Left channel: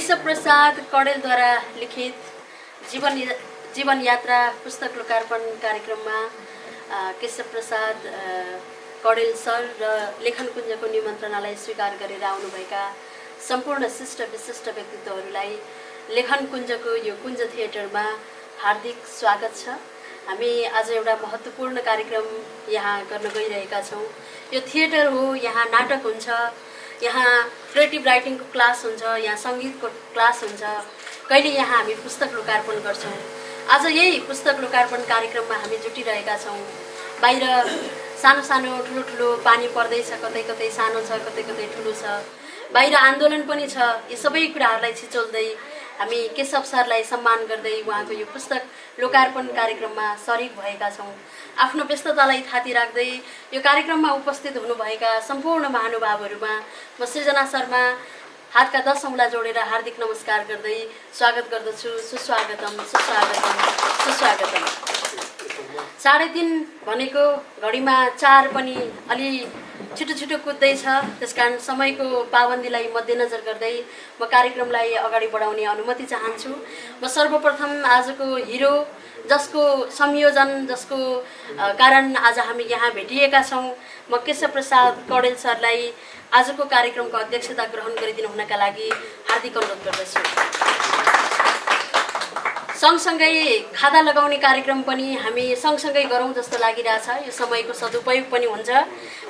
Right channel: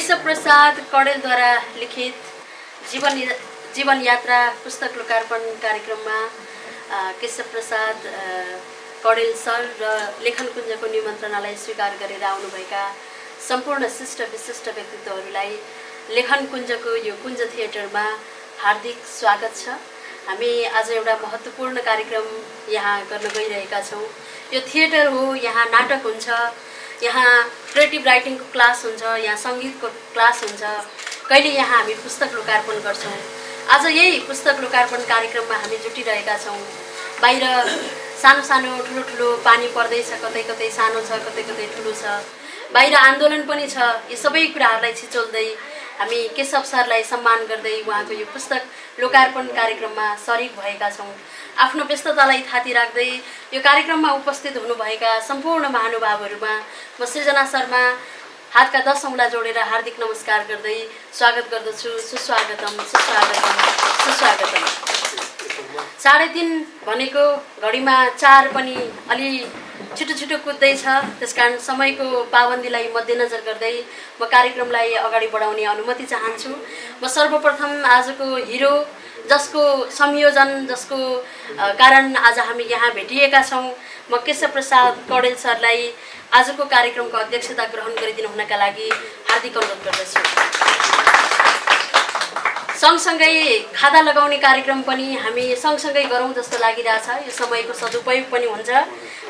केशव प्रसाद कौडेलद्वारा लिखित जीवन यात्रा पुस्तक लोकार्पण कार्यक्रममा केशव प्रसाद कौडेल सर र लेखन कुञ्जको निमन्त्रणालाई स्वीकार गरेर आउनुभएका सम्पूर्ण शिष्ट विशिष्ट व्यक्तित्वहरूलाई लेखन कुञ्जको यो कुञ्ज थिएटरमा हार्दिक स्वागत छ। हामी आज एउटा महत्त्वपूर्ण कार्यक्रम यहाँ गर्न गइरहेका छौँ। यो थिएटर हो, यहाँ नाटक हुन्छ, यहाँ क्रिएटिभ राइटिङको क्लास हुन्छ, यहाँ सङ्गीतको क्लास हुन्छ, कहिले यहाँ हामी पुस्तक लोकार्पण गर्छौँ। आज यही पुस्तक लोकार्पण कार्यक्रममा हामी जुटिरहेका छौँ। बाहिर सानो सानो ठुलो ठुलो पानी पर्दैछ, कतै कतै सानो छ, कतै कतै ठुलो छ, बाहिर आन्दोलन पनि छ। यी सबै कुराहरूलाई छिचोल्दै हामी केशव सरलाई सम्मान गर्दै उहाँको यो पुस्तक लोकार्पण कार्यक्रममा सरिक भएका छौँ। आफ्नो व्यस्ततालाई थाती राख्दै यो कार्यक्रममा उपस्थित हुनुभएका सम्पूर्ण महानुभावहरूमा म सृजना शर्मा हातका 10 औँला जोडेर हार्दिक नमस्कार गर्दै स्वागत गर्दछु। सुस्वागतम, सुस्वागतम, सुस्वागतम। 3:30 भनेको घडीमा 4 पनि अलि छिटो छिटो कुद्दैछ। त्यसकारण समयको पाबन्दीलाई मध्यनजर गर्दै म कार्यक्रमलाई अगाडि बढाउने अनुमति चाहन्छु। म सर्वप्रथम आजको हिरो, जसको संयोजन, जसको कारण आज हामी यहाँ भेटिएका छौँ, म केशव प्रसाद कौडेल सरलाई आजको कार्यक्रमको अध्यक्षता ग्रहण गरिदिनु हुनका लागि हार्दिक अनुरोध गर्दछु। सँगसँगै खादा लगाउने कार्यक्रम पनि हामी सँगसँगै गरौँ जस्तो लागिरहेछ। यो समयको सदुपयोग पनि हुन्छ।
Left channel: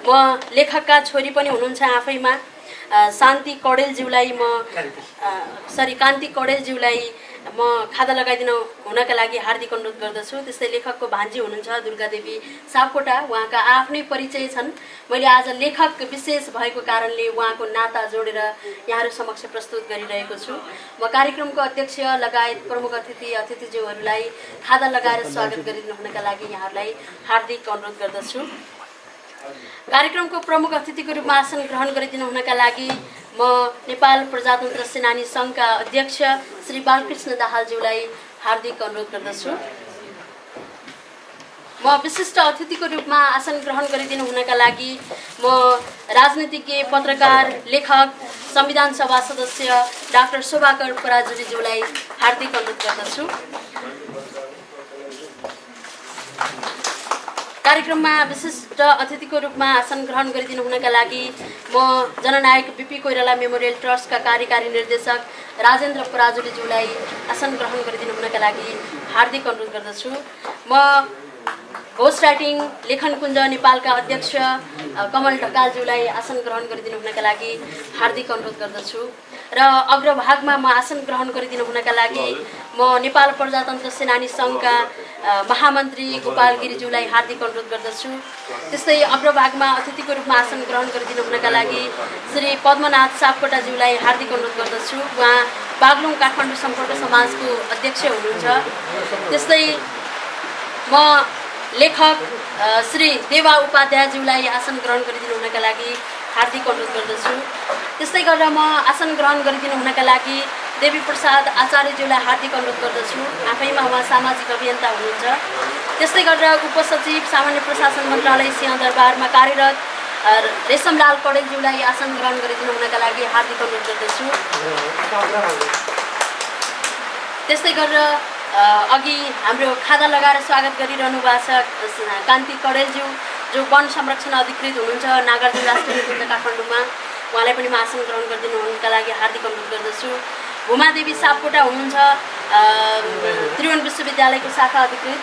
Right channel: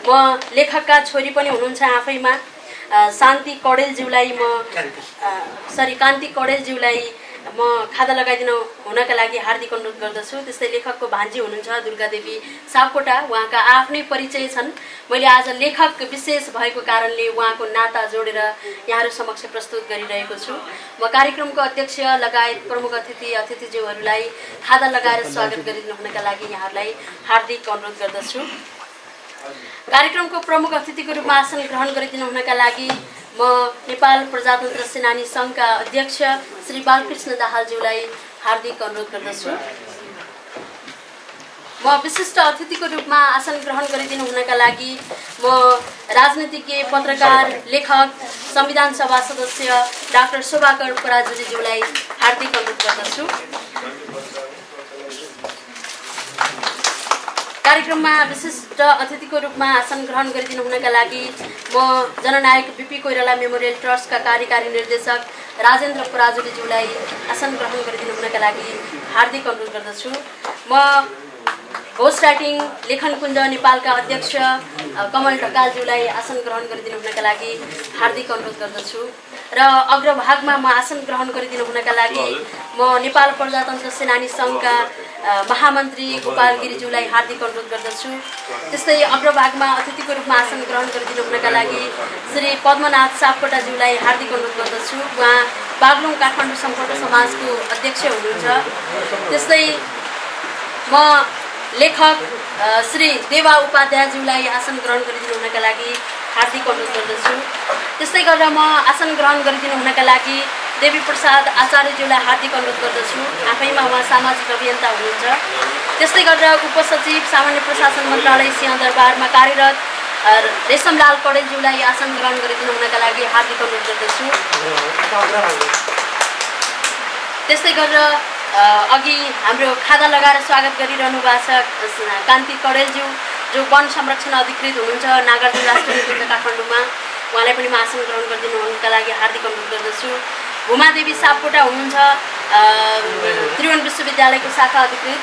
म लेखकका छोरी पनि हुनुहुन्छ आफैमा, कान्ति कौडेलज्यूलाई कान्ति कौडेलज्यूलाई म खादा लगाइदिनु हुनका लागि हार्दिक अनुरोध गर्दछु। त्यस्तै लेखकको भान्जी हुनुहुन्छ दुर्गादेवी सापकोटा, उहाँका आफ्नै परिचय छन्। मैले आज लेखक विशेष भएको कारणले उहाँको नाता जोडेर यहाँहरू समक्ष प्रस्तुत गरिरहेको छु। म कार्यक्रमको अध्यक्ष लगायत प्रमुख अतिथिज्यूहरूलाई खादा लगाएर स्वागत गरिदिनु हुनका लागि यहाँहरूलाई हार्दिक अनुरोध गर्दछु। कार्यक्रमको प्रमुख अतिथिको रूपमा आसन ग्रहण गरिदिनु हुनका लागि म नेपाल प्रजातन्त्र सेनानी सङ्घका अध्यक्ष श्री बालकृष्ण दाहालज्यूलाई हार्दिक अनुरोध गर्दछु। म विशिष्ट अतिथिको रूपमा आसन ग्रहण गरिदिनु हुनका लागि म राजनीतिज्ञ, पत्रकार, लेखक, संविधान सभा सदस्य डाक्टर शोभाकर पराजुलीज्यूलाई हार्दिक अनुरोध गर्दछु। कार्यक्रममा विशिष्ट अतिथिको रूपमा आसन ग्रहण गरिदिनु हुनका लागि म जननायक बीपी कोइराला मेमोरियल ट्रस्टका कार्यकारी निर्देशक राजेन्द्र पराजुलीज्यूलाई आसन ग्रहण गरिदिनु हुनका लागि हार्दिक अनुरोध गर्दछु। म घोष राइटिङ लेखन कुञ्ज नेपालका अध्यक्ष कमल ढकालज्यूलाई आसन ग्रहण गरिदिनु हुनका लागि हार्दिक अनुरोध गर्दछु। र अग्रभागमा म आसन ग्रहण गरिदिनु हुनका लागि म नेपाल प्रजातन्त्र सेनानी सङ्घका महामन्त्री गोपाल गिरिज्यूलाई हार्दिक अनुरोध गर्दछु। त्यस्तै अग्रभागमा अतिथिको रूपमा आसन ग्रहण गरिदिनु हुनका लागि श्री पद्मनाथ सापकोटाज्यूलाई हार्दिक अनुरोध गर्दछु। उहाँ बागलुङ काठमाडौँ सम्पर्क समाजको अध्यक्ष हुनुहुन्छ। त्यस्तै म लेखक श्री देवा उपाध्यायज्यूलाई आसन ग्रहण गरिदिनु हुनका लागि हार्दिक अनुरोध गर्दछु। त्यस्तै गरेर म आसन ग्रहण गरिदिनु हुनका लागि देवी प्रसाद आचार्यज्यूलाई हार्दिक अनुरोध गर्दछु। आफैमा उहाँ सामाजिक अभियन्ता हुनुहुन्छ। त्यस्तै गरेर उपसचिव सामान्य प्रशासन मन्त्रालय सिंहदरबारमा कार्यरत रेशमलाल कौडेलज्यूलाई आसन ग्रहण गरिदिनु हुनका लागि हार्दिक अनुरोध गर्दछु। त्यस्तै गरेर अघि हाम्रो खादा लगाएर स्वागत गरिरहनु भएको छ कान्ति कौडेलज्यू, जो वन संरक्षण अधिकृत हुनुहुन्छ नागार्जुन राष्ट्रिय निकुञ्ज काठमाडौँमा। उहाँलाई पनि म आसन ग्रहण गरिदिनु हुनका लागि हार्दिक अनुरोध गर्दछु। भूमादेवी सापकोटा हुनुहुन्छ त्रिभुवन विश्वविद्यालयको शाखा अधिकृत,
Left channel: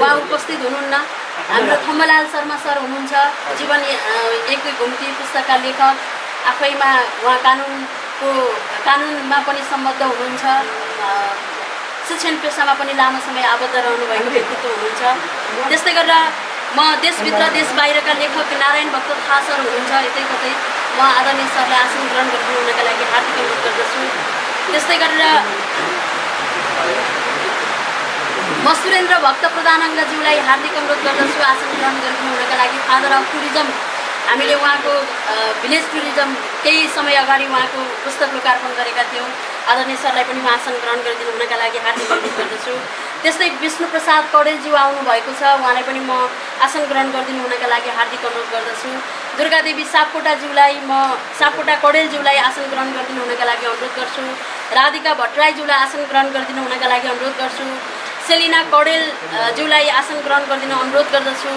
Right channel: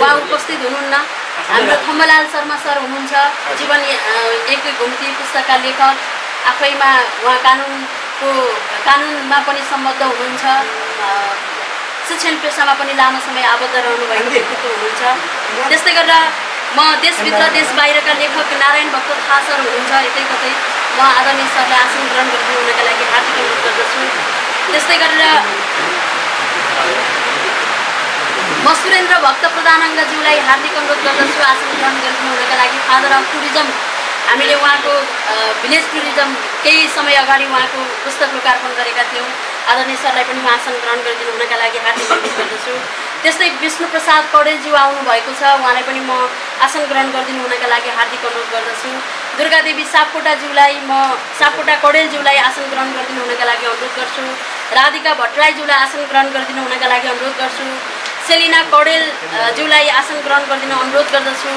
उहाँ उपस्थित हुनुहुन्न। हाम्रो थम्बलाल शर्मा सर हुनुहुन्छ जीवन एक घुम्ती पुस्तकका लेखक, आफैमा उहाँ कानुनमा पनि सम्बद्ध हुनुहुन्छ, शिक्षण पेसामा पनि लामो समय आबद्ध रहनुभएको व्यक्तित्व हुनुहुन्छ। त्यस्तै गरेर म देशभित्र देश बाहिरका लेखक नारायण भक्त थाहा सर हुनुहुन्छ यतै कतै, म आदरणीय सरलाई आसन ग्रहण गरिदिनु हुनका लागि हार्दिक अनुरोध गर्दछु। त्यस्तै गरेर म सुरेन्द्र भक्त प्रधानज्यूलाई हार्दिक अनुरोध गर्दछु आसन ग्रहण गरिदिनु हुनका लागि। फादर अफ टुरिज्म, हामीले उहाँको भिलेज टुरिज्म केही समय अगाडि उहाँको पुस्तक लोकार्पण गरेका थियौँ। आदरणीय सरलाई पनि म आसन ग्रहण गरिदिनु हुनका लागि हार्दिक अनुरोध गर्दछु। त्यस्तै विष्णुप्रसाद कौडेलज्यू आउनुभएको छ, उहाँलाई पनि म आसन ग्रहण गरिदिनु हुनका लागि हार्दिक अनुरोध गर्दछु। दुर्गादेवी सापकोटाज्यूलाई म सापकोटा कौडेलज्यूलाई आसन ग्रहण गरिदिनु हुनका लागि अनुरोध गर्छु। राधिका भट्टराईज्यूलाई आसन ग्रहण गरिदिनु हुनका लागि अनुरोध गर्छु। सेलिना कौडेलज्यूलाई आसन ग्रहण गरिदिन अनुरोध गर्दछु।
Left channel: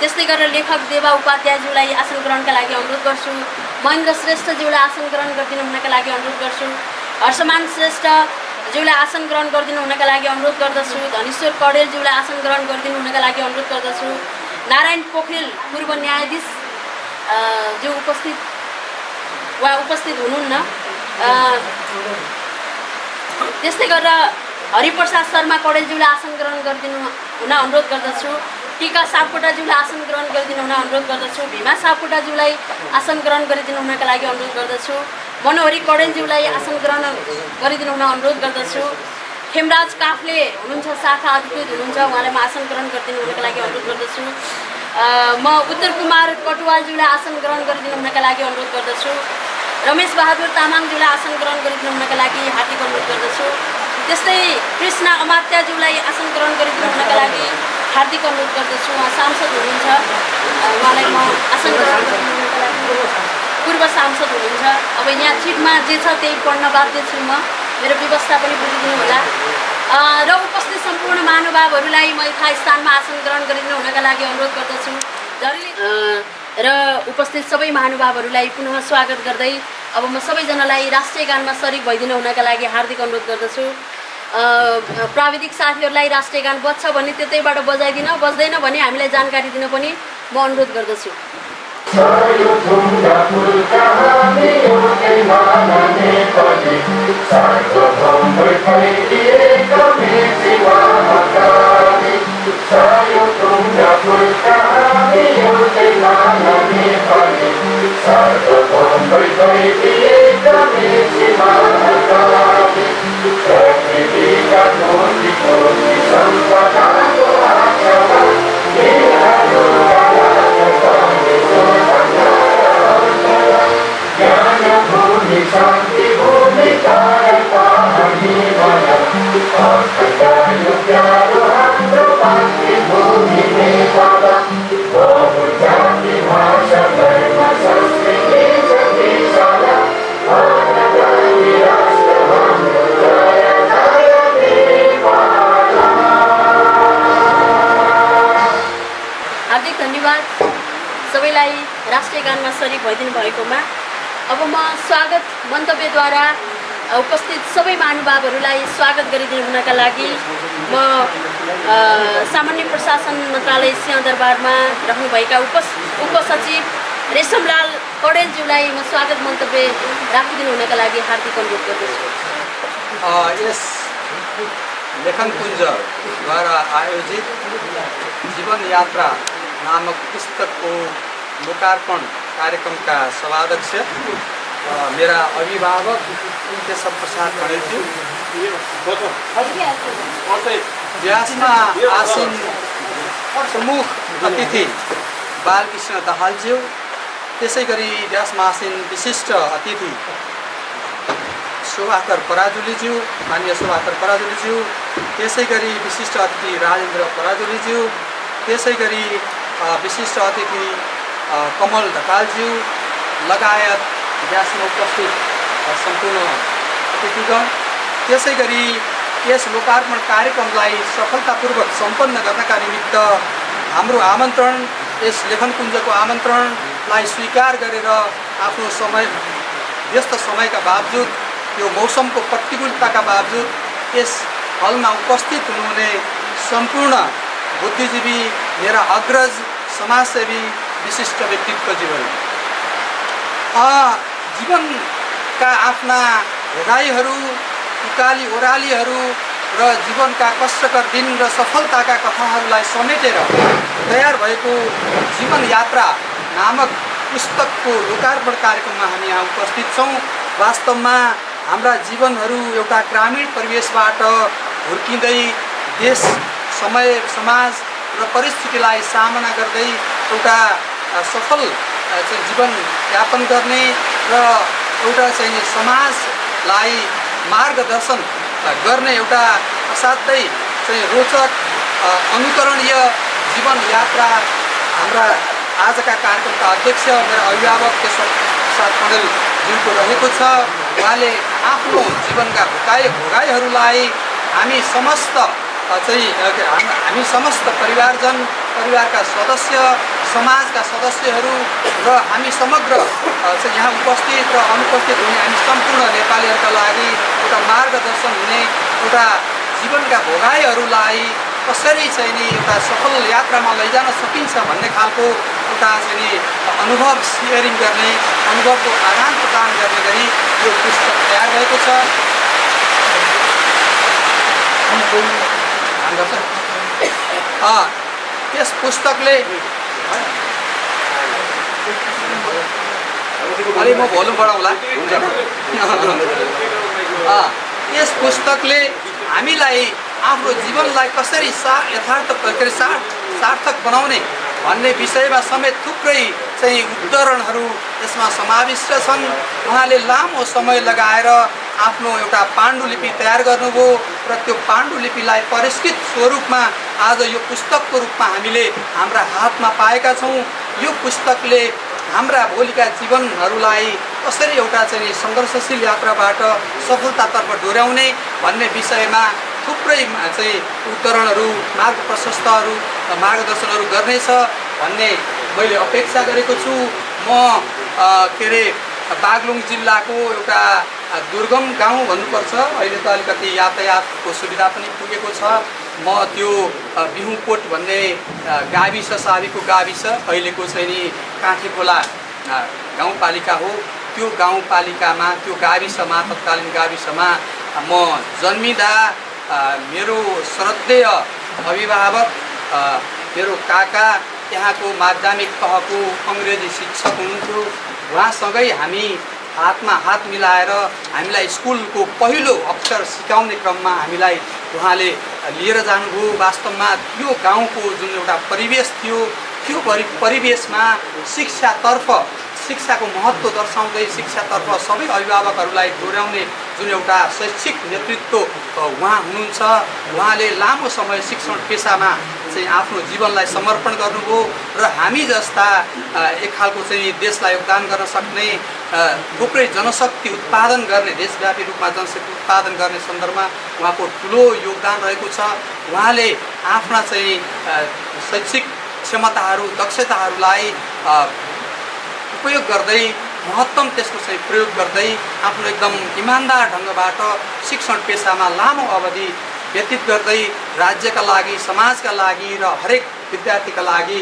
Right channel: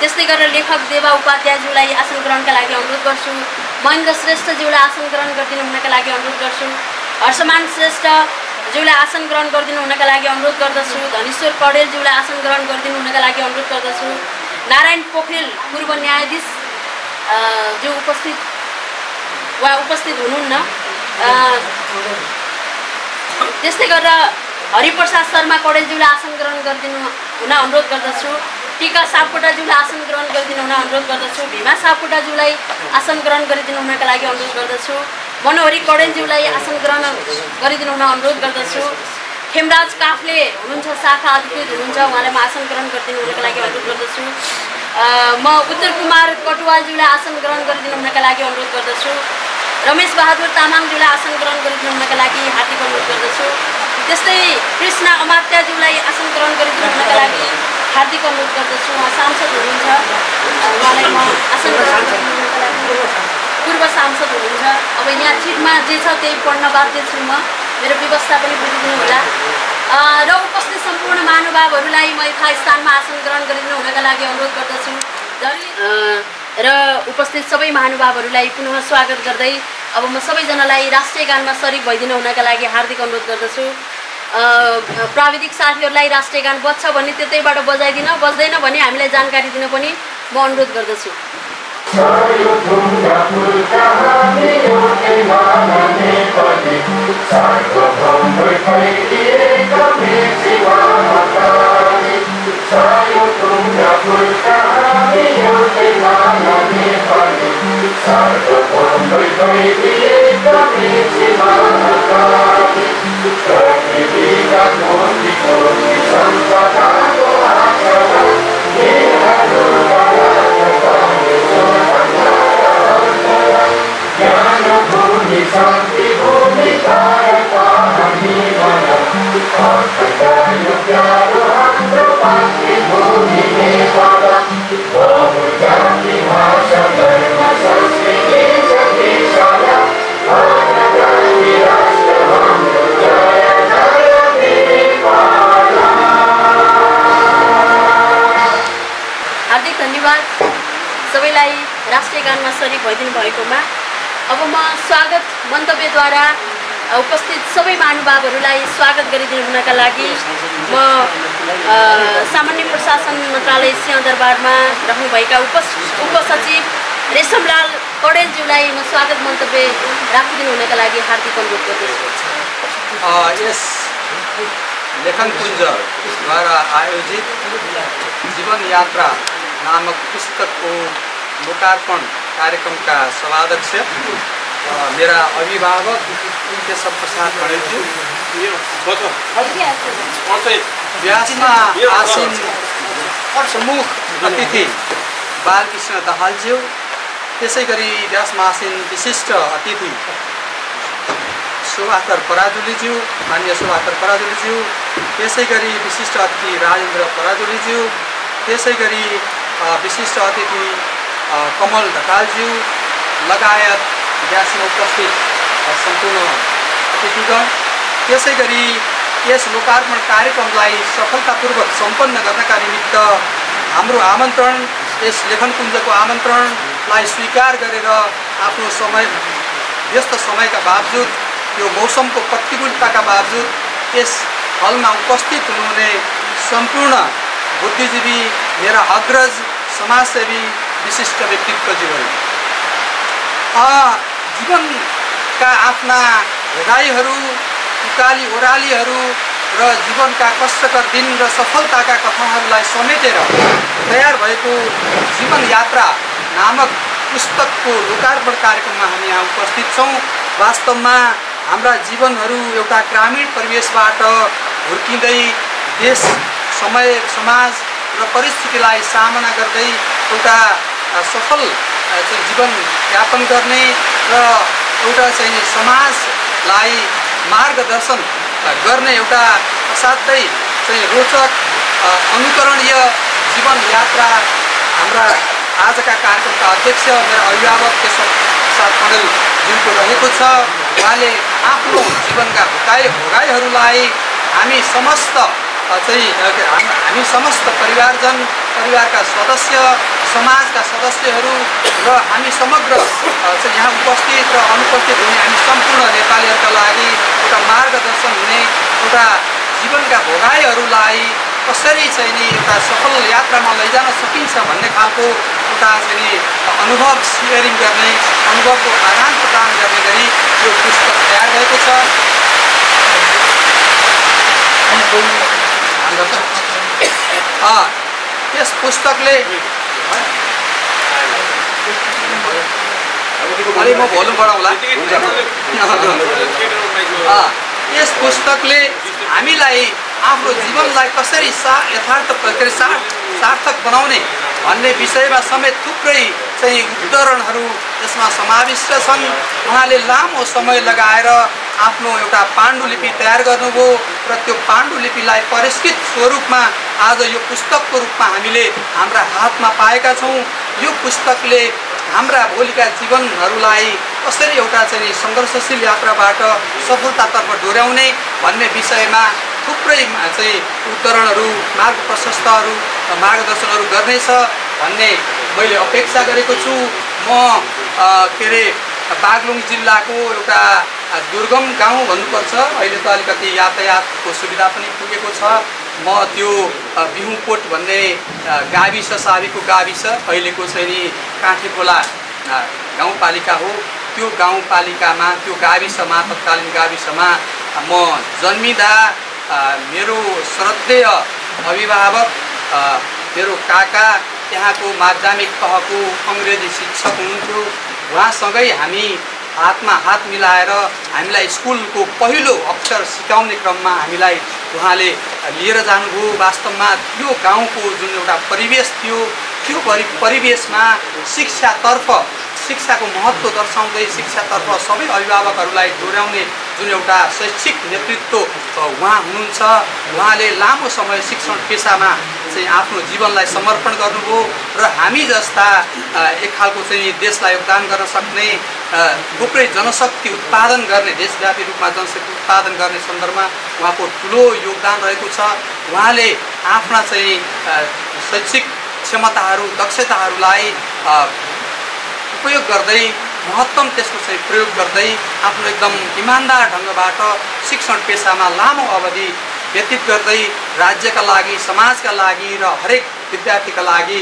त्यस्तै गरेर लेखक देवा उपाध्यायज्यूलाई आसन ग्रहणका लागि अनुरोध गर्छु। महेन्द्र श्रेष्ठज्यूलाई आसन ग्रहण गरिदिनु हुनका लागि अनुरोध गर्छु। हर्षमान श्रेष्ठज्यूलाई आसन ग्रहण गरिदिनु हुनका लागि अनुरोध गर्दछु। धनेश्वर कौडेलज्यूलाई आसन ग्रहण गरिदिनु हुनका लागि अनुरोध गर्दछु। नारायण पोखरेल पूर्व न्यायाधीश जो उपस्थित हुनुहुन्न। त्यस्तै गरेर हरिप्रसाद शर्मा कौडेलज्यूलाई आसन ग्रहण गरिदिनु हुन अनुरोध गर्दछु। टीका सापकोटाज्यूलाई आसन ग्रहण गरिदिनु हुन अनुरोध गर्दछु। भीमा सापकोटाज्यूलाई आसन ग्रहण गरिदिनु हुनका लागि अनुरोध गर्दछु। मनोहरी कौडेलज्यूलाई आसन ग्रहण गरिदिनु हुन अनुरोध गर्दछु। खेमराज काफ्ले हुनुहुन्छ, शाखा अधिकृत हुनुहुन्छ, उहाँलाई म आसन ग्रहण गरिदिनु हुनका लागि अनुरोध गर्दछु। म उत्तर कुमार कटुवालज्यूलाई आसन ग्रहण गरिदिनु हुनका लागि अनुरोध गर्दछु। रमेश बहादुर तामाङज्यूलाई आसन ग्रहण गरिदिनु हुनका लागि हार्दिक अनुरोध गर्दछु। त्यस्तै कृष्ण अमात्याज्यूलाई आसन ग्रहण गरिदिनु हुनका लागि हार्दिक अनुरोध गर्दछु। उहाँ सांसद हुनुहुन्छ, उहाँलाई म आसन ग्रहण गरिदिनु हुनका लागि, पूर्व सांसद हुनुहुन्छ। अब यहाँ चिठमा जे छ त्यही पढ्न बाध्य छु म, मेरो व्यवस्था पनि बुझिदिनु होला। र उपस्थित सम्पूर्ण महानुभावहरूलाई म यथास्थानमा आसन ग्रहण गरिदिनु हुनका लागि अनुरोध गर्दछु। र उपस्थित सबै महानुभावहरूलाई पुनः स्वागत गर्दै अब म सबैजनालाई राष्ट्रिय गानमा सरिक भइदिनु हुनका लागि हार्दिक अनुरोध गर्दछु। प्राविधिक साथीहरूलाई राष्ट्रिय गान बज्छ भने त्यतैबाट बजाइदिन, बज्दैन भने हामीलाई जानकारी दिन पनि म अनुरोध गर्दछु। हार्दिक धन्यवाद सबैलाई राष्ट्रिय गानमा सरिक भइदिनु भएकोमा। अब म स्वागत मन्तव्यद्वारा उपस्थित सबै महानुभावहरूलाई स्वागत गरिदिनु हुनका लागि म सामान्य प्रशासन मन्त्रालय सिंहदरबारमा रहनुभएका उपसचिव रेशमलाल कौडेलज्यूलाई म स्वागत मन्तव्य राखिदिनु हुनका लागि हार्दिक अनुरोध गर्दछु। यस लेखनकुञ्जद्वारा आयोजित जीवन यात्रा नामक पुस्तकको लोकार्पण कार्यक्रमका सभाध्यक्ष मेरा अभिभावक केशव प्रसाद कणेलज्यू, व्यासमा आसीन प्रमुख अतिथि बालकृष्ण दाहालज्यू, त्यसै गरी व्यासमा आसीन विशिष्ट अतिथि शोभाकर पराजुलीज्यू, माननीय शोभाकर पराजुलीज्यू, त्यसै गरी विशिष्ट अतिथि राजेन्द्र पराजुलीज्यू, त्यसै गरी विशिष्ट अतिथि कमल ढकालज्यू लगायत व्यासमा उपस्थित सम्पूर्ण अतिथिगण, त्यसै गरी यस लोकार्पण कार्यक्रमलाई सफलतापूर्वक सम्पन्न गर्नका निमित्त हाम्रो आमन्त्रण, यस लेखनकुञ्जको आमन्त्रण आतिथ्यलाई स्वीकार गरेर आफ्नो समय व्यस्त समयका बावजुद यो मौसमको प्रतिकूलताका बावजुद यस हलमा उपस्थित हुनुहुने सम्पूर्ण बुद्धिजीवी मेरा अग्रज समाजसेवी विशिष्ट व्यक्तित्व जीवनका आफ्ना भोगाईहरू उकाली ओह्रालीहरू र जीवनका कष्टकर दिन र सफलताका कथाहरूलाई समेटेर तयार भएको जीवन यात्रा नामक पुस्तकको लोकार्पण कार्यक्रममा हामी यहाँ उपस्थित छौँ। वास्तवमा हाम्रा जीवनहरू एउटा ग्रामीण परिवेशबाट हुर्किँदै देश समय समाज र परिस्थितिलाई सामना गर्दै एउटा सफल जीवन यापन गर्ने र एउटा चाहिँ समाजलाई मार्गदर्शन गर्ने एउटा असाध्यै चाहिँ रोचक अनुकरणीय जीवन यात्रा हाम्रा आजका कार्यक्रमका अध्यक्ष मेरा अभिभावक केशव प्रसाद कँडेलज्यूको रहेको छ। उहाँले आफ्नो जीवनका भोगाईहरूलाई हामी समस्त परिवारजन परिवारका सदस्य समाजका सदस्यहरू र हामी समग्र यहाँ उपस्थित र अनुपस्थित हुने हामी सम्पूर्ण नेपालीहरूका लागि एउटा मार्गदर्शन हुने एउटा जीवनका भोगाईहरूलाई कसरी चाहिँ नि एउटा सफल यात्रामा लैजान सकिन्छ भन्ने खालको एउटा चाहिँ अनुभव सेयरिङ गर्ने अनुभवको आदान प्रदान गर्ने गरी यो पुस्तक तयार भएको छ। यस पुस्तकले अलि म भोल्युम बढाउँला। यस पुस्तकले हामीलाई आफ्नो जीवनलाई कसरी सार्थक बनाउने भन्ने विषयमा समेत थुप्रै चाहिँ उद्धरणहरू यसमा समाविष्ट छन्। उहाँले लामो समय लगाएर आफ्नो एउटा पाण्डुलिपि तयार गर्नुभयो र त्यो पाण्डुलिपिलाई परिष्कृत स्वरूपमा आज यो पुस्तकको रूपमा हामीले हाम्रा हातमा पाएका छौँ। यो पुस्तकले हाम्रा भोलिका जीवनहरूलाई कसरी एउटा चाहिँ सङ्घर्षशील यात्राबाट सफलतातर्फ डोर्याउने भन्ने विषयमा थुप्रै चाहिँ उद्धरणहरू मार्ग प्रशस्तहरू मार्गदर्शनहरू गर्नेछ भन्ने मैले अपेक्षा गरेको छु। म बागलुङ जिल्लाको एउटा दुर्गम गाउँ भन्नुपर्छ। अहिले त अलिकति यातायातको सुविधा पनि पुगेको छ। म त्यो बिहुकोट भन्ने गाविस साबीको गाविस अहिलेको चाहिँ नि काँठे खोला गाउँपालिका हो। त्यो गाउँपालिकामा त्यो गाविसमा तत्कालीन गाविसमा म जन्मिँदा मेरो श्रद्धेय अभिभावक मेरो काका त्यहाँको माध्यमिक तहको अङ्ग्रेजी शिक्षक हुनुहुन्थ्यो। उहाँसँगै हामी हातमा हात मिलाएर हामीलाई स्कुलको पहिलो अक्षर सिकाउने क्रममा हामीलाई उहाँले लिएर जानुभयो। वास्तवमा त्यो गाउँको जुन एउटा परिवेश थियो त्यो परिवेशमा शिक्षाको महत्त्व दर्शाउँदै शिक्षातर्फ सबै अभिभावकहरूलाई डोर्याउने जुन एउटा शैक्षिक नेतृत्व उहाँ हुनुहुन्छ। उहाँले लामो समय शिक्षण पेसामा चाहिँ आफ्नो जीवनलाई समर्पण गर्नुभयो र हामी जस्ता एक खालको चाहिँ देशलाई योगदान गर्न सक्ने थुप्रै जनशक्ति उत्पादन गर्ने देशव्यापी रूपमा जनशक्ति उत्पादन गर्ने सन्दर्भमा उहाँको ठुलो योगदान रहेको छ। उहाँले आफ्ना चाहिँ शैक्षिक क्षमताहरू दक्षताहरूलाई उपयोग गर्दै महत्तम त्यसको चाहिँ प्रयोग गर्दै आफ्नो एकदम इमान्दार ढङ्गबाट शिक्षण पेसामा लामो अवधि व्यतीत गर्दै राज्यका लागि समाजका लागि र हरेक विद्यार्थीका लागि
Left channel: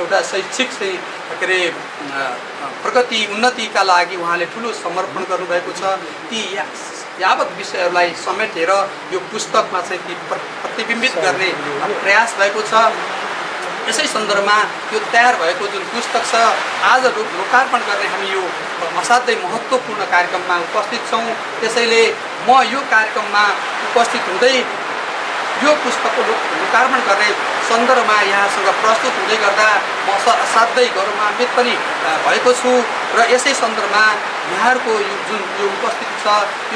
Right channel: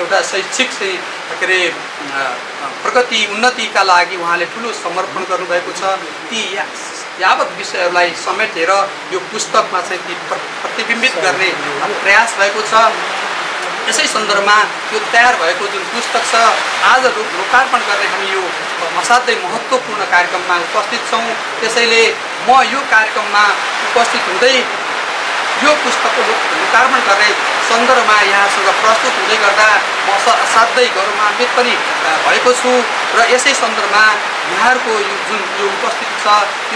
एउटा शैक्षिक चाहिँ प्रगति उन्नतिका लागि उहाँले ठुलो समर्पण गर्नुभएको छ। ती यावत विषयहरूलाई समेटेर यो पुस्तकमा चाहिँ ती प्रतिबिम्बित गर्ने प्रयास भएको छ। यसै सन्दर्भमा यो तयार भएको जुन पुस्तक छ आज लोकार्पण गर्ने हामी यो असाध्यै महत्त्वपूर्ण कार्यक्रममा उपस्थित छौँ। त्यसैले म यो कार्यक्रममा उपस्थित हुँदै यो पुस्तकको लोकार्पण गर्ने सन्दर्भमा यहाँसँग प्रस्तुत हुँदै गर्दा म असाध्यै गौरवान्वित पनि भएको छु र यसै सन्दर्भमा यहाँहरूको यो उपस्थिति छ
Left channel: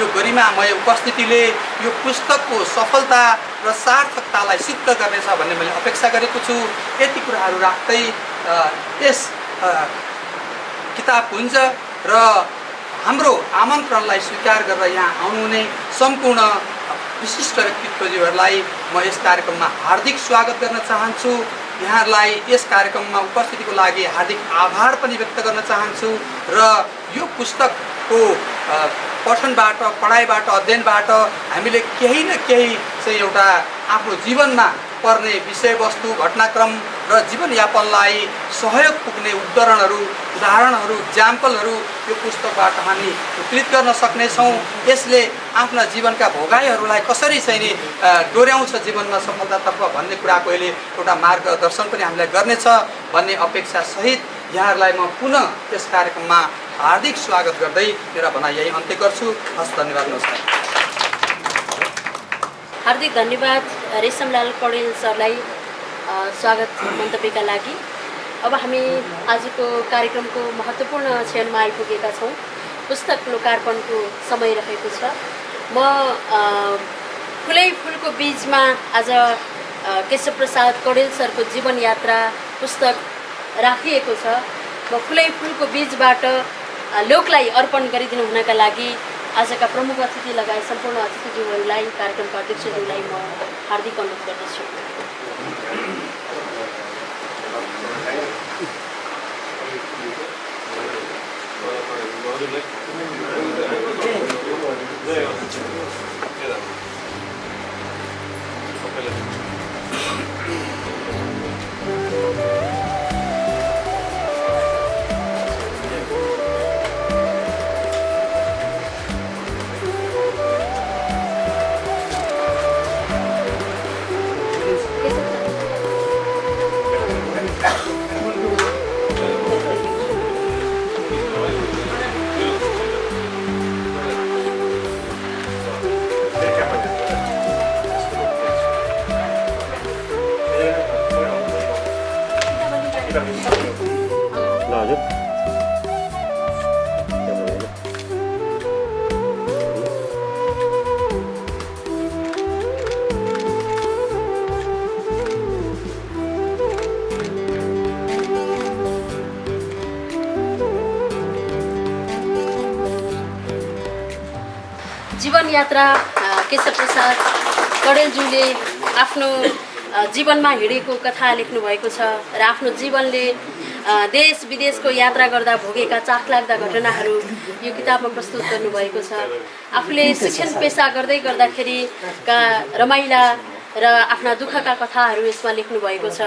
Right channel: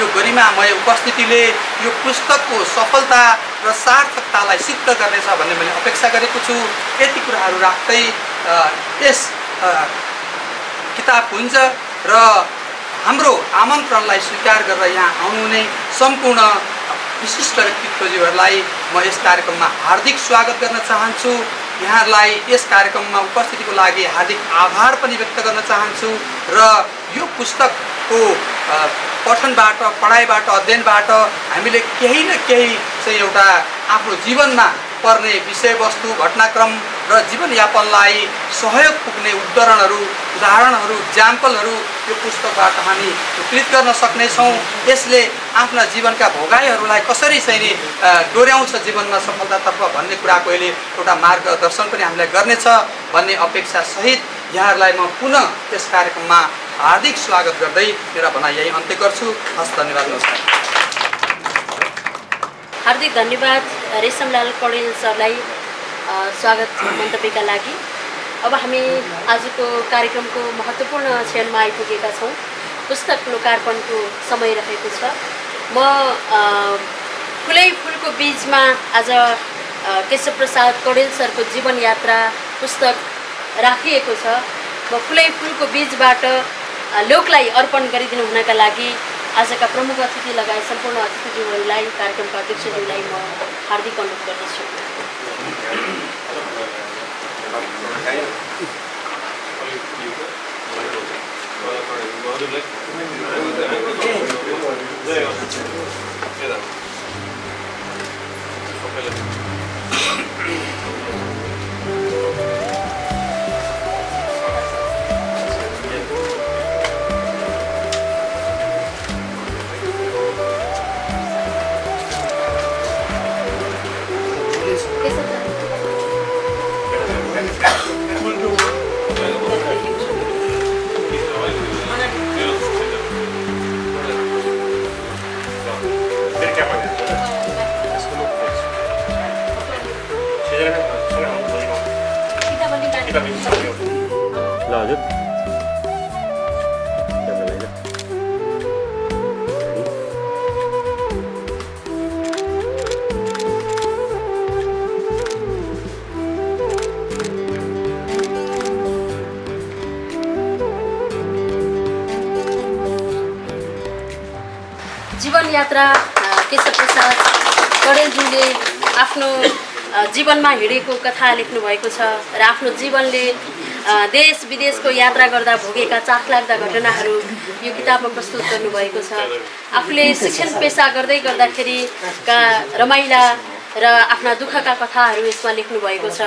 यो गरिमामय उपस्थितिले यो पुस्तकको सफलता र सार्थकतालाई सिद्ध गर्नेछ भन्ने मैले अपेक्षा गरेको छु। यति कुराहरू राख्दै यस किताबपुञ्ज र हाम्रो आमन्त्रणलाई स्वीकार गरेर यहाँ आउनुहुने सम्पूर्ण विशिष्ट व्यक्तित्वजीहरूलाई म यस कार्यक्रममा हार्दिक स्वागत गर्न चाहन्छु। यहाँहरूलाई यस कार्यक्रममा उपस्थितिको लागि हार्दिक आभार पनि व्यक्त गर्न चाहन्छु र यो पुस्तकको पठनबाट पढाइबाट अध्ययनबाट हामीले केही न केही चाहिँ एउटा आफ्नो जीवनमा पर्ने विषयवस्तु घटनाक्रम र जीवनयापनलाई सहयोग पुग्ने उदाहरणहरू इक्जाम्पलहरू यो पुस्तकबाट हामी उत्कृत गर्न सक्नेछौँ। यसले आफ्ना जीवनका भोगाइहरूलाई कसरी चाहिँ डोर्याउँछ जीवनमा सफलतातर्फ भन्ने कुराको यसले एउटा मार्गदर्शन पनि हामीलाई गर्नेछ भन्ने अपेक्षा सहित यहाँहरूलाई म पुनः यस कार्यक्रममा हार्दिक स्वागत गर्दै मेरा भनाइ यही अन्त्य गर्छु। हस्, धन्यवाद, नमस्कार। हार्दिक धन्यवाद रेशमलाल कौडेल सरलाई स्वागत मन्तव्यका लागि। अब हामी आजको कार्यक्रमको महत्त्वपूर्ण क्षणमा आइपुगेका छौँ। पुस्तक लोकार्पणको समय रहेको छ। म फुलै फुलको बीचमा आज केशव प्रसाद कौडेल सरको जीवन यात्रा पुस्तक राखिएको छ। म फुलै फुलको बीचबाट लोकलाई अर्पण गरिदिनु हुनका लागि आजका प्रमुख अतिथि लगायत सम्पूर्ण अतिथिज्यूहरूलाई कार्यक्रमका अध्यक्षज्यूलाई म हार्दिक अनुरोध गर्दछु। जीवन यात्रा केशव प्रसाद कौडेलज्यूले आफ्नो जीवनमा हिँडेको कथा लेख्नु भएको छ र आफ्नो जीवनले देश विदेशको यात्रा गर्दा भोगेका चाखलाग्दा घटनाहरू यो किताबमा प्रस्तुत गर्नुभएको छ। आफूले शिक्षण पेसा गर्दै गर्दाखेरिका रमाइला र आफ्ना दुःखका कथाहरू यसमा लेख्नु भएको छ।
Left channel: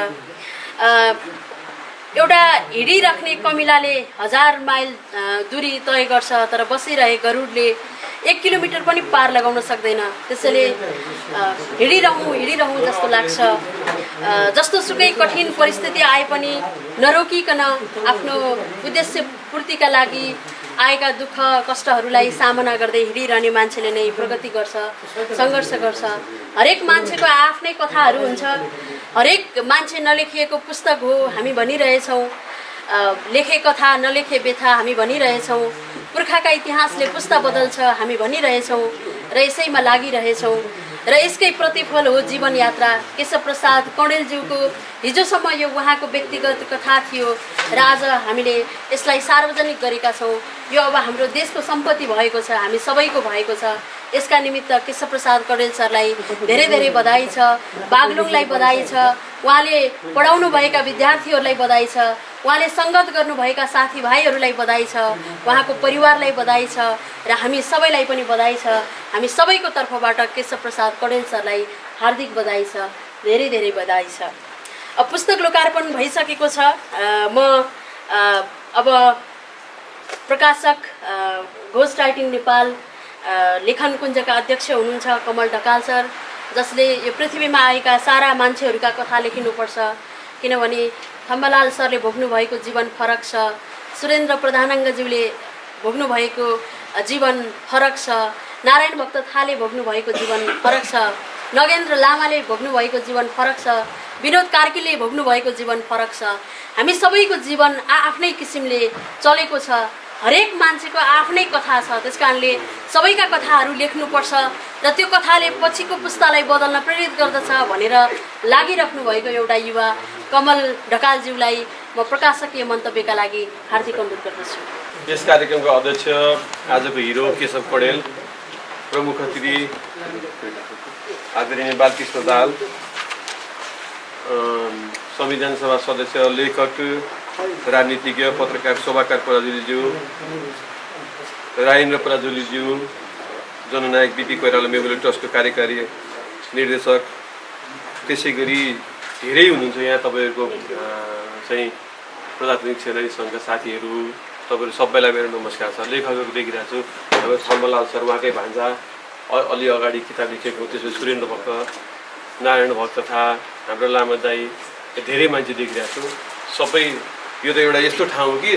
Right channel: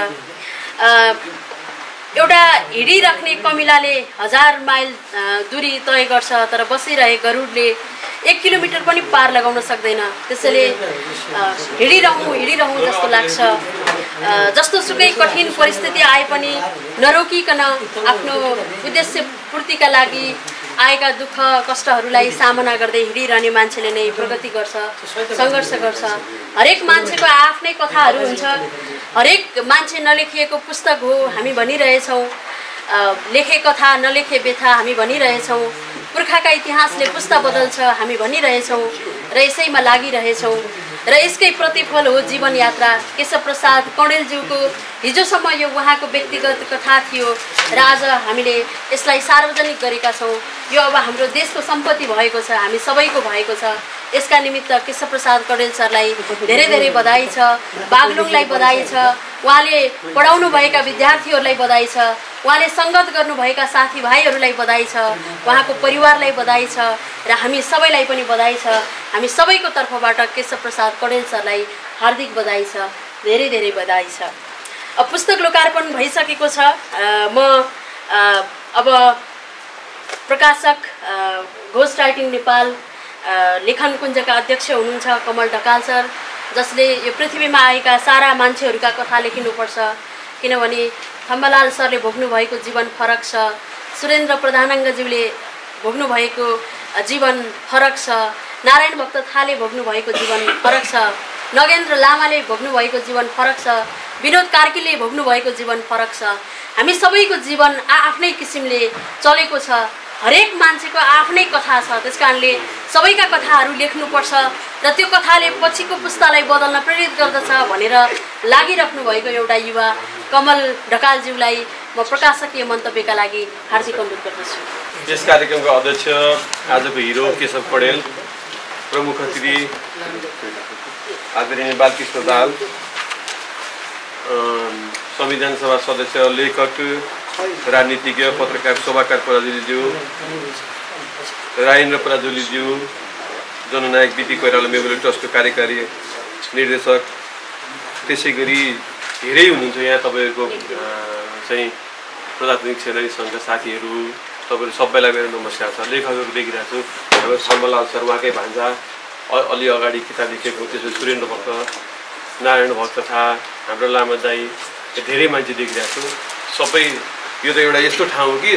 एउटा हिँडिराख्ने कमिलाले 1000 माइल दूरी तय गर्छ, तर बसिरहे गरुडले 1 किलोमिटर पनि पार लगाउन सक्दैन। त्यसैले हिँडिरहँ जस्तो लाग्छ। जस्तो सुकै कठिन परिस्थिति आए पनि नरोकिकन आफ्नो उद्देश्य पूर्तिका लागि आएका दुःख कष्टहरूलाई सामना गर्दै हिँडिरहने मान्छेले नै प्रगति गर्छ, सङ्घर्ष गर्छ। हरेक मान्छेको आफ्नै कथाहरू हुन्छ। हरेक मान्छे नलेखिएको पुस्तक हो हामी भनिरहेछौँ। लेखे कथा नलेखे व्यथा हामी भनिरहेछौँ। पुर्खाका इतिहासले पुस्ता बदल्छ हामी भनिरहेछौँ र यसैमा लागिरहेछौँ र यसकै प्रतिफल हो जीवन यात्रा। केशव प्रसाद कौडेलज्यूको हिजोसम्म यो उहाँको व्यक्तिगत कथा थियो र आज हामीले यसलाई सार्वजनिक गरेका छौँ। यो अब हाम्रो देशको सम्पत्ति भएको छ, हामी सबैको भएको छ। यसका निमित्त केशव प्रसाद कौडेल सरलाई धेरै धेरै बधाई छ। बागलुङलाई बधाई छ। उहाँले पढाउनु भएका विद्यार्थीहरूलाई बधाई छ। उहाँले सङ्गत गर्नुभएका साथीभाइहरूलाई बधाई छ। उहाँको परिवारलाई बधाई छ र हामी सबैलाई पनि बधाई छ। हामी सबैको तर्फबाट केशव प्रसाद कौडेल सरलाई हार्दिक बधाई छ, धेरै धेरै बधाई छ। अब पुस्तक लोकार्पण भइसकेको छ। म अब प्रकाशक घोस्ट राइटिङ नेपाल लेखन कुञ्जका अध्यक्ष हुनुहुन्छ कमल ढकाल सर, जसले यो पृथ्वीमा आएका सारा मान्छेहरूका कथा लेखिनुपर्छ। किनभने थम्बालाल सरले भोग्नु भएको जीवन फरक छ, सुरेन्द्र प्रधानाङ्गज्यूले भोग्नु भएको जीवन फरक छ, नारायण भक्त थाले भोग्नु भएको जीवन फरक छ, नगेन्द्र लामाले भोग्नु भएको जीवन फरक छ, विनोद कार्कीले भोग्नु भएको जीवन फरक छ। हामी सबैको जीवन आफ्नै किसिमले चलेको छ। हरेक मान्छेको आफ्नै कथा छ। त्यसकारणले सबैका कथाहरू लेख्नुपर्छ र त्यो कथाले पछिको पुस्तालाई बदल्न प्रेरित गर्दछ भनेर लागिराख्नु भएको एउटा युवा कमल ढकालज्यूलाई म प्रकाशकीय मन्तव्यका लागि हार्दिक अनुरोध गर्दछु। यस कार्यक्रमको अध्यक्ष आजको हिरो केशव कौडेल, प्रमुख अतिथि आदरणीय बालकृष्ण दाहाल, संविधान सभा सदस्य, लेखक, राजनीतिज्ञ, पत्रकार शोभाकार पराजुलीज्यू, राजेन्द्र पराजुलीज्यू, जननायक बीपी कोइराला मेमोरियल ट्रस्टको कार्यकारी निर्देशक, त्यसै गरी धेरै हुनुहुन्छ यहाँ तपाईँहरूको चाहिँ प्रजातान्त्रिक सेनानी सङ्घका साथीहरू, तपाईँहरू सबैलाई मेरो नमस्कार छ। लेखकहरू देखिरहेको छु, हाम्रो छम्बलाल सर, उहाँकै भान्जा, अलि अगाडि किताब लेखेको, त्यसपछि सुरेन्द्र भक्त, नारायण भक्त था, हाम्रो लामा दाई, धेरै मान्छे देखिरहेको छु। सबै यो त एउटा यस्तो ठाउँ हो कि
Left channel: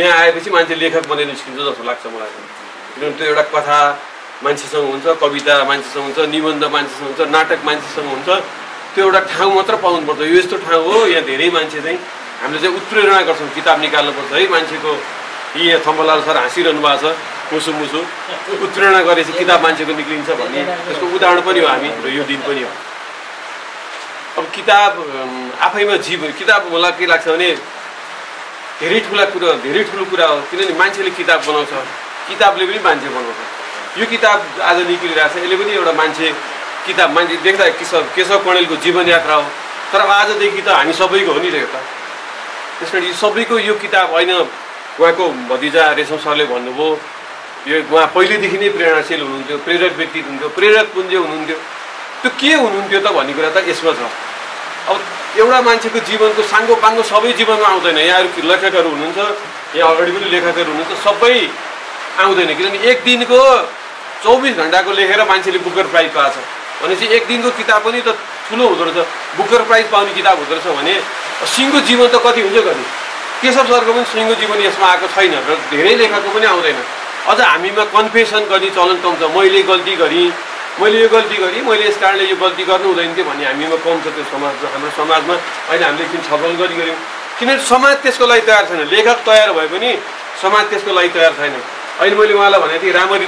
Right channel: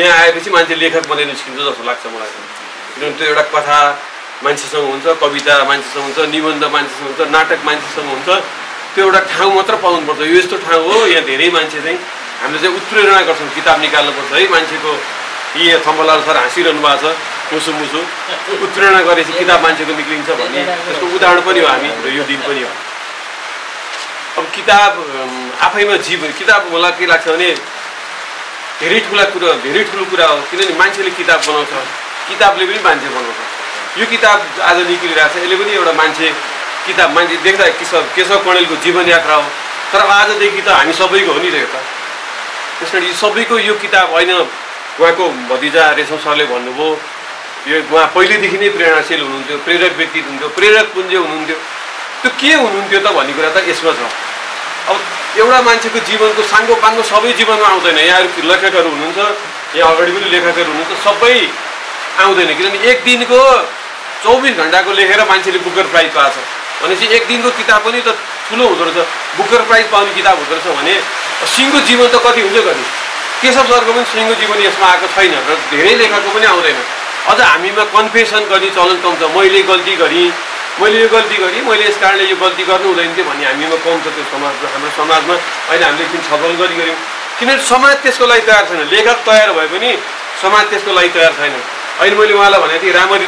यहाँ आएपछि मान्छे लेखक बनेर निस्किन्छ जस्तो लाग्छ मलाई। किनभने त्यो एउटा कथा मान्छेसँग हुन्छ, कविता मान्छेसँग हुन्छ, निबन्ध मान्छेसँग हुन्छ, नाटक मान्छेसँग हुन्छ, त्यो एउटा ठाउँ मात्र पाउनुपर्छ। यो यस्तो ठाउँ हो, यहाँ धेरै मान्छे चाहिँ हामीले चाहिँ उत्प्रेरणा गर्छौँ, किताब निकाल्नुपर्छ है। मान्छेको यहाँ थम्बलाल सर हाँसिरहनु भएको छ, मुसु मुसु उत्प्रेरणा गरेपछि किताब मान्छेको निक्लिन्छ भन्ने त्यसको उदाहरण पनि हो हामी, र यो दिन पनि हो। अब किताब आफैमा किताब मलाई के लाग्छ भने धेरै ठुलो कुरा हो। किनभने मान्छेले किताब बनाउँछ, किताबले पनि मान्छे बनाउँछ। यो किताब आज निक्लिरहेको छ, यसले पनि एउटा किताब मान्छे देख्दा केशव कणेलको जीवन यात्रा हो, तर आजदेखि त हामी सबैको हो नि त यो त। त्यस कारण यो सबैको यो किताब होइन। उहाँको भतिजा रेशम सरले भन्नुभयो, यो उहाँ पहिलेदेखि नै प्रेरणाशील हुनुहुन्थ्यो, प्रेरक व्यक्ति हुनुहुन्थ्यो, प्रेरक पुञ्ज हुनुहुन्थ्यो। त्यो के हुनुहुन्थ्यो त भन्ने कुरा त यसमा छ। अब एउटा मान्छेको जीवनको साङ्गो पाङ्गो सबै जीवनमा आउँदैन। यहाँहरू लेखकहरू हुनुहुन्छ, यहाँ अगाडि पनि लेखकहरू हुनुहुन्छ, सबै आउँदैन। किनभने एक दिनको 24 घन्टाको लेखेर मान्छेले बुकर प्राइज पाएको छ भनेपछि एक दिनको किताब पनि त ठुलो हुँदो रहेछ। बुकर प्राइज पाउने किताब हुँदो रहेछ भने सिङ्गो जीवन त कति हुन्छ गर्ने। केशव सरको पनि सिङ्गो जीवन यसमा आएको छैन र धेरै लेखकको पनि आउँदैन। अझ हामीमा कन्फेसन गर्ने चलन कम छ। मैले गल्ती गरेँ, मैले यो गल्ती गरेँ, मैले यस कारणले यो गल्ती गर्नु हुँदैन थियो भन्ने हामीमा कम छ। त्यो हाम्रो समाजमा अहिले हामीले एकदिन छलफल गऱ्यौँ। किनभने समाज त्यसको लागि तयार छैन। लेखक तयार भए पनि समाज त्यसको लागि तयार छैन। अहिले मैले उहाँलाई भनेको थिएँ, रामरी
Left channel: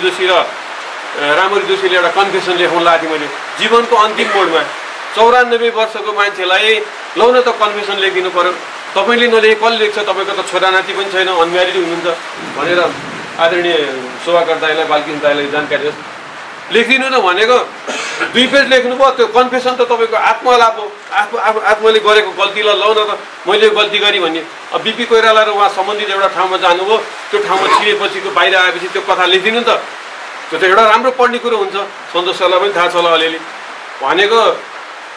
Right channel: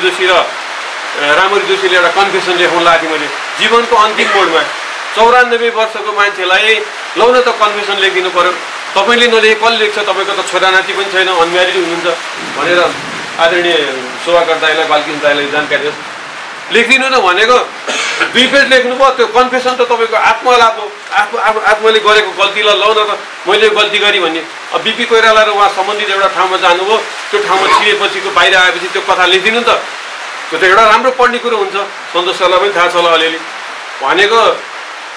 जोशीले एउटा कन्फेसन लेखाउनु लगाएको थिएँ मैले जीवनको अन्तिम मोडमा। 94 वर्षको मान्छेलाई लौ न त कन्फेसन लेखिदिनु पऱ्यो, तपाईँले नलेखे कसले लेख्छ, तपाईँको त छोरानाति पनि छैन, अनम्यारिड हुनुहुन्छ भनेर आदरणीय शोभाकर दाईलाई, बालकृष्ण दाईलाई जानकारी होस्। लेखिदिनु न भनेको 2 पेज लेख्नुभयो, त्यो कन्फेसन त तपाईँको आत्मलाप हो। आत्माले गरेको गल्तीलाई लौ न त मैले गल्ती गरेँ भन्ने। अब बीपी कोइराला र उहाँ सम्बन्धित एउटा ठाउँमा जानुभयो, त्यो ठाउँमा छिरेपछिको बाहिर आएपछि त्यो कथा लेखिदिनु नि त। त्यो त एउटा राम्रो पढ्ने कुरो हुन्छ। सन्तोष सरलाई पनि थाहा छ होला अलिअलि। भनेको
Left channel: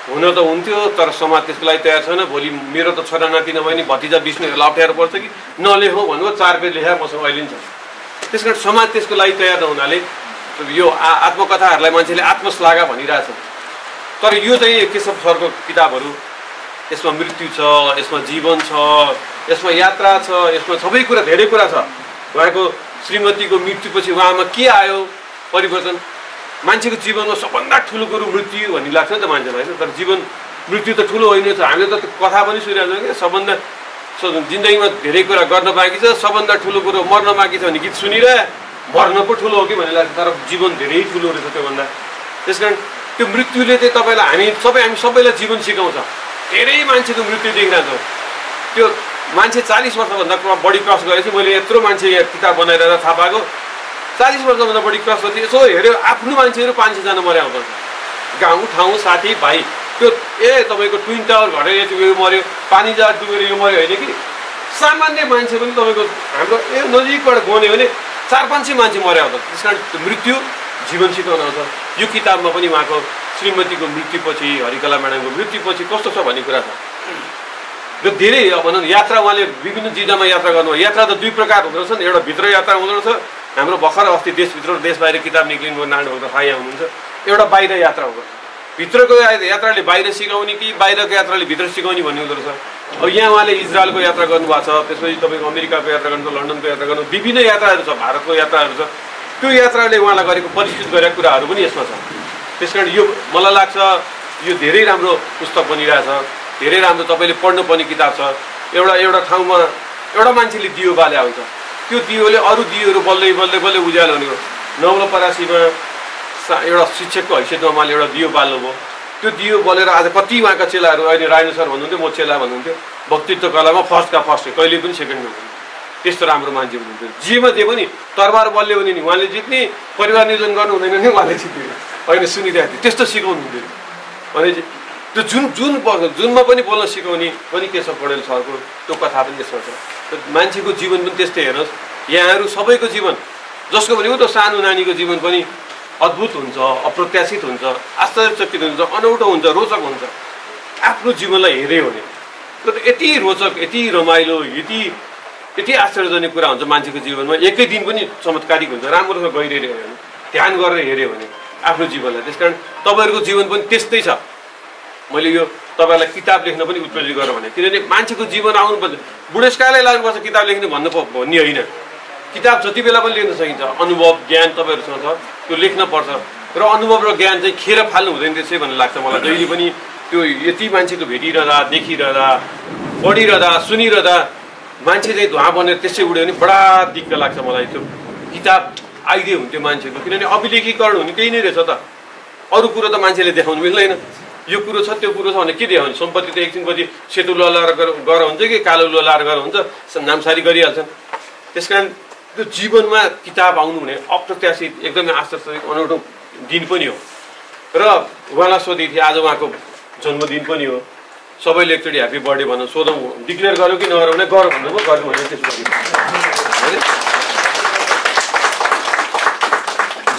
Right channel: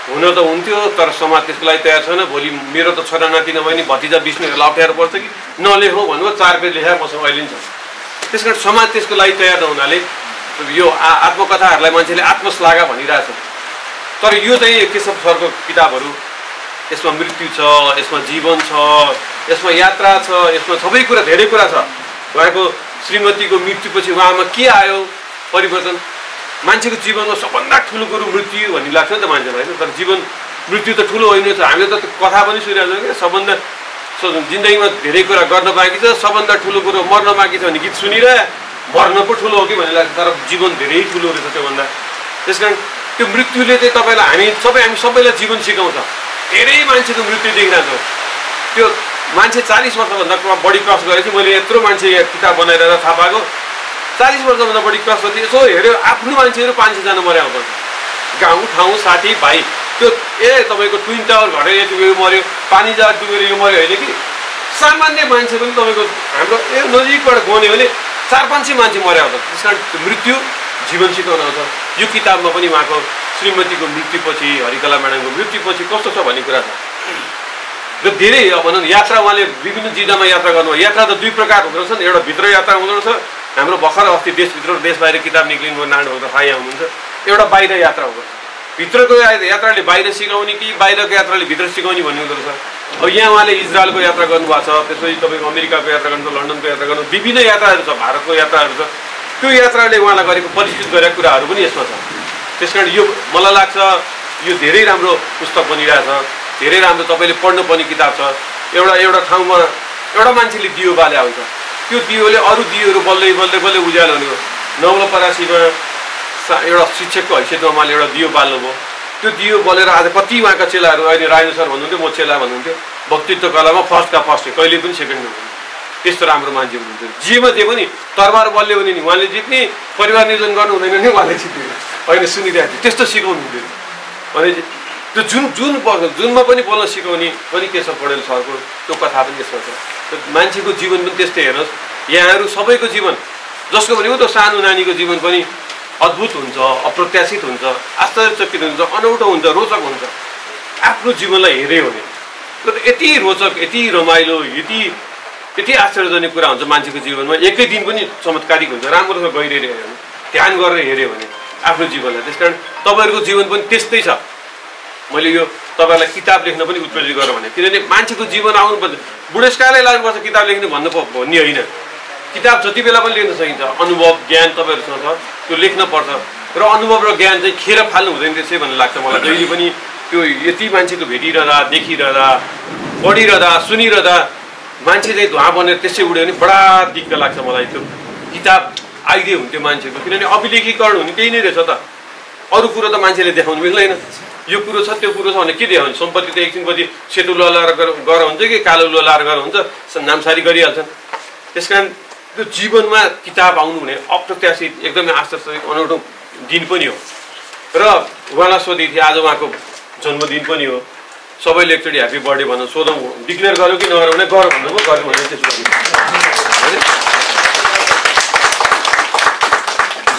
हुन त हुन्थ्यो, तर समाज त्यसको लागि तयार छैन। भोलि मेरो त छोरा नाति नभए नि भतिजा बिस्नेहरूलाई अप्ठ्यारो पर्छ कि नलेखौँ भन्नुभयो, 4 पेज लेखाएर मसँग अहिले नि छ। त्यस कारण समाज त्यसको लागि तयार नहुनाले यो आत्मकथाहरूलाई मान्छेले आत्मश्लाघा भनिरहेछ। तर यो चाहिँ केशव सरको किताबहरू, यसमा मृत्यु छ, यसमा जीवन छ, यसमा यात्रा छ, यसमा सबै कुरा, धेरै कुरा छ। उहाँको श्रीमतीको मृत्युपछि उहाँमा के आयो परिवर्तन। मान्छेको जीवनमा सबभन्दा ठुलो कुरो मृत्यु भन्ने लाग्छ नि त मान्छेलाई होइन। तर जीवन मृत्यु त ठुलो होइन छ। हामीले त कथा पनि सुनिरहेको छौँ कि सबभन्दा जिन्दगीमा धेरै कुरा गर्न बाँकी छ, सबभन्दा ठुलो कुरो मर्न बाँकी छ भने गीत सुनिरहे मर्न पो ठुलो हो कि भन्ने लाग्छ। तर जीवन धेरै ठुलो रहेछ त्योभन्दा। त्यस कारण त्यो मृत्युले चाहिँ तपाईँलाई हामी सबैलाई जीवन सिकाउँछ। धेरै मान्छेको मृत्यु देखिरहेछौँ। त्यो मान्छे 40 वर्षभन्दा बढी क्रस गरेपछि मैले यत्रो मान्छे यहाँ किताब बनाएर थाहा पाएको, 40 वर्षभन्दा बढी क्रस गरेपछि यसो हेऱ्यो आफ्नो मान्छेहरू 500 जना मर्या आउँछ। गाउँ ठाउँ साथी भाइ त्यो तपाईँको ट्विन टावर घटेर यति यो मऱ्यो, पानी जहाज डुबेर यो मऱ्यो होइन कि। सामान्य मान्छे पनि तपाईँको हाम्रो नजिकबाट गयो भने 400-500 मान्छे मर्या आउँछ। त्यस कारण मृत्यु जीवन सिकाउन आउँछ। यो किताबमा पनि उहाँको श्रीमतीको मृत्युपछि, हरिकला म्याडमको मृत्युपछि कस्तो छ भन्ने कुरा छ। र धेरै भनौँ यात्रा, उहाँले विभिन्न जिल्लामा यात्रा गर्नुभयो। यात्रा त 2 प्रकार हुँदो रहेछ। एउटा भित्र यात्रा हुँदो रहेछ, हाम्रो भर्खर अस्ति देशभित्र र देश बाहिर किताब निक्लिनु नारायण भक्त थाहा हुनुहुन्छ। एउटा बाहिर यात्रा हुँदो रहेछ। भित्रको यात्राले बाहिर सिकाउने कि बाहिरको यात्राले भित्र सिकाउने भन्ने हुँदो रहेछ। अब यहाँ उहाँले इजरायलको यात्रा गर्नुभएको छ, त्यसपछि तपाईँको अमेरिकाको यात्रा गर्नु, लन्डनको यात्रा गर्नु, विभिन्न यात्राहरू छ, भारतको यात्राहरू छ। त्यो यात्राले उहाँलाई गरेको परिष्कृत गरेका कुराहरू पनि यसमा छ। त्यस कारण यो मलाई लाग्छ यो धेरै राम्रो पुस्तक बनिरहेछ, धेरै राम्रो तपाईँले पढ्नुपर्ने किताब छ। एउटा ठाउँमा एउटा मान्छेले दियो बाले आउँछ, त्यो दियोले अरू दियोहरू बल्लै बल्लै बल्लै उज्यालो हुने हो। नवलपरासीमा एउटा शिक्षकको हैसियतमा उहाँले एउटा दियो बाल्नुभयो। त्यो दियो बलेर आज कति उहाँका चेलाहरू, अहिले राजेन्द्र सर भन्नुहुन्थ्यो, म चेला भन्नुहुन्थ्यो, वक्तित्व कलामा फर्स्टका फर्स्ट, कहिले पनि सेकेन्ड नहुन्थ्यो। त्यस्तो राम्रो मान्छे हुनुहुन्थ्यो। जेमा जे पनि तरबार बल्यो भने नि उहाँले जित्ने, परिवार नियोजन गर्नु हुँदैन नि उहाँले जित्ने होइन, सुनिरहेको थियो। त्यस्तो सिकाउनुहुन्थ्यो। भनेपछि त्यो जुनमा पनि बोल्न सिकाउने पनि केशव पौडेल सरको त्यो कथा पनि यसमा छ। मान्छेको जीवन पनि त्यस्तै हेर्नुहोस्, यहाँहरू सबैको जीवन जसको भनेको त सानो नानीको जीवन पनि अद्भुत हुन्छ, अप्रत्याशित हुन्छ, आश्चर्यचकित हुन्छ, अनौठो हुन्छ, रोचक हुन्छ। आफ्नो जीवनलाई हेऱ्यो भने यति रोचक, यति रमाइलो, यति आश्चर्यजनक कुरा हुन्छ मान्छेको जीवनमा। एकै दिन पनि चमत्कारिक हुन्छ राम्रोसँग गइरहेको हेऱ्यो भने, ध्यान गरेर हेऱ्यो भने आफ्नो जीवनलाई। त्यस कारण तपाईँहरूको जीवन पनि त्यस्तै छ। मैले यो तपाईँहरूलाई किताब लेख्न पनि उत्प्रेरित गरेँ भने, किनभने मान्छेको जीवन आउनुपर्छ, बुढेसकालमै लाग्नुपर्छ किताब लेख्नु भन्ने होइन। किताब जति बेला पनि लेख्न सकिन्छ। अनुभव ज्ञान तपाईँहरूसँग छ, त्यो लेख्न पर्छ। र अनुभव र ज्ञान चाहिँ खेर फाल्नु हुँदैन त्यसै भन्ने लाग्छ मलाई। जहिले पनि त्यो यति मान्छेको भेटिरहँदा, देखिरहँदा, पढिरहँदा, सुनिरहँदा मान्छे चाहिँ धुवा बनेर त्यसै उड्यो भने बडा दिक्क लाग्छ मलाई। त्यो किताब आइदिए हुन्थ्यो मान्छेको, किनभने अभिलेखीकरण हुने त्यही नै रहेछ त। अरू कुरो त मान्छेले देखाउनु मिल्दैन। यो कुरो छ त्यो कुरो छ भने के देखाउने? सम्पत्ति त एकछिनपछि सेतो ललाएर गर हुन्छ कि कालो ललाएर गर हुन्छ, नामसारी गरिहाल्छन्। त्यस कारण त्यो जीवनमा किताब आउनु भने अप्रत्याशित, एकदमै आश्चर्यजनक, अनौठो दिन पनि हो। र उहाँलाई सोधेको थिएँ, आज उहाँको जन्मदिन पनि हो, सबैले एकचोटि ह्याप्पी बर्थडे भन्न सोधौँ, डिक्लेयर गर्यो कि नगरौँ भने गर भन्नुभयो, गर्यो भने त्यसो होइन।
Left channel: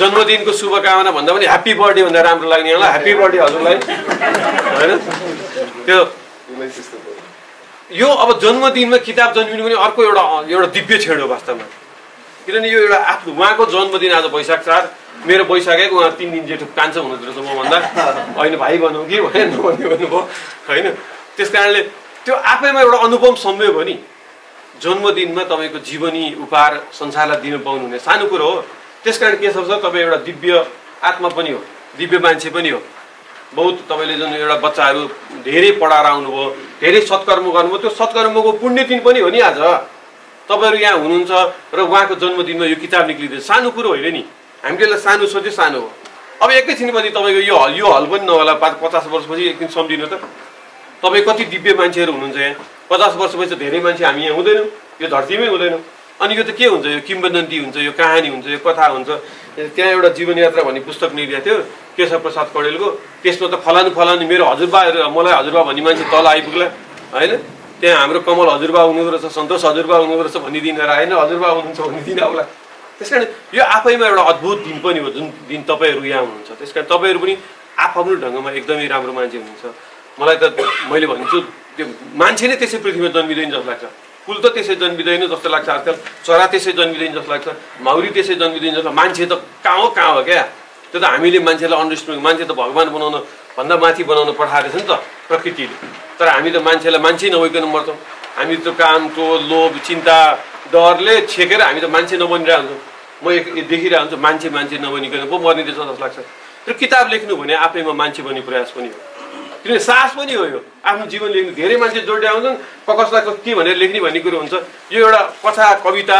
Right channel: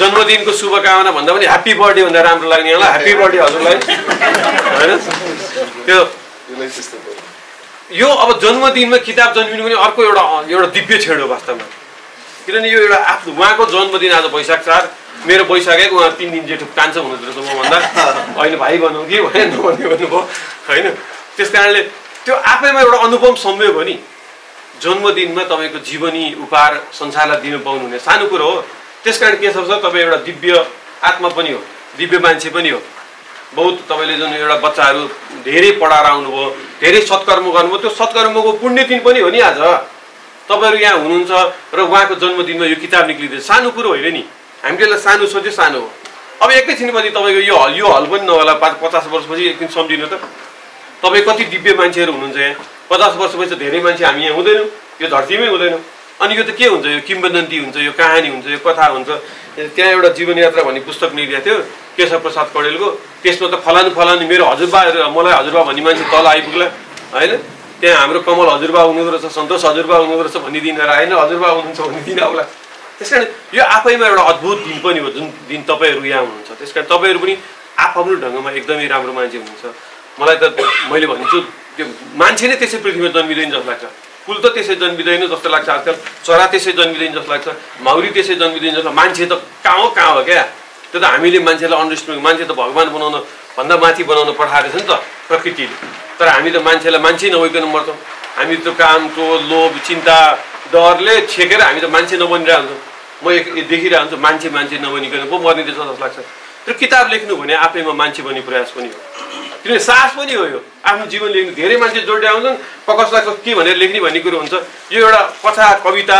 जन्मदिनको शुभकामना भन्दा पनि ह्याप्पी बर्थडे भन्दा राम्रो लाग्ने होला। ह्याप्पी बर्थडे हजुरलाई, होइन? त्यो यो अब जन्मदिनमा किताब जन्मिनु पनि अर्को एउटा दिव्य क्षण हो वास्तवमा। किनभने यो एउटा आफ्नो उहाँको जन्मदिन आज वैशाख 4, मेरो वैशाख 1, उहाँ 3 दिन जेठो कान्छ हुनुहुँदो रहेछ मभन्दा। होइन भाइ भनौँ कि भनेर नभन्ने भन्नुभयो, होइन? त्यस कारणले त्यो आफैमा एउटा अनुपम संयोग हो नि। जन्मदिनमा तपाईँको जीवनी उपहार संसारलाई दिनु पाउनु हुने सानो कुरो हो। त्यस कारण के छ तपाईँ एउटा दिव्य आत्मा पनि हो, दिव्य मान्छे पनि हो। बहुत तपाईँले जुन एउटा बच्चाहरू धेरै पढाएर आउनुभयो, धेरै सत्कर्म गर्नुभयो, त्यो सत्कर्मको पुण्य दिन पनि हो नि आज। तपाईँहरू यहाँ हुनुहुन्छ र उहाँको जन्मदिनमा यो किताब निक्लिँदैछ, सानो कुरो होइन नि। हामीले सानो सोच्यो सानो हो। अब एकैछिनपछि तपाईँको यो हल पनि नहोला, 50 वर्षपछि एकदिन सम्झिनु त तपाईँ कति दिव्य मान्छेहरू हुनुहुन्छ यहाँ। 50 वर्षपछि धेरै मान्छे हामी यहाँ हुँदैनौँ, यो धरतीमै हुँदैनौँ। अनि यो त के हुन्छ? यो किम्बदन्ती हुन्छ, यो कहानी हुन्छ, यो कथा हुन्छ। त्यहाँ एउटा जीवनयात्रा भन्ने पुस्तक निक्लिएको थियो केशव प्रसाद कौडेलको। त्यसमा त फलानु मेरो हजुरबाहरू, मलाई हजुरबा भन्ने मान्छे तल आइपुग्ला, होइन? त्यहाँ हाम्रो कमल हजुरबा हुनुहुँदो रहेछ, सन्तोष हजुरबा हुनुहुँदो रहेछ भन्ने दिन आएन, हजुरबा हुनुहुन्छ भन्ने दिन आउला। त्यस कारण यो आफैमा एउटा अद्भुत दिन पनि हो जुन दिन तपाईँहरू यहाँ हुनुहुन्छ। त्यस कारण तपाईँहरू पनि आफ्नो ढङ्गमा एकदमै राम्रो मान्छे हुनुहुन्छ। मलाई त मैले भन्छु त्यो मान्छे नै त्यसै पृथ्वीमा जन्मिँदैन जस्तो लाग्छ। फुल त त्यसै जन्मिँदैन जस्तो लाग्छ आजकल, चरा त्यसै जन्मिँदैन जस्तो लाग्छ, माउरी त्यसै जन्मिँदैन जस्तो। मान्छे त कहाँ हो क्या? त्यो त हामीले मान्छेलाई अन्डरस्ट्यान्ड, मान्छे त भगवान् बनाउन भन्दा माथि बनाउन पठाएको छ नि त प्रकृतिले। तर हामी त मान्छेलाई मान्छे नभइकन मर्छौँ। हामी त काम, क्रोध, लोभ, चिन्ता, डरले छेकेर हामी त मान्छे नबनिरहेको हुन्छौँ। म देखिरहेको हुन्छु मान्छे नबनिकन पो मर्ने रहेछ जस्तो लाग्छ। त्यो किताब लेख्नु भने आफैमा मान्छे बन्ने प्रयास पनि हो, किनभने साहस पनि हो। यो आफ्नो जीवन लेख्नु धेरै मान्छे जोड्दै आउँछन्, कसलाई के भनेर लेख्ने भन्ने कुरो हुन्छ। यो एउटा कथा कविता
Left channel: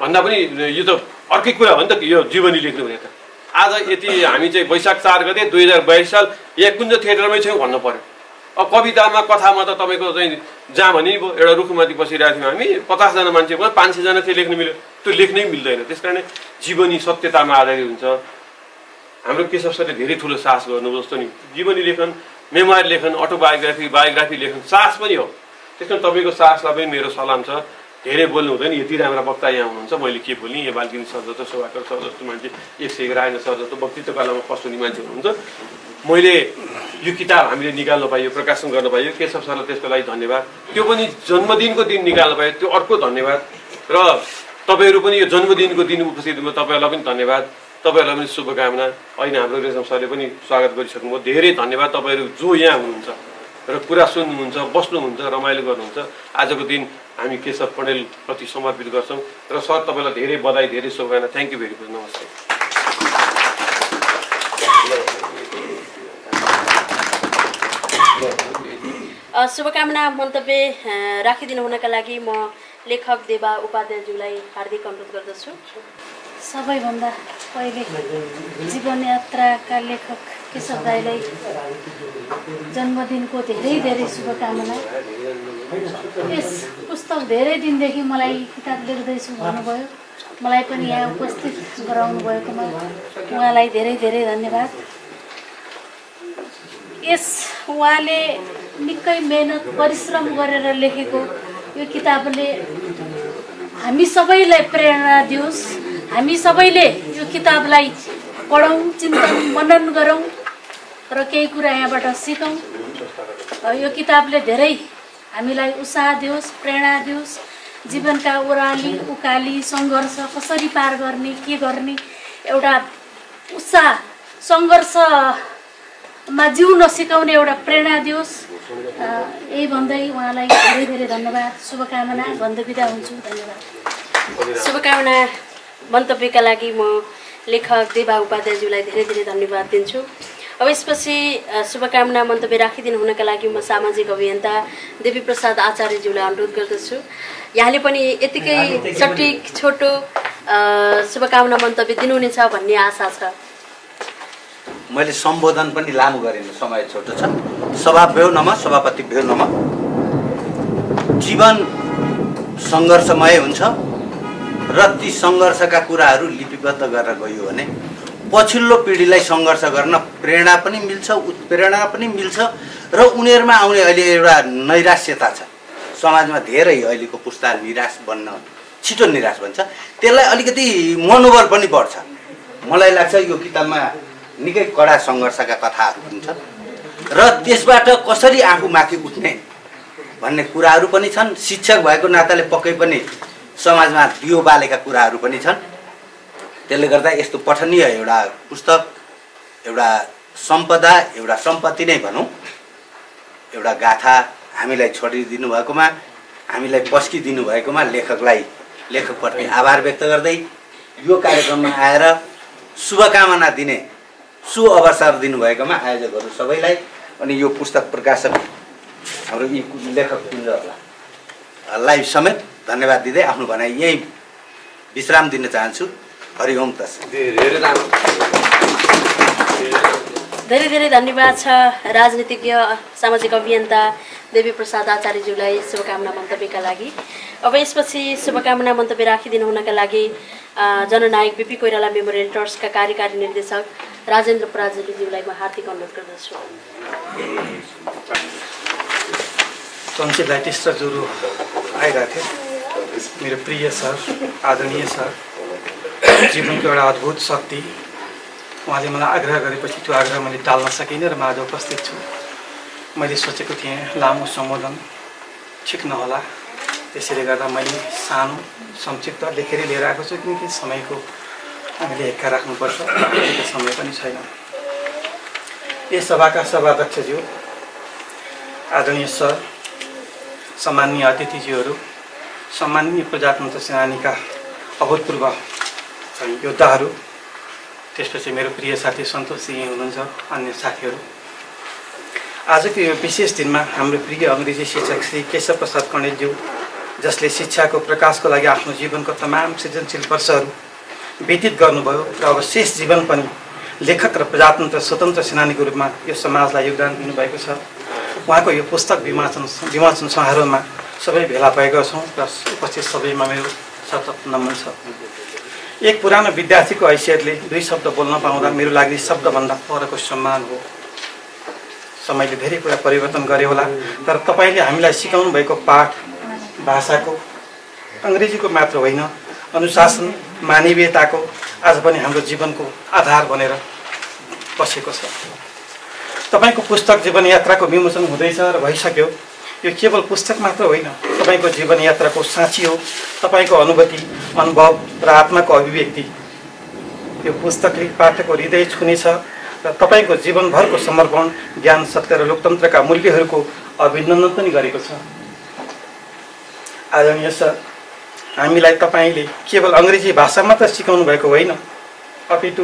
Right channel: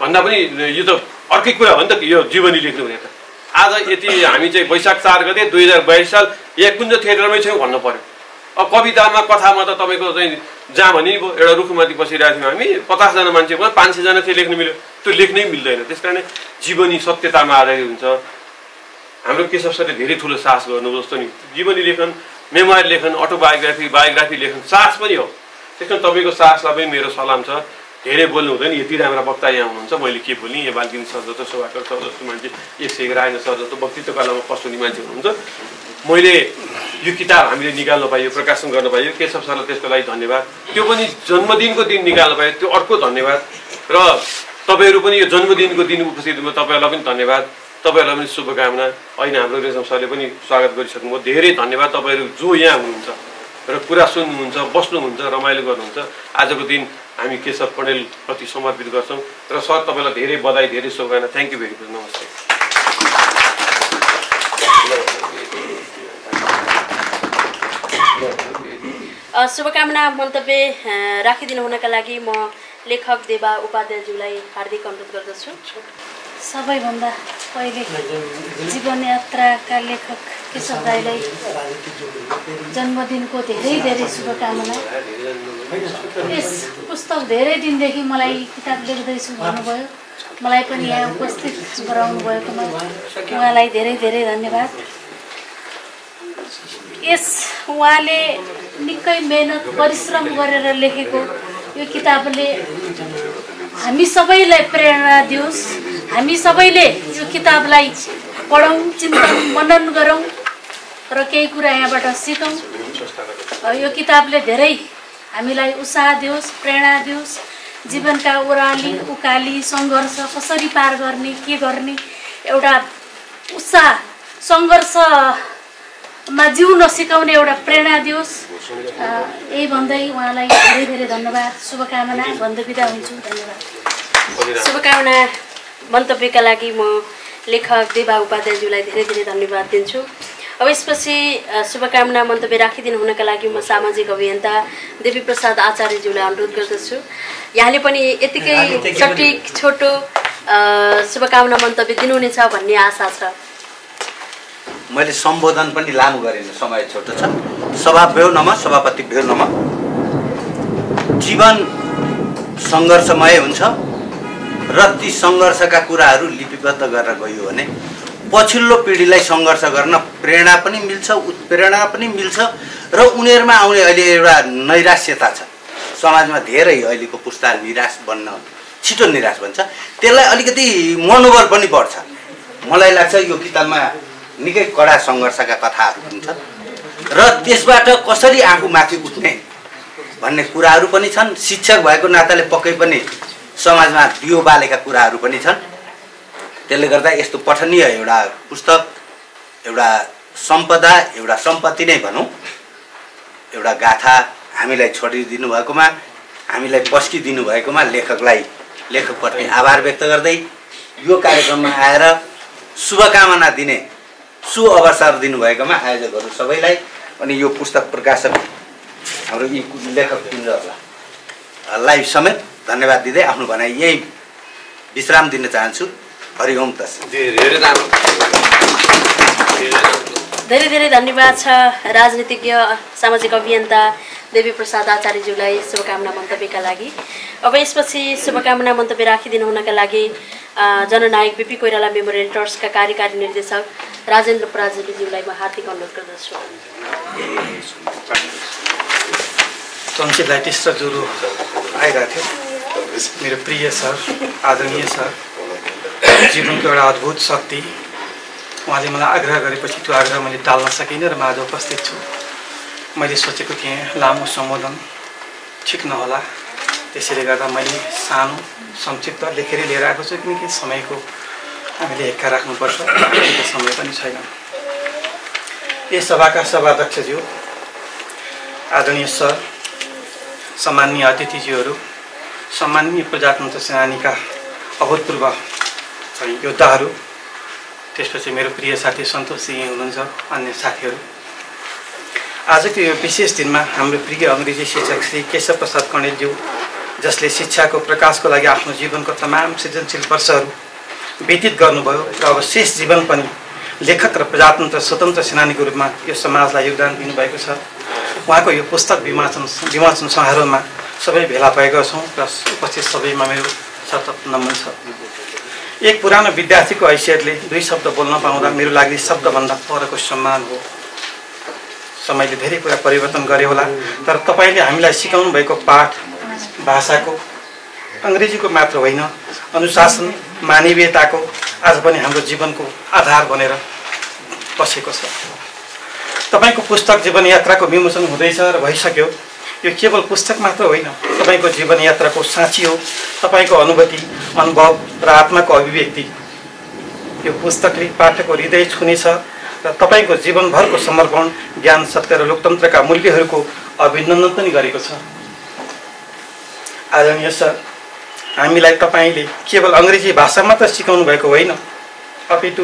भन्दा पनि यो त अर्कै कुरा हो नि त, यो जीवनी लेख्नु भने त। आज यति हामी चाहिँ वैशाख 4 गते 2022 साल यहाँ कुञ्ज थिएटरमै छौँ भन्नु पर्यो। अब कवितामा कथामा त तपाईँको चाहिँ जहाँ भने एउटा रुखमाथि बसिरहेको थियौँ हामी, 50 जना मान्छे भयो, 500 जना चाहिँ लेख्नु मिल्यो, त्यो लेख्नै मिल्दैन। त्यस कारण जीवनी सत्यतामा आधारित हुन्छ। हाम्रो केशव सरले धेरै ठुलो साहस गर्नुभयो जस्तो नि। जीवनी लेखन, मेमोयर लेखन, अटोबायोग्राफी, बायोग्राफी लेखन साहस पनि हो। त्यस कारण तपाईँको साहसलाई पनि मेरो सलाम छ। धेरै बोल्नु हुँदैन, यति राम्रा वक्ता यहाँ हुनुहुन्छ, मैले के बोल्ने? यहाँ बालकिनी सर जस्तो, शोभाकर सर जस्तो मान्छे, 101 रायन सर जस्तो व्यक्तित्व कलामा पस्ने मान्छे हुनुहुन्छ। मैले यो किताब हामीले निकाल्न पाइयो, प्रकाशन गर्न पाइयो, केशव सरलाई त्यसको लागि धन्यवाद। त्यो पनि जन्मदिनको दिन निकाल्न पाइयो, त्यो अर्को धन्यवाद। र तपाईँहरू पनि यो जन्मदिनको दिन उपस्थित हुनु, तपाईँहरूलाई पनि धन्यवाद, तपाईँहरूलाई पनि शुभकामना। होइन हाम्रो रेशम सरले पनि स्वागत गरिसक्नुभयो, धेरै धन्यवाद। तपाईँहरू जो यहाँ हुनुहुन्छ र कुरा सुन्नुहुन्छ, बस्नुहुन्छ, रमाइलो गर्नुहुन्छ, आजको दिन हामी केशव पौडेल प्रति समर्पित गर्छौँ। र सर तपाईँलाई धेरै बधाई, धेरै शुभकामना। Thank you very much. नमस्ते। शुभकामना मन्तव्य राखिदिनु हुनका लागि म लेखक देवा उपाध्यायज्यूलाई हार्दिक अनुरोध गर्दछु। सबैभन्दा पहिले जीवनयात्राका लेखक केशव दाइलाई जन्मदिनको धेरै शुभकामना। यस पुस्तक धेरै दिनदेखि मलाई किताब लेख्दैछु भन्नुभयो, मलाई पनि यहाँ उपस्थित गराउनु भएकोमा उहाँलाई धेरै धन्यवाद। यस उहाँले निकै मेहनत परिश्रम गरेर लेखेको यो किताबले हामी सबैलाई प्रेरणा दियोस्। हामी सबैले यो किताबलाई पढौँ, चिन्तन मनन गरौँ र केही कुरा यहाँबाट सिकौँ। यो किताबले धेरै हामीलाई उत्साह दियोस्, प्रेरणा दियोस्। जीवनका ओह्राली उकाली सङ्घर्ष कसरी पार गर्ने, के गर्ने, एउटा उत्साह सङ्घर्षमा जिउन सिकाउने एउटा प्रेरणा दियोस्। यही भन्दै उहाँलाई धेरै धेरै धन्यवाद, शुभकामना भन्दै बिदा हुन्छु। धन्यवाद। शुभकामना मन्तव्यका लागि म लेखक देवा उपाध्यायज्यूलाई धेरै धेरै धन्यवाद दिन्छु। अब यसपछि शुभकामना मन्तव्य राखिदिनु हुनका लागि म सामाजिक अभियन्ता देवी प्रसाद आचार्यज्यूलाई अनुरोध गर्दछु। यहाँले पनि यतिकै सटिक छोटो शुभकामना मन्तव्य दिनुहुनेछ भन्ने आशा छ। मैले सम्बोधन पनि लामो गरेन, समय छोटो छ। सभाभ्यो नमः, सभापति भ्यो नमः। जीवन सङ्घर्षमय हुन्छ र ती सङ्घर्षका कुराहरू लिपिबद्ध गरेर गयो भने पछिल्लो पिँढीलाई सङ्घर्ष गर्न प्रेरणा पनि मिल्छ, उत्प्रेरणा पनि मिल्छ र उनीहरूमा आउने अहिले एउटा नैराश्यता छ समाजमा। धेरै अहिलेको पुस्ता छिटो निराश भन्छ, त्यसलाई अलिकति मनोबल पनि बढ्छ। मलाई लाग्छ यो किताबमा निकै कडा सङ्घर्षका कथाहरू पनि छन् र त्यसबाट कसरी आफू माथि उठ्ने भन्ने कुराहरू पनि छन्। शिक्षक भएको नाताले पक्कै पनि समाजमा दियो बालेका कुराहरू पनि छन्। त्यसले गर्दा यस्तो पठनीय एउटा पुस्तक, एउटा सम्पदा, एउटा सम्पत्ति नै भनौँ, एउटा गाथा हामीलाई छोडिदिनु भएकोमा, हामीलाई पस्किदिनु भएकोमा लेखकप्रति आभार व्यक्त गर्दै यो कार्यक्रममा आएर शुभकामना दिने सुअवसर दिनुभएकोमा आयोजकहरू सबैलाई अनि यो पुस्तक प्रकाशक हाम्रो यी लेखक पुञ्जहरूलाई समेत धन्यवाद दिँदै आफ्नो भनाइ यही विश्राम दिन चाहन्छु। हरि ओम तस्सत्। धेरै धेरै धन्यवाद छ राजनीतिज्ञ सामाजिक अभियन्ता देवी प्रसाद आचार्यज्यूलाई शुभकामना मन्तव्यका लागि। अब यसपछि शुभकामना मन्तव्य राखिदिनु हुनका लागि जननायक बिपी कोइराला मेमोरियल ट्रस्टका कार्यकारी निर्देशक राजेन्द्र पराजुलीज्यूलाई म हार्दिक अनुरोध गर्दछु। टन्सिलाइटिस र ज्वरो आइरहेको थियो। मेरो प्रिय सर, आदरणीय सर, जीवनको एउटा अद्भुत शक्ति, उहाँले मलाई आग्रह गरेपछि त्यो आग्रह मैले टाल्न सकिनँ र म आज उपस्थित छु। मैले सोचेको थिएँ लामो सम्बोधन ठिक नहोला, त्यसैले गर्दा मैले सानो संक्षिप्त लेखेरै लिएर आएको छु, किनकि समयको हामीले हेक्का राख्नुपर्छ, त्यो समय पनि छैन। यस सभाका सभाध्यक्षज्यू, आदरणीय सर, सम्माननीय अतिथिज्यूहरू, सम्माननीय प्रजातन्त्र सेनानीका अभूतपूर्व योद्धाहरू, त्यसपछि मेरो प्रिय साथी सन्तोष सिंह हुनुहुन्छ, अन्य साथीहरू, आजको यो विशेष दिनमा हाम्रो प्रिय अङ्ग्रेजी शिक्षक श्री केशव प्रसाद कणेलज्यू, जसले शिक्षाको प्रकाशको लागि आफ्नो जीवनको तमाम सृजनशील वर्षहरू व्यतीत गर्नुभयो र अब शेष जीवन पनि लेखक र प्रजातन्त्र स्वतन्त्र सेनानीको रूपमा यो समाजलाई योगदान दिनुभएको छ। उहाँको यो पुस्तक विमोचन समारोहमा सबै भेला भएका छौँ र उपस्थित सबैमा मेरो सतत नमन छ। एक पुरानो विद्यार्थीको हैसियतले दुई शब्द बोल्न पाउँदा मेरो लागि शब्दभन्दा परको सम्मान हो। समयले धेरै कुरा परिवर्तन गरे होला, तर तपाईँले हामीलाई सिकाउनु भएको पाठ भाषाको, अङ्ग्रेजीको मात्र होइन, अनुशासन, मानवीयताको आज पनि हाम्रो जीवनको आधार बनेर बसेको छ। तपाईँको पुस्तक जीवन यात्राको विमोचन हुँदैछ र भइसक्यो। यो केवल पुस्तक मात्र होइन, तपाईँको जीवन यात्राको साँची हो, तपाईँको अनुभूति, अनुभव र आत्माको अभिव्यक्ति। यो पुस्तकले पाठकको हृदय छुनेछ र तपाईँको जीवनभरको समर्पण, ज्ञान, सत्य र लोकतन्त्रका मूल्यहरूको अभिनन्दन पनि गरेको छ। आदरणीय सर, हामीलाई तपाईँले केवल अङ्ग्रेजी भाषा मात्र सिकाउनु भएको होइन, अपितु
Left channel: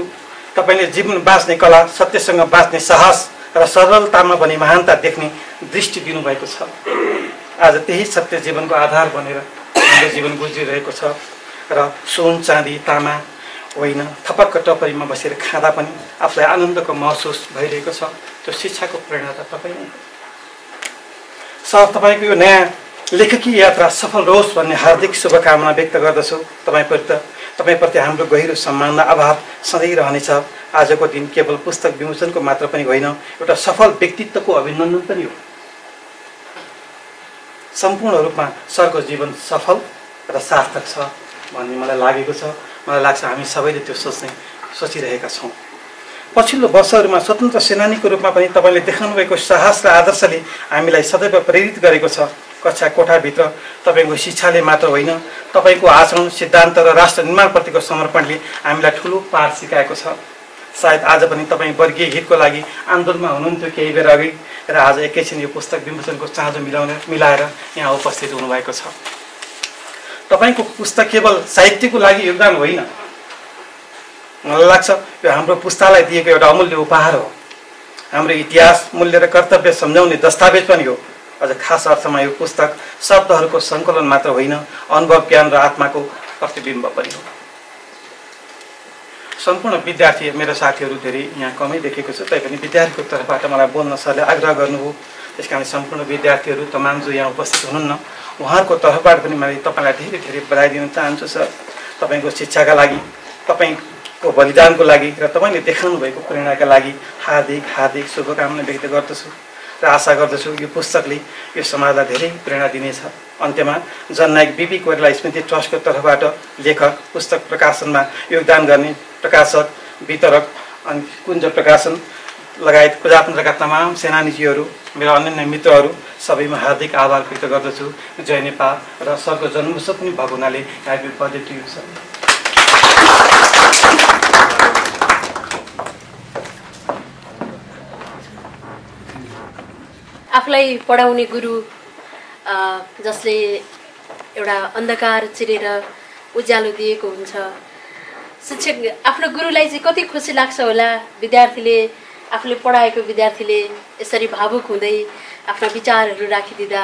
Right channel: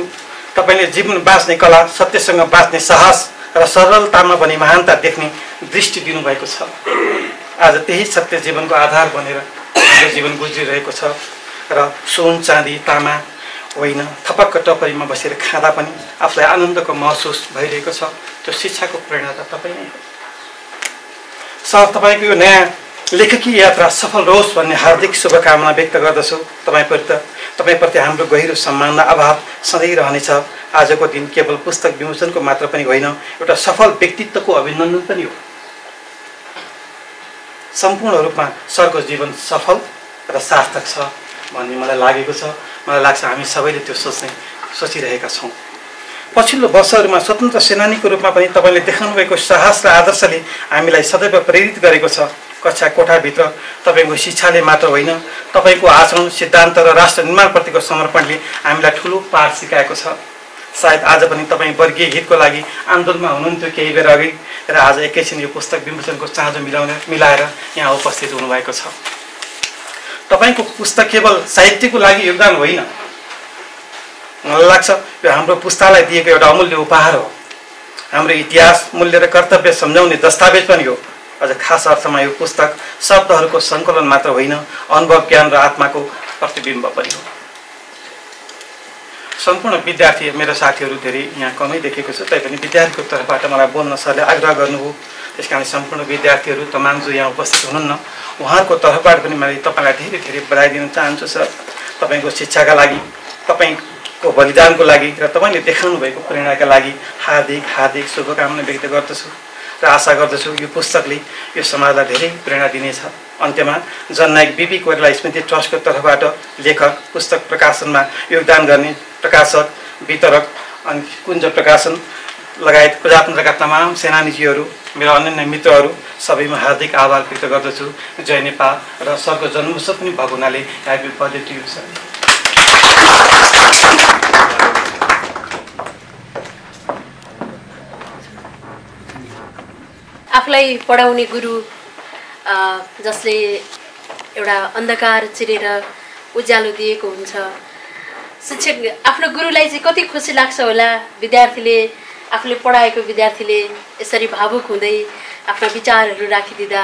तपाईँले जीवन बाँच्ने कला, सत्यसँग बाँच्ने साहस र सरलतामा पनि महानता देख्ने दृष्टि दिनुभएको छ। आज त्यही सत्य जीवनको आधार बनेर हाम्रो जीवन गुज्रिरहेको छ र सुन, चाँदी, तामा होइन, थपक्क टपरीमा बसेर खाँदा पनि आफूलाई आनन्दको महसुस भइरहेको छ। त्यो शिक्षाको प्रेरणा त तपाईँ नै हो। सर, तपाईँको यो नयाँ लेखकीय यात्रा सफल रहोस् भन्ने हार्दिक शुभकामना व्यक्त गर्दछु। तपाईप्रति हाम्रो गहिरो सम्मान र आभार सधैँ रहनेछ। आजको दिन केवल पुस्तक विमोचनको मात्र पनि होइन, एउटा सफल व्यक्तित्वको अभिनन्दन पनि हो। सम्पूर्ण रूपमा सरको जीवन सफल र सार्थक छ भन्ने मलाई लागेको छ। मलाई लाग्छ हामी सबैले त्यो सोचिरहेका छौँ। पछिल्लो वर्षहरूमा स्वतन्त्र सेनानीको रूपमा पनि तपाईँले देखाउनुभएको साहस र आदर्शले हामीलाई सदैव प्रेरित गरेको छ। कक्षा कोठाभित्र तपाईँको शिक्षाले मात्र होइन, तपाईँको आचरण, सिद्धान्त र राष्ट्र निर्माणप्रतिको समर्पणले हामीलाई ठुलो पाठ सिकाएको छ। सायद आज पनि तपाईँ वर्गीय हितको लागि आन्दोलनमा हुनुहुन्थ्यो केही बेर अघि, र आज एकैछिन यो पुस्तक विमोचनको चाँजो मिलाएर यहाँ उपस्थित हुनुभएको छ। तपाईँको पुस्तक केवल साहित्यको लागि योगदान होइन, मलाई लाग्छ यो हाम्रो पुस्तालाई दिएको एउटा अमूल्य उपहार हो। हाम्रो इतिहास, मूल्य र कर्तव्य सम्झाउने दस्तावेज पनि हो। अझ खास अर्थमा यो पुस्तक शब्दहरूको सङ्कलन मात्र होइन, अनुभव, ज्ञान र आत्माको प्रतिबिम्ब पनि हो। सम्पूर्ण विद्यार्थी, मेरो साथीहरू धेरै यहाँ कमै देखेको छु, तैपनि विद्यार्थीको तर्फबाट मलाई बोल्न सरले आग्रह गर्नुभयो। त्यस कारण सम्पूर्ण विद्यार्थीहरू तमाम जो यहाँ उपस्थित हुनुहुन्न, उहाँहरूको तर्फबाट पनि मैले तपाईँलाई धेरै धेरै बधाई दिन चाहन्छु सर। तपाईँको शिक्षाका लागि, तपाईँको बलिदानको लागि र तपाईँले देखाउनु भएको प्रेरणाका लागि हार्दिक हार्दिक शुभकामना व्यक्त गर्दछु र आशा गर्दछु यो पुस्तकले यो समाजलाई धेरै प्रेरणा दिनेछ। अन्त्यमा जननायक बिपी कोइराला स्मृति ट्रस्टको तर्फबाट लेखक, पुस्तक प्रकाशनमा योगदान गर्ने प्रकाशक, वितरक अनि कुञ्ज प्रकाशन लगायत प्रजातन्त्रका तमाम सेनानीजीहरू, मेरा अन्य मित्रहरू सबैमा हार्दिक आभार व्यक्त गर्दछु। जय नेपाल। र सरको जन्मोत्सव पनि भएको हुनाले happy birthday to you sir. आफूलाई पढाउने गुरु जसले एउटा अन्धकार चिरेर उज्यालो दिएको हुन्छ, शिक्षक आफ्नो गुरुलाई चाहिँ कति खुसी लाग्छ होला। विद्यार्थीले, आफूले पढाएको विद्यार्थीले यसरी भावुक हुँदै आफ्ना विचारहरू राखिदिँदा,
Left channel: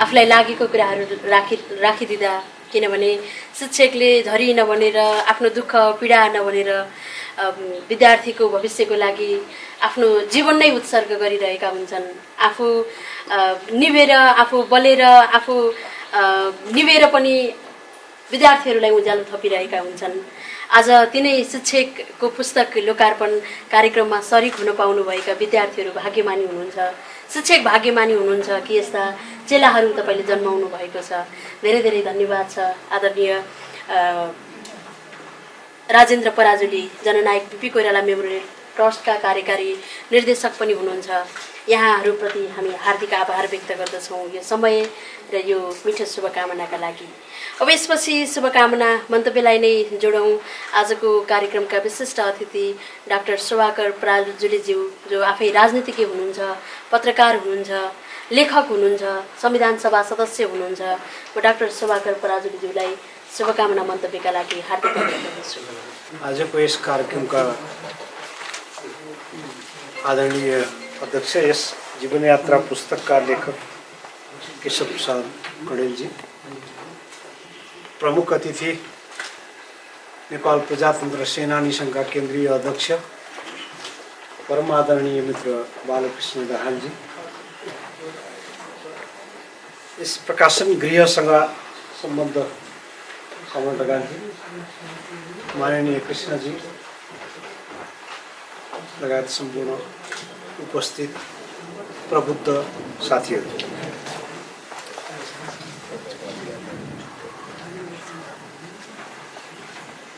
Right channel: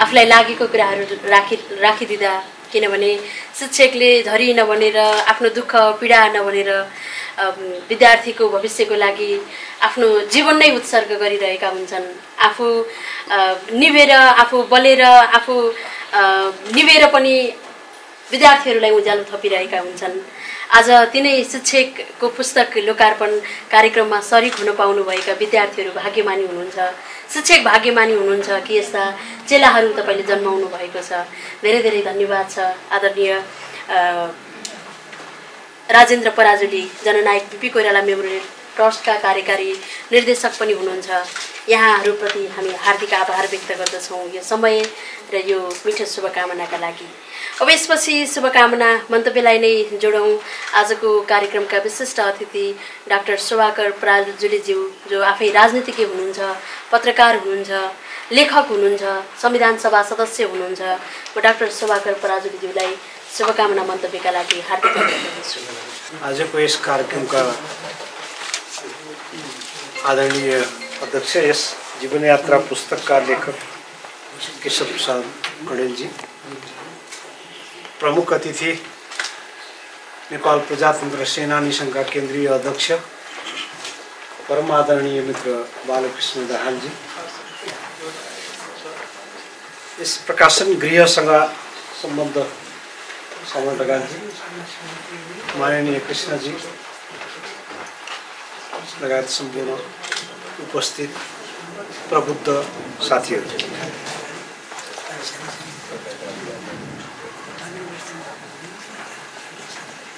आफूलाई लागेको कुराहरू राखिदिँदा, किनभने शिक्षकले धरी नभनेर, आफ्नो दुःख पीडा नभनेर विद्यार्थीको भविष्यको लागि आफ्नो जीवन नै उत्सर्ग गरिरहेका हुन्छन्। आफू निभेर, आफू बलेर, आफू निभेर पनि विद्यार्थीहरूलाई उज्यालो थपिरहेका हुन्छन्। आज तिनै शिक्षकको पुस्तक लोकार्पण कार्यक्रममा सरिक हुन पाउनुभएका विद्यार्थीहरू भाग्यमानी हुनुहुन्छ। शिक्षक भाग्यमानी हुनुहुन्छ कि यस्ता चेलाहरू तपाईँले जन्माउनु भएको छ। धेरै धेरै धन्यवाद छ। आदरणीय राजेन्द्र पराजुली, जननायक बिपी कोइराला मेमोरियल ट्रस्टका कार्यकारी निर्देशक पनि हुनुहुन्छ। यहाँहरूप्रति हामी हार्दिक आभार व्यक्त गर्दछौँ यो समय र यो मिठो शुभकामनाका लागि। अब यसपछि शुभकामना मन्तव्यलाई नै जोडौँ। आजको कार्यक्रमका विशिष्ट अतिथि डाक्टर सुभाकर पराजुलीज्यू, जो आफै राजनीतिज्ञ हुनुहुन्छ, पत्रकार हुनुहुन्छ, लेखक हुनुहुन्छ, संविधान सभा सदस्य हुनुहुन्छ। म डाक्टर सुभाकर पराजुलीज्यूलाई शुभकामना मन्तव्यका लागि हार्दिक धन्यवाद दिन्छु। आजको यस कार्यक्रमका आदरणीय अध्यक्ष, यस जीवनयात्रा पुस्तकका लेखक केशव प्रसाद कडेलजी, प्रमुख अतिथि नेपाल प्रजातन्त्र सेनानी सङ्घका केन्द्रीय अध्यक्ष परम आदरणीय मित्र बालकृष्ण दाहालजी, यस प्रकाशन गृहसँग सम्बद्ध समन्वयकजी माननीय कृष्णजी लगायत सम्पूर्ण उपस्थित प्रबुद्ध साथीहरू,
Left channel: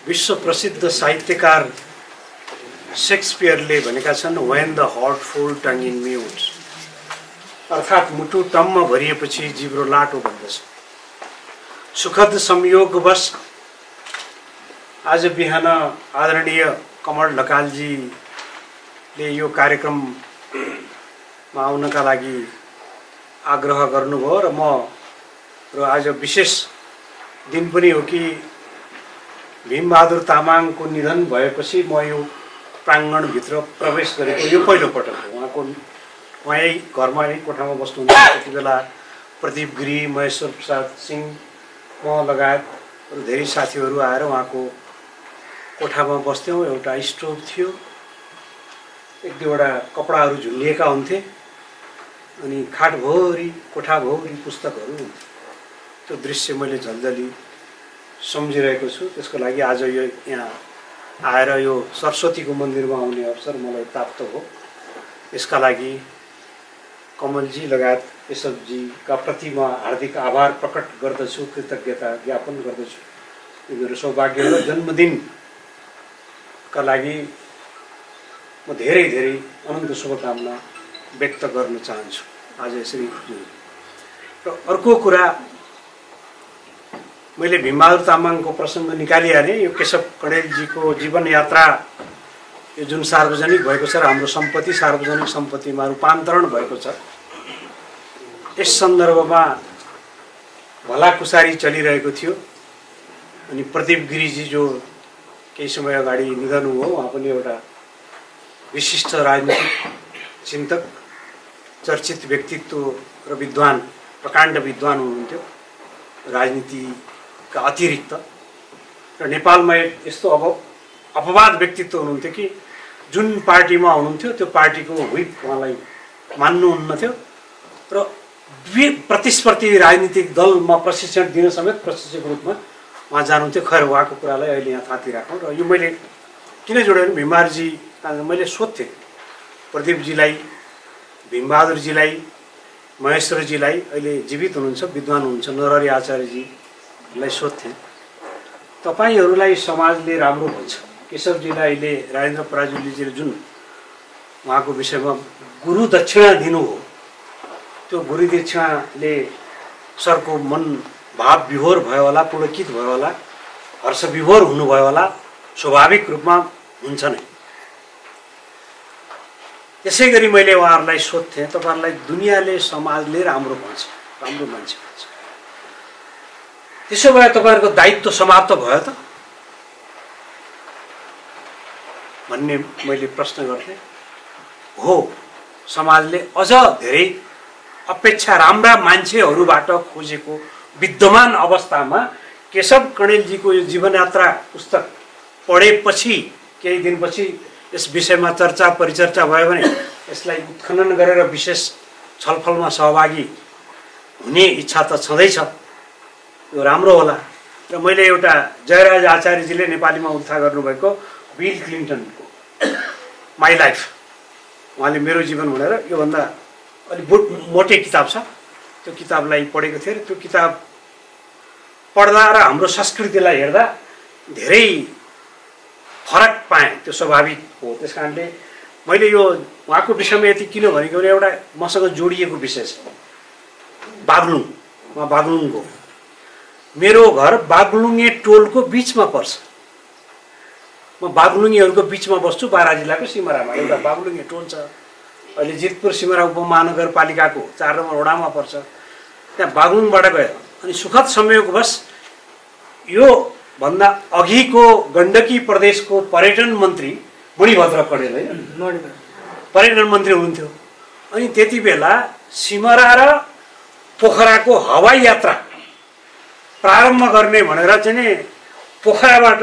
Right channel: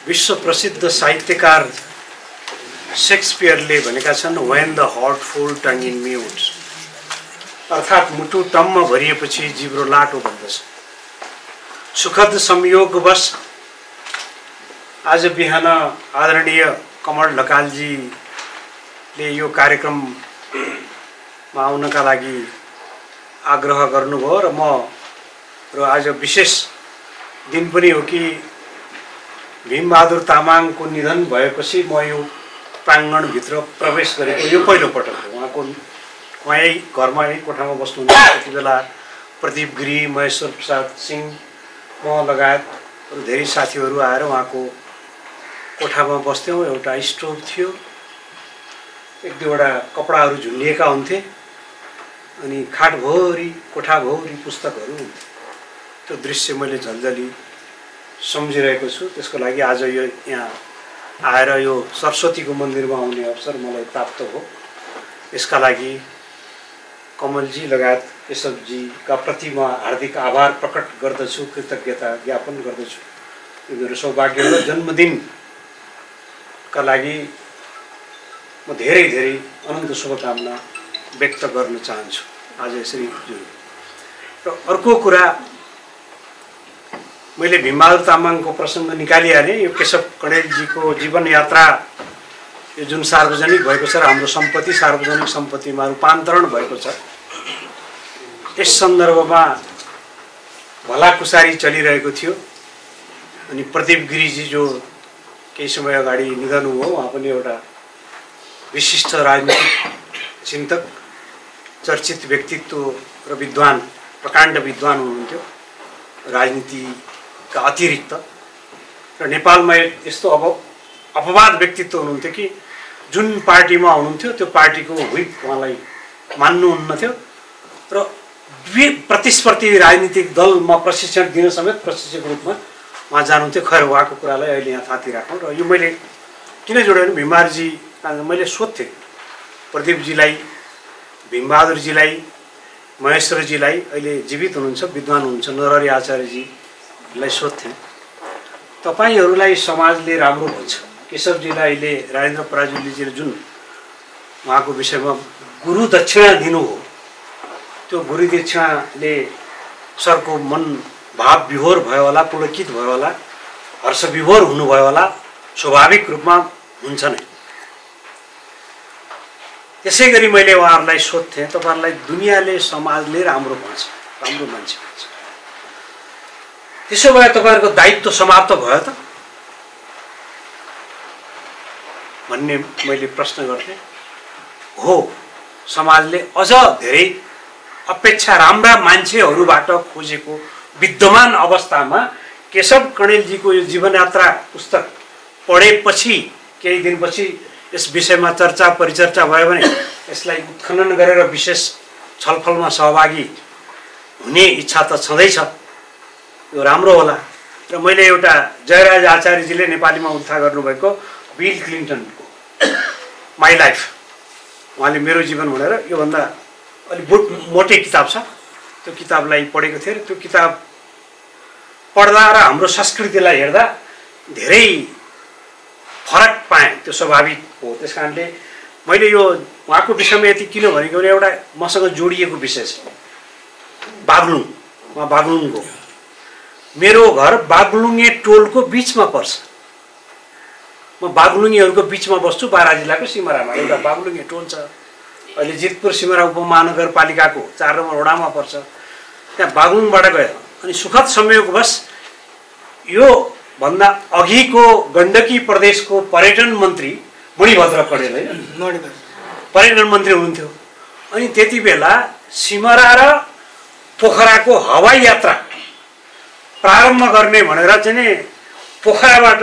विश्व प्रसिद्ध साहित्यकार शेक्सपियरले भनेका छन्, when the heart full tongue in mutes, अर्थात् मुटु टम्म भरिएपछि जिब्रो लाटो बन्दछ। सुखद संयोगवश आज बिहान आदरणीय कमल ढकालजीले यो कार्यक्रममा आउनका लागि आग्रह गर्नुभयो र आज विशेष दिन पनि हो कि भीमबहादुर तामाङको निधन भएपछि म यो प्राङ्गणभित्र प्रवेश गरेको यो पहिलो पटक हो। उहाँ यही घरमा यही कोठामा बस्नुहुन्छ। त्यति बेला प्रदीप गिरी, महेश्वर प्रसाद सिंह, म लगायत अरू धेरै साथीहरू आएर उहाँको कोठामा बस्थ्यौँ। एउटा स्टोभ थियो, एक दुईवटा कपडाहरू झुन्डिएका हुन्थे अनि खाटभरि कोठाभरि पुस्तकहरू हुन्थे। त्यो दृश्य मैले झल्झली सम्झिरहेको छु। त्यसको लागि आज यो यहाँ आएर यो सरस्वतीको मन्दिरमा आउने अवसर मलाई प्राप्त हो। यसका लागि कमलजी लगायत केशवजीका प्रति म हार्दिक आभार प्रकट गर्दछु, कृतज्ञता ज्ञापन गर्दछु। यो मेरो सौभाग्य हो। जन्मदिनका लागि म धेरै धेरै अनन्त शुभकामना व्यक्त गर्न चाहन्छु आज यसरी। र अर्को कुरा, मैले भीमबहादुर तामाङको प्रसङ्ग निकालिहालेँ। यो केशव कणेलजीको जीवन यात्रा यो जुन सार्वजनिक भएको छ र हाम्रो सम्पत्ति सार्वजनिक सम्पत्तिमा रूपान्तरण भएको छ, यस सन्दर्भमा भलाकुसारी चलिरहेको थियो। अनि प्रदीप गिरीजी जो केही समय अगाडि निधन हुनुभयो, उहाँ पनि एउटा विशिष्ट राजनीतिक चिन्तक, चर्चित व्यक्तित्व र विद्वान, प्रकाण्ड विद्वान हुनुहुन्थ्यो राजनीतिका अतिरिक्त। र नेपालमा यस्तो अपवाद व्यक्तित्व हुनुहुन्थ्यो कि जुन पार्टीमा हुनुहुन्थ्यो त्यो पार्टीको व्हिप उहाँलाई मान्नुहुन्न थियो र प्रतिस्पर्धी राजनीतिक दलमा प्रशिक्षण दिन समेत प्रशिक्षकको रूपमा उहाँ जानुहुन्थ्यो। खैर, उहाँको कुरालाई अहिले यहाँ थाती राखौँ। र यो मैले किन जोडेँ भने भीमबहादुरजी, मैले सोध्थेँ प्रदीपजीलाई, भीमबहादुरजीलाई, महेश्वरजीलाई, अहिले जीवित हुनुहुन्छ विद्वान हुनुहुन्छ नरहरि आचार्यजीलाई सोध्थेँ, तपाईहरूलाई समाजले राम्रो भन्छ। केशवजीलाई अहिले राजेन्द्र पराजुलीजीले जुन उहाँको विषयमा गुरु दक्षिणा दिनु हो, त्यो गुरु दक्षिणाले सरको मन भाव विभोर भयो होला, पुलकित भयो होला, हर्ष विभोर हुनुभयो होला, स्वाभाविक रूपमा हुन्छ नै। त्यसै गरी मैले उहाँहरूलाई सोध्थेँ, तपाईँहरूलाई दुनियाँले समाजले राम्रो भन्छ, राम्रो मान्छे भन्छ, त्यसो भए तपाईँहरूको दायित्व समाप्त भयो त भन्ने मैले प्रश्न गर्थेँ। हो, समाजले अझ धेरै अपेक्षा राम्रा मान्छेहरूबाट खोजेको विद्यमान अवस्थामा केशव कणेलजीको यो जीवनयात्रा पुस्तक पढेपछि केही दिनपछि यस विषयमा चर्चा परिचर्चा भयो भने यसलाई उत्खनन गरेर विशेष छलफलमा सहभागी हुने इच्छा त छँदैछ। यो राम्रो होला। र मैले एउटा जयराज आचार्यजीले नेपालीमा उद्धार गर्नुभएको बिल क्लिन्टनको माई लाइफ, उहाँले मेरो जीवन भनेर योभन्दा अलिक मोटे किताब छ, त्यो किताबलाई पढेको थिएँ। र त्यो किताब पढ्दा र हाम्रो संस्कृतिलाई हेर्दा धेरै फरक पाएँ। त्यो स्वाभाविक हो। त्यस कारणले मैले यो उहाँको विषयमा यति किन भनेको भने एउटा मसँग जोडिएको विषय छ। बागलुङ, उहाँ बागलुङको, मेरो घर बागलुङे टोलको बिचमा पर्छ। म बागलुङेहरूको बिचमा बस्छु। बारा जिल्लाको सिमरामा एउटा बागलुङे टोल छ। अहिले जितपुर सिमरा उपमहानगरपालिकाको 4 नम्बर वडामा पर्छ। त्यहाँ बागलुङबाट गयो। अनि सुखद संयोगवश यो भन्दा अघिको गण्डकी प्रदेशको पर्यटन मन्त्री मणिभद्र कणेल, होइन, पर्यटन मन्त्री हुनुहुन्थ्यो। अनि त्यति बेला सिमरा र पोखराको हवाई यात्रा प्रारम्भ गर्ने भनेर चाहिँ नि पोखराबाट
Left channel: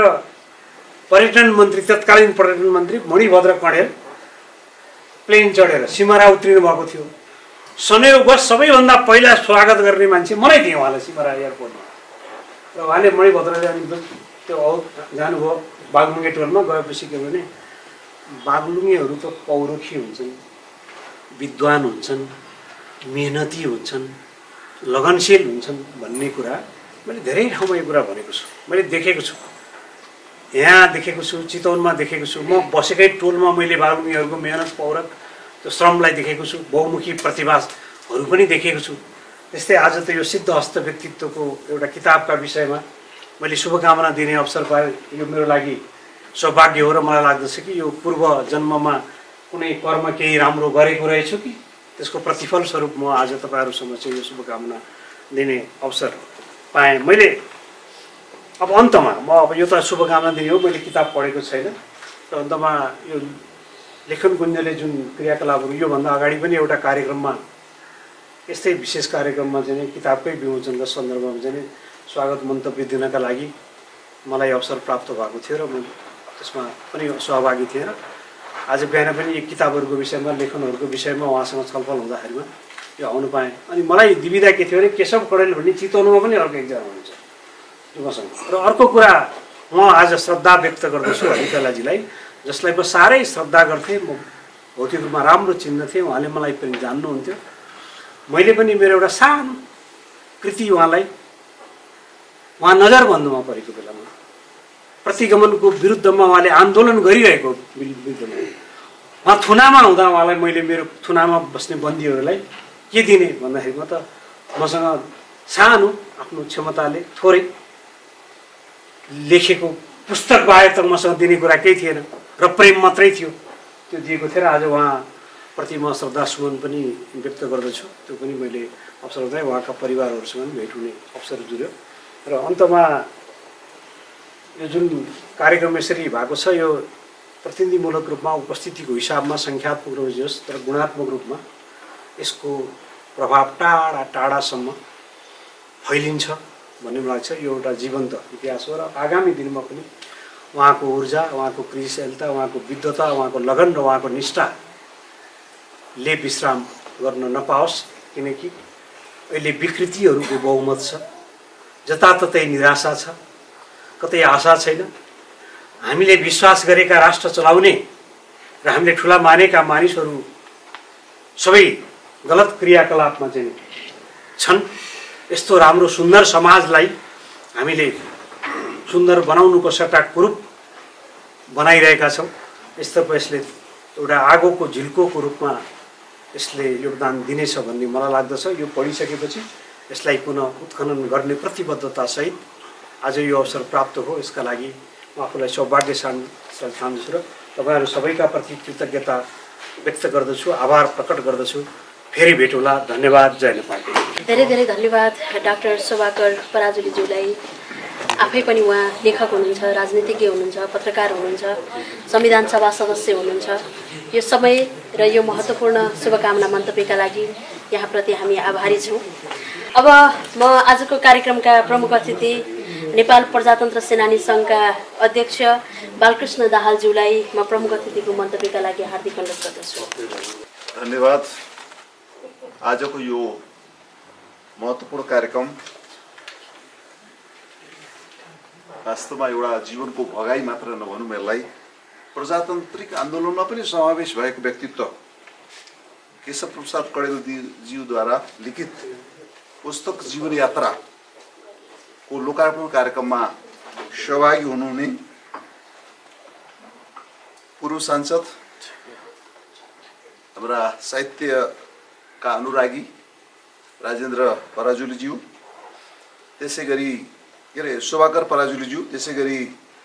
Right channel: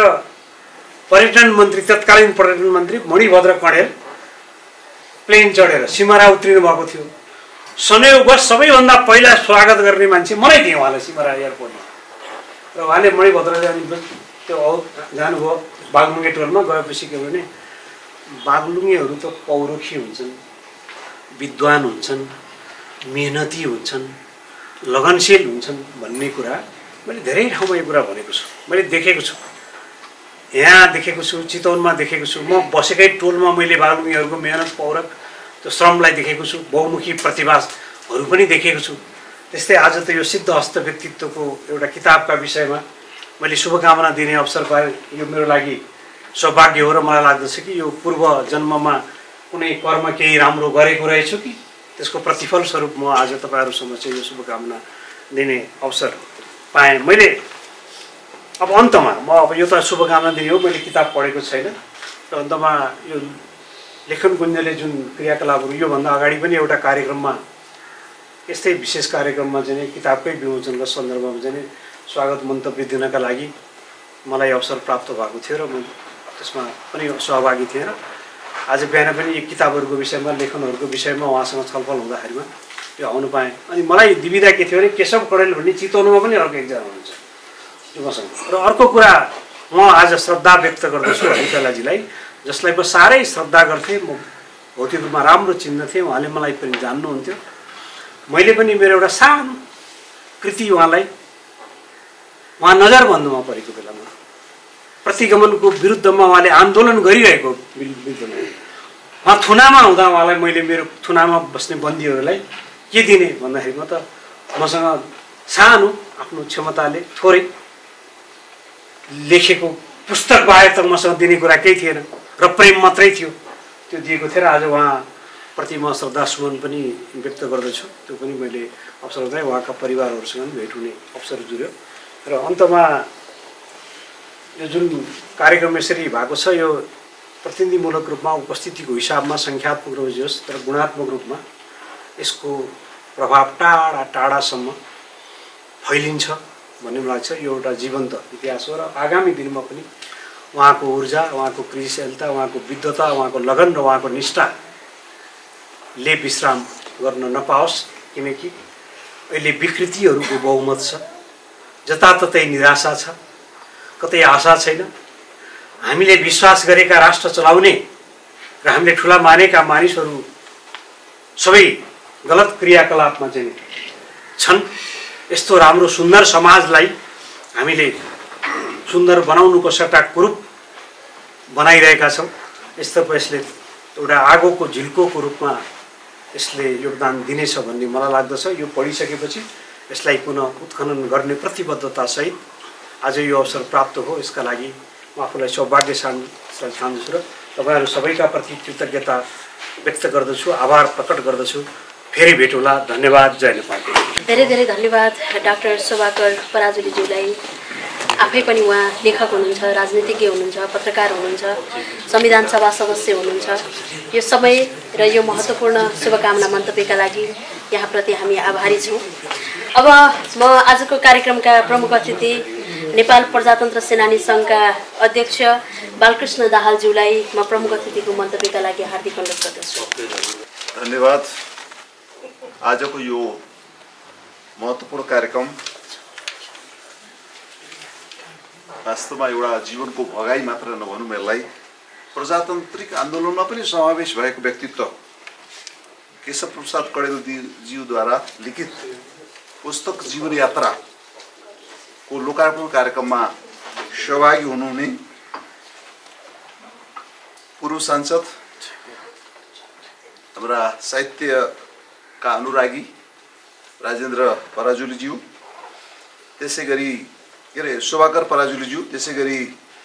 पर्यटन मन्त्री, तत्कालीन पर्यटन मन्त्री मणिभद्र कणेल प्लेन चढेर सिमरा उत्रिनु भएको थियो। संयोगवश सबैभन्दा पहिला स्वागत गर्ने मान्छे मलाई थिएँ उहाँलाई सिमरा एयरपोर्टमा। र उहाँले मणिभद्रले अनि त्यो जानुभयो बागलुङे टोलमा। गएपछि के भने बागलुङेहरू त पौरखी हुन्छन्, विद्वान हुन्छन्, मेहनती हुन्छन्, लगनशील हुन्छन् भन्ने कुरा मैले धेरै ठाउँमा यो कुरा भनेको छु। मैले देखेको छु, यहाँ देखेको छु, चितवनमा देखेको छु। म बसेकै टोलमा मैले बागलुङेहरूको मेहनत, पौरख, त्यो श्रमलाई देखेको छु। बहुमुखी प्रतिभाहरू पनि देखेको छु। त्यस्तै आज त यो सिद्ध हस्त व्यक्तित्वको एउटा किताबका विषयमा मैले शुभकामना दिने अवसर पाएँ। यो मेरो लागि सौभाग्य हो र मलाई लाग्दछ कि यो पूर्व जन्ममा कुनै कर्म केही राम्रो गरेको रहेछु कि त्यसको प्रतिफल स्वरूप म आज तपाईँहरू समक्ष यो शुभकामना दिने अवसर पाएँ मैले। अब अन्तमा म अब यो त शुभकामना दिने हो, मैले किताब पढेको छैन। र अन्तमा यो लेखन कुञ्जले जुन क्रियाकलापहरू योभन्दा अगाडि पनि एउटा कार्यक्रममा, यस्तै विशेष कार्यक्रममा चाहिँ किताबकै विमोचनको सन्दर्भमा चाहिँ स्वागत मन्तव्य दिनका लागि मलाई अवसर प्राप्त भएको थियो र म त्यसमा पनि सहभागी थिएँ। र आज बिहान पनि यी किताबहरूको विषयमा, लेखनहरूको विषयमा उहाँसँग छलफल हुँदाखेरिमा यो आउनु पाएँ। अनि मलाई दुविधा के थियो भने केशव कडेल भन्ने चितवनमा पनि अर्को एकजना हुनुहुन्छ मसँग। र अर्को कुरा म आज श्रद्धा व्यक्त गर्दछु हरिकलाजीलाई, जसलाई म साह्रै श्रद्धा गर्थेँ, म भौतिक रूपमा राम्रो चिन्दथेँ, उहाँले मलाई पनि जान्नुहुन्थ्यो। मैले पनि मेरो एउटा सानो कृति उहाँलाई, उहाँ नजरबन्दमा परेको बेलामा प्रतिगमनको विरुद्धमा उहाँले आन्दोलन गरिरहेको विरुद्धमा उहाँ थुनामा हुँदा उहाँलाई मैले मेरो थुनामा बस्ने बन्दीहरूलाई के दिने भन्दाखेरि म त मसँग सानो आफ्नो क्षमताले थोरै लेखेको पुस्तक बाहेक त मसँग दिने कुरा केही थिएन र प्रेम मात्रै थियो, त्यो दिएको थिएँ। र आज उहाँप्रति म श्रद्धासुमन पनि व्यक्त गर्दछु। त्यो पनि मैले अवसर हुँदै उहाँका परिवारहरूसँग पनि भेट हुने अवसर जुर्यो। र अन्तमा यो जुन कार्यक्रम यसरी भएको छ, यो प्रतिनिधिमूलक रूपमा उपस्थितिको हिसाबमा सङ्ख्यात्मक रूपमा जे होस्, तर गुणात्मक रूपमा यसको प्रभाव टाढा टाढासम्म फैलिन्छ भन्ने मलाई लाग्छ। यो एउटा जीवन्त इतिहास हो र आगामी दिनमा पनि उहाँको ऊर्जा, उहाँको क्रियाशीलता, उहाँको विद्वता, उहाँको लगन र उहाँको निष्ठाले विश्राम गर्न नपाओस्, किनकि अहिले विकृतिहरूको बहुमत छ, जताततै निराशा छ, कतै आशा छैन। हामीले विश्वास गरेका राष्ट्र चलाउने र हामीले ठुला मानेका मानिसहरू सबै गलत क्रियाकलापमा चाहिँ छन्। यस्तो राम्रो सुन्दर समाजलाई हामीले सुन्दर बनाउनुको सट्टा कुरूप बनाइरहेका छौँ। यस्तोर्फ यसले एउटा आगोको झिल्कोको रूपमा यसले योगदान दिनेछ भन्ने मलाई लाग्दछ। यो पढिसकेपछि यसलाई पुनः उत्खनन गर्ने प्रतिबद्धतासहित आज यो अवसर प्राप्त हो। यसका लागि म आफूलाई सौभाग्यशाली ठान्दछु र तपाईँहरू सबैका प्रति कृतज्ञता व्यक्त गर्दछु, आभार प्रकट गर्दछु। फेरि भेट होला। धन्यवाद। जय नेपाल। धेरै धेरै धन्यवाद डाक्टर शोभाकर पराजुलीज्यूलाई। आफै पनि उहाँ लेखक हुनुहुन्छ, राजनीतिज्ञ हुनुहुन्छ, पत्रकार हुनुहुन्छ, संविधान सभा सदस्य हुनुहुन्छ। यो समय र यो महत्त्वपूर्ण शुभकामना मन्तव्यका लागि यहाँप्रति हामी आभारी छौँ। अब म आजको कार्यक्रमका प्रमुख अतिथि नेपाल प्रजातन्त्र सेनानी सङ्घका अध्यक्ष बालकृष्ण दाहालज्यूलाई म प्रमुख अतिथिको मन्तव्यका लागि हार्दिक अनुरोध गर्दछु। धन्यवाद। आजको यो महत्त्वपूर्ण कार्यक्रम वास्तवमा एउटा जीवनको भगाई मात्र नभनौँ, यसलाई प्रजातान्त्रिक आन्दोलनमा पनि समावेश भएको व्यक्तित्व केशव प्रसाद कडेलज्यूद्वारा लिखित पुस्तक जीवन यात्राको लोकार्पण कार्यक्रममा सहभागी हुनुहुने पूर्व सांसद हाम्रा साहित्यका अनुरागी राजेन्द्र पराजुलीज्यू, त्यसै गरी के अरे शोभाकर पराजुलीज्यू, त्यसै गरी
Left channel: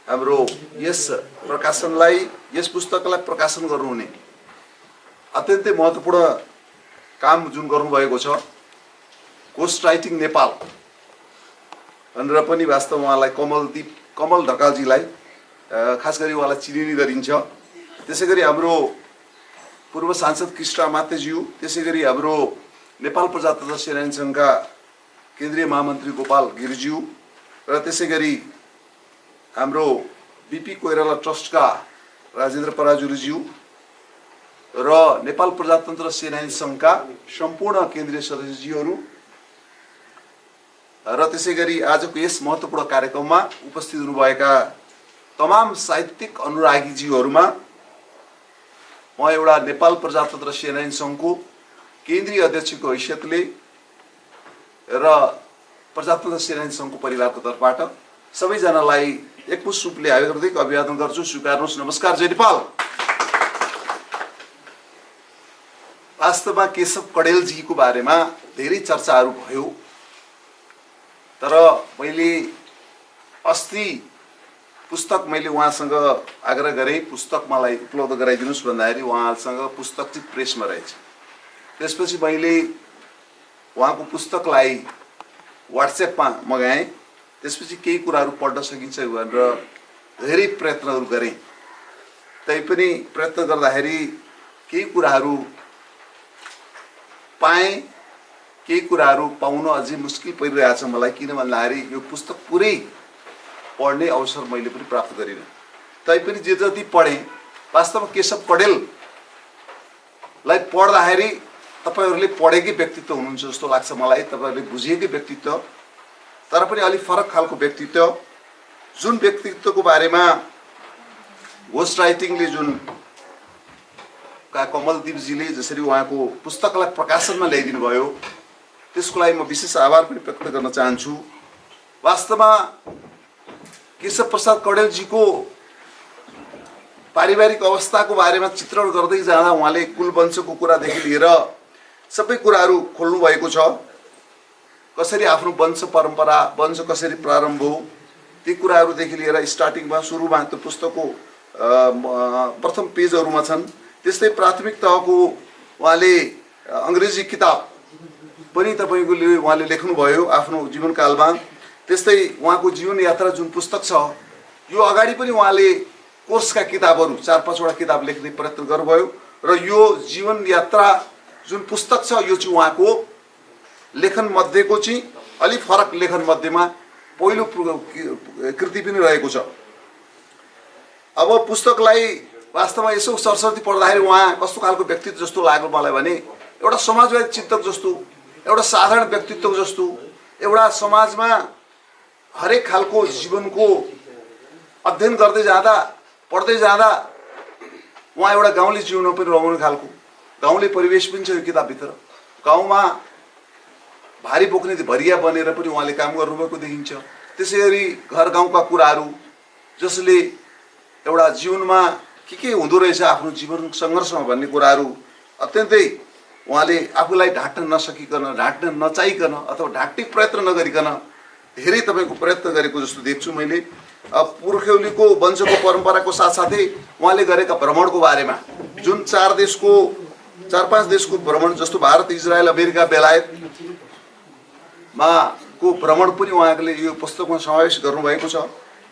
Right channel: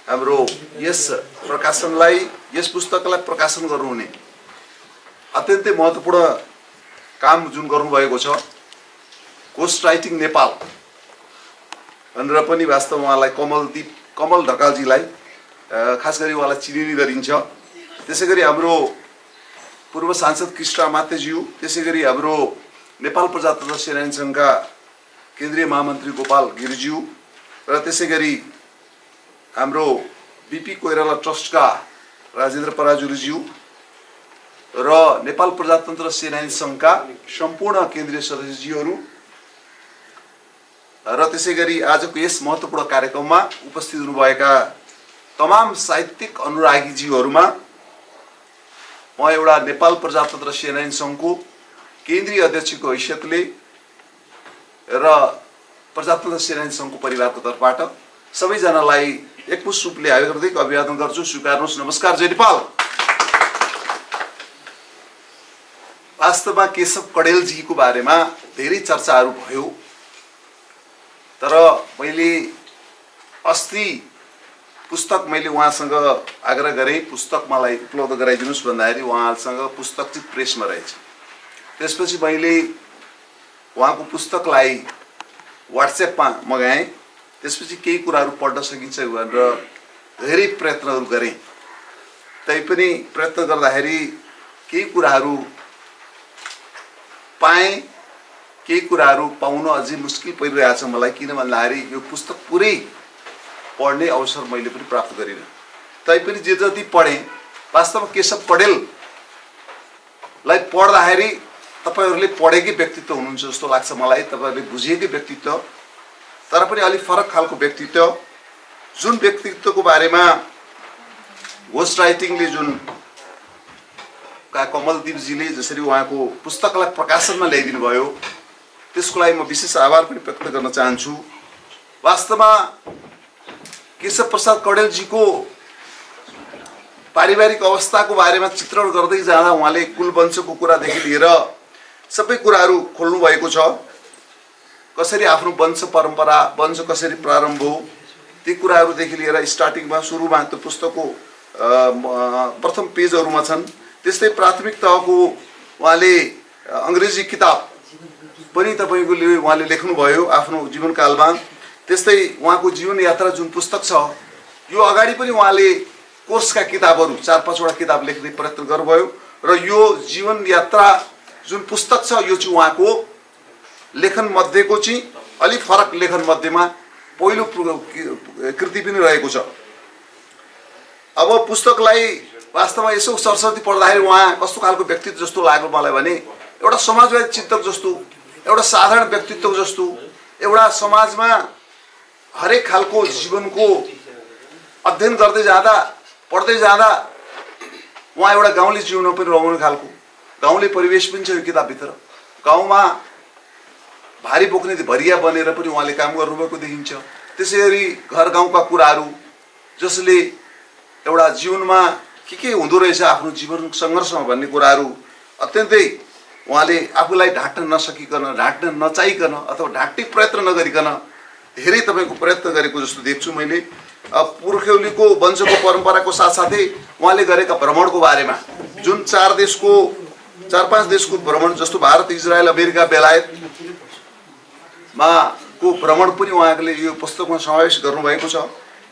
हाम्रो यस प्रकाशनलाई, यस पुस्तकलाई प्रकाशन गर्नुहुने अत्यन्तै महत्त्वपूर्ण काम जुन गर्नुभएको छ, कोस्ट राइटिङ नेपाल भनेर पनि वास्तवमा उहाँलाई कमल ढकालजीलाई खास गरी उहाँलाई चिनिने गरिन्छ। त्यसै गरी हाम्रो पूर्व सांसद कृष्ण मातेज्यू, त्यसै गरी हाम्रो नेपाल प्रजातन्त्र सेनानी सङ्घका केन्द्रीय महामन्त्री गोपाल गिरिज्यू र त्यसै गरी हाम्रो बिपी कोइराला ट्रस्टका राजेन्द्र पराजुलीज्यू र नेपाल प्रजातन्त्र सेनानी सङ्घका सम्पूर्ण केन्द्रीय सदस्यज्यूहरू र त्यसै गरी आजको यस महत्त्वपूर्ण कार्यक्रममा उपस्थित हुनुभएका तमाम साहित्यिक अनुरागीज्यूहरूमा म एउटा नेपाल प्रजातन्त्र सेनानी सङ्घको केन्द्रीय अध्यक्षको हैसियतले र प्रजातन्त्र सेनानी सङ्घको परिवारको तर्फबाट सबैजनालाई एकमुष्ट रूपले हार्दिक अभिवादन गर्छु। स्वीकार्नुहोस्। नमस्कार। जय नेपाल। वास्तवमा केशव कडेलजीको बारेमा धेरै चर्चाहरू भयो, तर मैले अस्ति पुस्तक मैले उहाँसँग आग्रह गरेँ पुस्तक मलाई उपलब्ध गराइदिनुहोस् भन्दाखेरि उहाँसँग पुस्तक चाहिँ प्रेसमा रहेछ। त्यसपछि मैले उहाँको पुस्तकलाई व्हाट्सएपमा मगाएँ। त्यसपछि केही कुराहरू पढ्न सकिन्छ भनेर धेरै प्रयत्नहरू गरेँ। तैपनि प्रयत्न गर्दाखेरि केही कुराहरू पाएँ, केही कुराहरू पाउन अझै मुस्किल परिरहेछ मलाई, किन भन्दाखेरि यो पुस्तक पुरै पढ्ने अवसर मैले पनि प्राप्त गरिनँ। तैपनि जे जति पढेँ, वास्तवमा केशव कडेललाई पढ्दाखेरि तपाईहरुले पढेकै व्यक्तित्व हुनुहुन्छ जस्तो लाग्छ मलाई, तपाईहरुले बुझेकै व्यक्तित्व, तर पनि अलि फरक खालको व्यक्तित्व, जुन व्यक्तित्वको बारेमा घोस्ट राइटिङले जुन कमलदीपजीले जसरी उहाँको पुस्तकलाई प्रकाशनमा ल्याइदिनु भयो, त्यसको लागि म विशेष आभार पनि व्यक्त गर्न चाहन्छु। वास्तवमा केशव प्रसाद कौडेलजीको पारिवारिक अवस्थाको बारेमा चित्रण गर्दै जाँदा उहाँले कुल वंशको कुरादेखि लिएर सबै कुराहरू खोल्नु भएको छ। कसरी आफ्नो वंश परम्परा, वंश कसरी प्रारम्भ हो, ती कुराहरूदेखि लिएर स्टार्टिङमा सुरुमा त्यो पुस्तकको प्रथम पेजहरूमा छन्। त्यस्तै प्राथमिक तहको उहाँले अंग्रेजी किताब पनि तपाईको उहाँले लेख्नुभयो आफ्नो जीवनकालमा। त्यस्तै उहाँको जीवन यात्रा जुन पुस्तक छ, यो अगाडि पनि उहाँले कोर्सका किताबहरू 4-5 वटा किताब लेख्ने प्रयत्न गर्नुभयो र यो जीवन यात्रा जुन पुस्तक छ यो चाहिँ उहाँको लेखन मध्येको चाहिँ अलि फरक लेखन मध्येमा पहिलो कृति पनि रहेको छ। अब पुस्तकलाई वास्तवमा यसो सरस्वती पढ्दाखेरि उहाँ कस्तो खालको व्यक्तित्व जस्तो लाग्यो मलाई भने, एउटा समाजवादी चिन्तक जस्तो, एउटा साधारण व्यक्तित्व जस्तो, एउटा समाजमा हरेक खालको जीवनको अध्ययन गर्दै जाँदा पढ्दै जाँदा उहाँ एउटा गाउँले जीवनमा पनि रमाउने खालको गाउँले परिवेश पनि छ यो किताबभित्र। गाउँमा भारी बोक्ने भरिया बनेर पनि उहाँले काम गर्नुभएको देखिन्छ। त्यसैगरी घर गाउँका कुराहरू जसले एउटा जीवनमा के हुँदो रहेछ आफ्नो जीवन सङ्घर्षमा भन्ने कुराहरू अत्यन्तै उहाँले आफूलाई ढाँट्न नसकिकन, ढाँट्न नचाहिकन अथवा ढाँट्ने प्रयत्न नगरिकन धेरै तपाईको प्रयत्न गरेको जस्तो देख्छु मैले। पुर्ख्यौलीको वंशको परम्पराको साथसाथै उहाँले गरेका भ्रमणको बारेमा, जुन 4-5 देशको भ्रमण जस्तो भारत, इजरायल, अमेरिका, बेलायतमा को भ्रमण पनि उहाँले यो पुस्तकमा समावेश गर्नुभएको छ।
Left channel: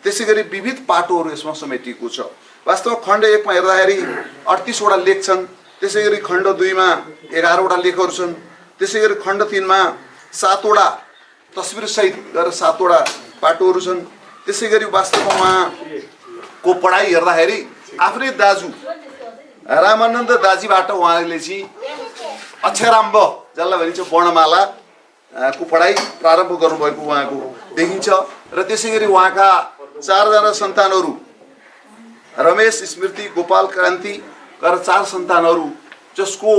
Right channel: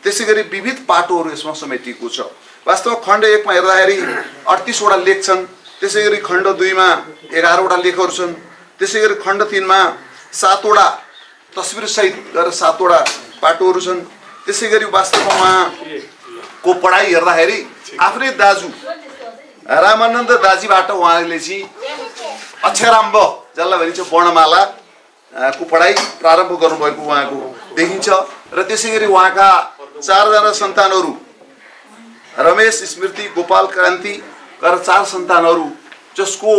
त्यसैगरी विविध पाटोहरू यसमा समेटिएको छ। वास्तवमा खण्ड 1 मा हेर्दाखेरि 38 वटा लेख छन्। त्यसैगरी खण्ड 2 मा 11 वटा लेखहरू छन्। त्यसैगरी खण्ड 3 मा 7 वटा तस्बिर सहित गरेर 7 वटा पाटोहरू छन्। त्यसैगरी वास्तवमा उहाँको पढाइ हेर्दाखेरि आफ्नै दाजु रामानन्द दाजीबाट उहाँले चाहिँ अक्षराम्ब जसलाई भनिन्छ वर्णमाला को पढाइ प्रारम्भ गर्नुभएको उहाँको देखिन्छ। र त्यसैगरी उहाँका 4 जना सन्तानहरू रमेश, स्मृति, गोपाल, क्रान्ति गरेर 4 सन्तानहरू जसको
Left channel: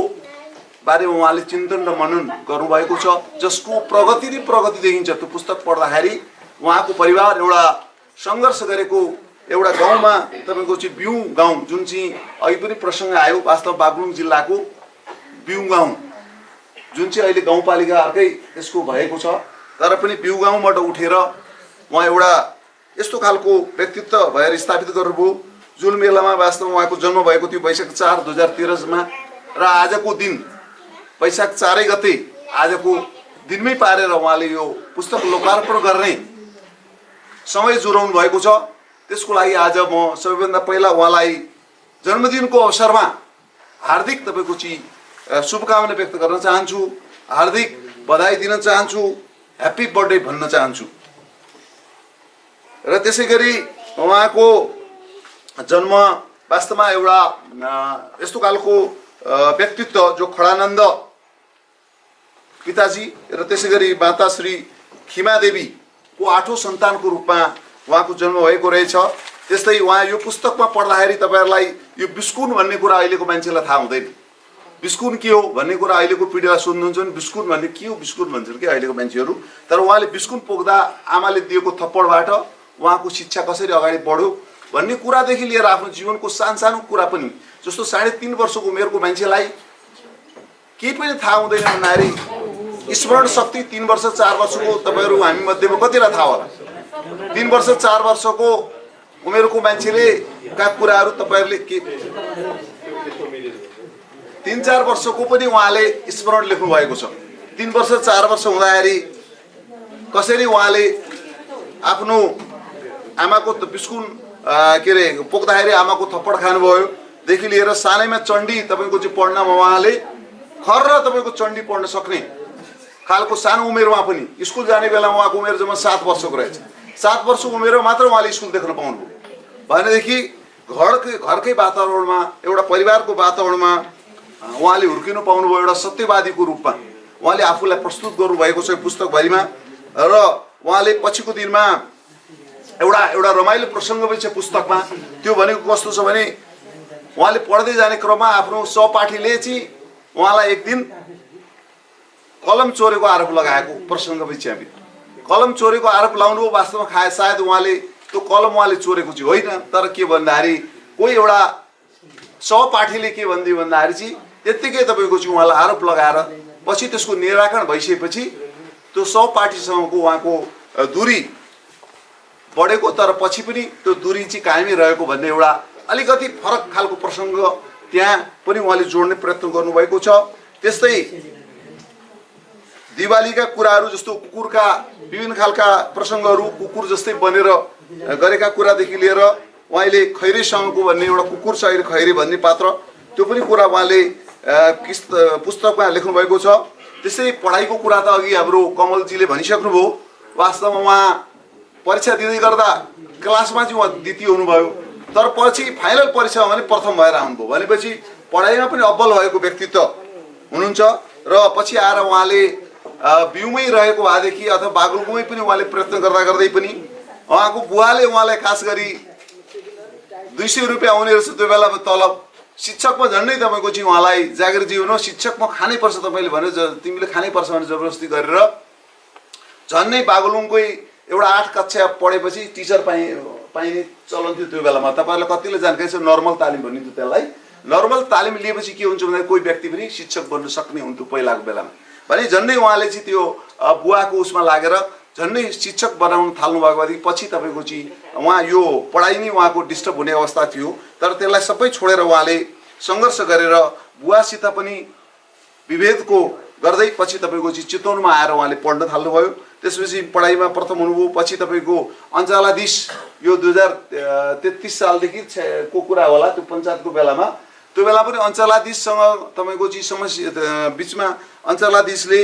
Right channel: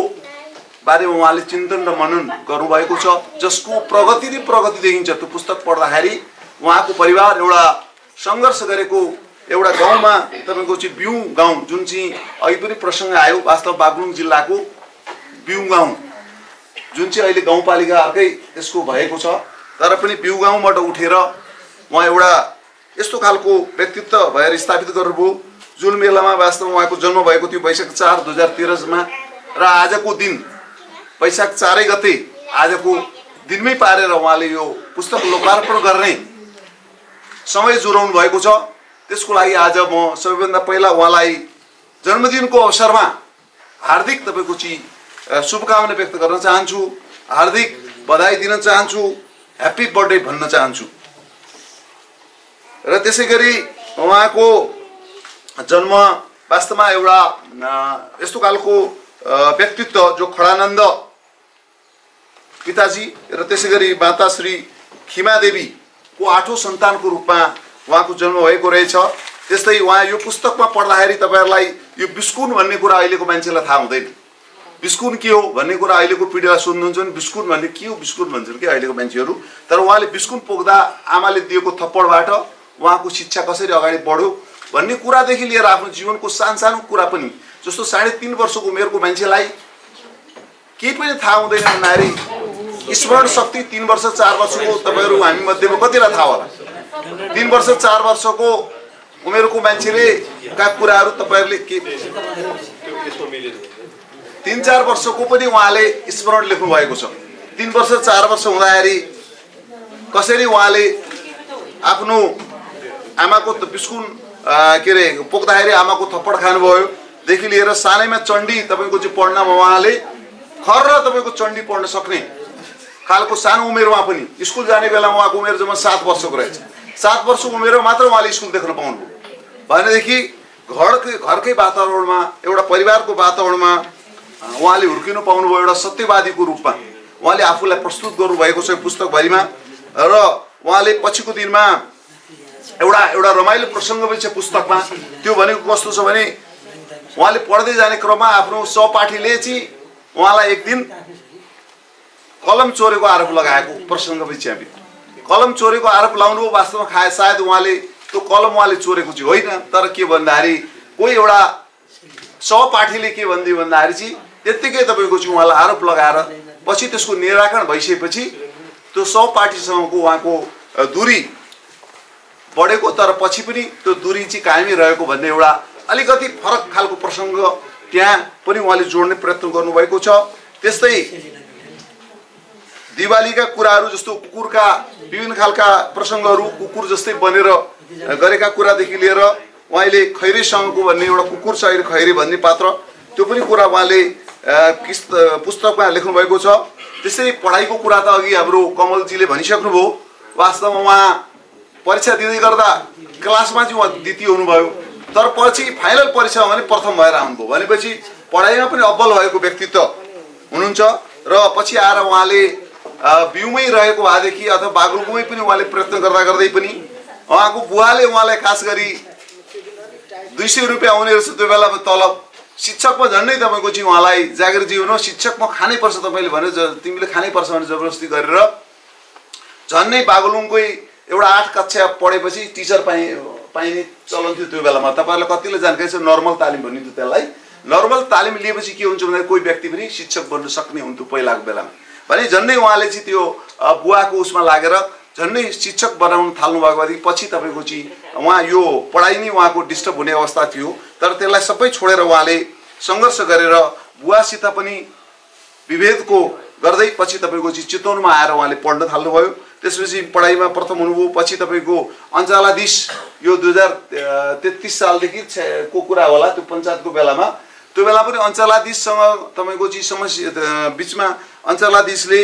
बारेमा उहाँले चिन्तन र मनन गर्नुभएको छ, जसको प्रगति नै प्रगति देखिन्छ। त्यो पुस्तक पढ्दाखेरि उहाँको परिवार एउटा सङ्घर्ष गरेको एउटा गाउँमा तपाईको चाहिँ बिउ गाउँ जुन चाहिँ अघि पनि प्रसङ्ग आयो, वास्तव बागलुङ जिल्लाको बिउ गाउँ जुन चाहिँ अहिले गाउँपालिका अर्कै त्यसको भएको छ, तर पनि बिउ गाउँबाट उठेर उहाँ एउटा यस्तो खालको व्यक्तित्व भएर स्थापित गर्नुभयो। जुन मेलामा वास्तवमा उहाँको जन्म भएको थियो वैशाख 4, 2013 मा, र आजको दिन वैशाख 4 गते आजको दिनमै पारेर उहाँले यो पुस्तक लोकार्पण गर्ने समय जुराउनु भएको छ। त्यसको लागि आज म सबैभन्दा पहिला उहाँलाई जन्मदिनको अवसरमा हार्दिक तपाईको चाहिँ शुभकामना व्यक्त गर्न चाहन्छु, हार्दिक बधाई दिन चाहन्छु, ह्याप्पी बर्थडे भन्न चाहन्छु। र त्यसैगरी उहाँको जन्म वास्तवमा एउटा यस्तो खालको व्यक्तित्व जो खडानन्द पिताजी र त्यसैगरी माता श्री खिमादेवीको 8औं सन्तानको रूपमा उहाँको जन्म भएको रहेछ। त्यस्तै उहाँ यो पुस्तकमा पढ्दाखेरि तपाईहरुलाई यो बिस्कुन भन्ने कुरा अहिलेको मान्छेलाई थाहा हुँदैन। बिस्कुन के हो भन्ने कुरा अहिलेको पिढीलाई सोध्नुहुन्छ भने बिस्कुन भन्ने के हो बिस्कुन भन्छन् के अहिलेको मान्छेहरू। तर उहाँले बिस्कुन पोख्दा आमाले दिएको थप्पडबाट उहाँको शिक्षा कसरी अगाडि बढ्यो भन्ने कुरादेखि लिएर आफ्नो जीवनको सानो कुरा पनि, जस्तो 3.5 वर्षको उमेरको मान्छेलाई केही पनि थाहा हुँदैन भन्दाखेरि स्मरण शक्ति 3 वर्ष 4 वर्षको तपाईहरु हामी मध्येमा कतिलाई थाहा होला। 3 वर्ष 4 वर्षको उमेरको मान्छेले का कुराहरू तपाईहरुले के 3-4 वर्षको पनि उहाँले स्मरण लेख्नु भएको छ। 3 वर्ष 4 वर्ष हुँदाखेरि कसरी उहाँले आफ्नो आमाको बिस्कुन के रे पोख्दाखेरि आमाको थप्पड खानुभयो देखि लिएर सानैमा चण्डी तपाईको चाहिँ पढ्नमा उहाँले खर तपाईको चण्डी पढ्न सक्ने खालको सानो उमेरमा पनि स्कुल जाने बेला उहाँको उमेर जम्मा 7 वर्षको रहेछ। 7 वर्षको उमेरमा मात्र उहाँले स्कुल देख्न पाउनुभयो भनेदेखि घरकै वातावरणमा एउटा परिवारको वातावरणमा उहाँले हुर्किनु पाउनुभयो एउटा सत्यवादीको रूपमा। उहाँले आफूलाई प्रस्तुत गर्नुभएको छ पुस्तकभरिमा र उहाँले पछिको दिनमा एउटा रमाइलो प्रसङ्ग पनि छ पुस्तकमा। त्यो भनेको कस्तो छ भने उहाँले पढ्दै जाने क्रममा आफ्नो सहपाठीले चाहिँ उहाँलाई एक दिन कलम चोरेको आरोप लगाएको प्रसङ्ग पनि छ। हामी कलम चोरेको आरोप लगाउनु वास्तवमा सायद उहाँले त्यो कलम उहाँले चोरेको चाहिँ होइन, तर के भन्दाखेरि कोही एउटा सहपाठीले के भनिदियो भन्दाखेरि चाहिँ त्यत्तिकै तपाईँको चाहिँ उहाँलाई आरोप लगाएर पछि त्यसको निराकरण भइसकेपछि त्यो सहपाठीसँगको उहाँको दूरी बढेको, तर पछि पनि त्यो दूरी चाहिँ कायमै रहेको भन्ने एउटा अलिकति फरक खालको प्रसङ्ग त्यहाँ पनि उहाँले जोड्ने प्रयत्न गर्नुभएको छ। त्यस्तै दिवालीका कुराहरू जस्तो कुकुरका विभिन्न खालका प्रसङ्गहरू, कुकुर जस्तै बनेर गरेका कुरादेखि लिएर उहाँले खैरेसँगको भन्ने एउटा कुकुर छ अहिले खैरे भन्ने पात्र, त्यो पनि कुरा उहाँले पुस्तकमा लेख्नुभएको छ। त्यसै पढाइको कुरा त अघि हाम्रो कमलजीले भनिसक्नुभयो। वास्तवमा उहाँ परीक्षा दिँदै गर्दा क्लासमा चाहिँ उहाँ द्वितीय हुनुभयो, तर पछि फाइनल परीक्षामा भने प्रथम भएर आउनुभयो। भनेपछि पढाइमा पनि अब्बल भएको व्यक्तित्व हुनुहुन्छ र पछि आएर उहाँले बिउमै रहेको भएदेखि अथवा बागलुङमै पनि उहाँले प्रयत्न गर्दै पनि उहाँको बुवाले उहाँलाई खास गरी 200 रुपियाँ आउने रहेछ त्यो बेलामा तलब। शिक्षकमा झन्डै तपाईँको चाहिँ उहाँलाई जागिर जीवन हो, शिक्षकमा खानै पर्छ तपाईँले भनेर तिमीले खानै पर्छ भनेर जबरजस्ती गरेर झन्डै बागलुङकै एउटा 8 कक्षा पढेपछि टिचर पाइने चलन थियो त्यो बेलामा। तपाईँहरूलाई कतिले जानकारी छ, नर्मल तालिम भनिन्थ्यो त्यसलाई। नर्मल तालिम लिएपछि के हुन्छ भन्दा कोही व्यक्ति पनि शिक्षक बन्न सक्ने हुन्थ्यो पहिलाको बेलामा। भने झन्डै उहाँले चाहिँ त्यो बुवाको उसमा लागेर झन्डै शिक्षक बनाउन थाल्नु भएको भएदेखि पछि तपाईँको चाहिँ उहाँ यो पढाइ नै उहाँको डिस्टर्ब हुने अवस्था थियो, तर त्यसलाई सबै छोडेर उहाँले सङ्घर्ष गरेर बुवासित पनि विभेदको गर्दै पछि तपाईँको चाहिँ चितवनमा आएर उहाँले पढ्न थाल्नुभयो। त्यसपछि पढाइमा प्रथम हुनुभयो। पछि तपाईँको अञ्चलाधीश यो 2033 सालदेखि को कुरा होला, त्यो पञ्चायतको बेलामा त्यो बेला पनि अञ्चलाधीशसँग तपाईँको चाहिँ समस्या बिचमा अञ्चलाधीशले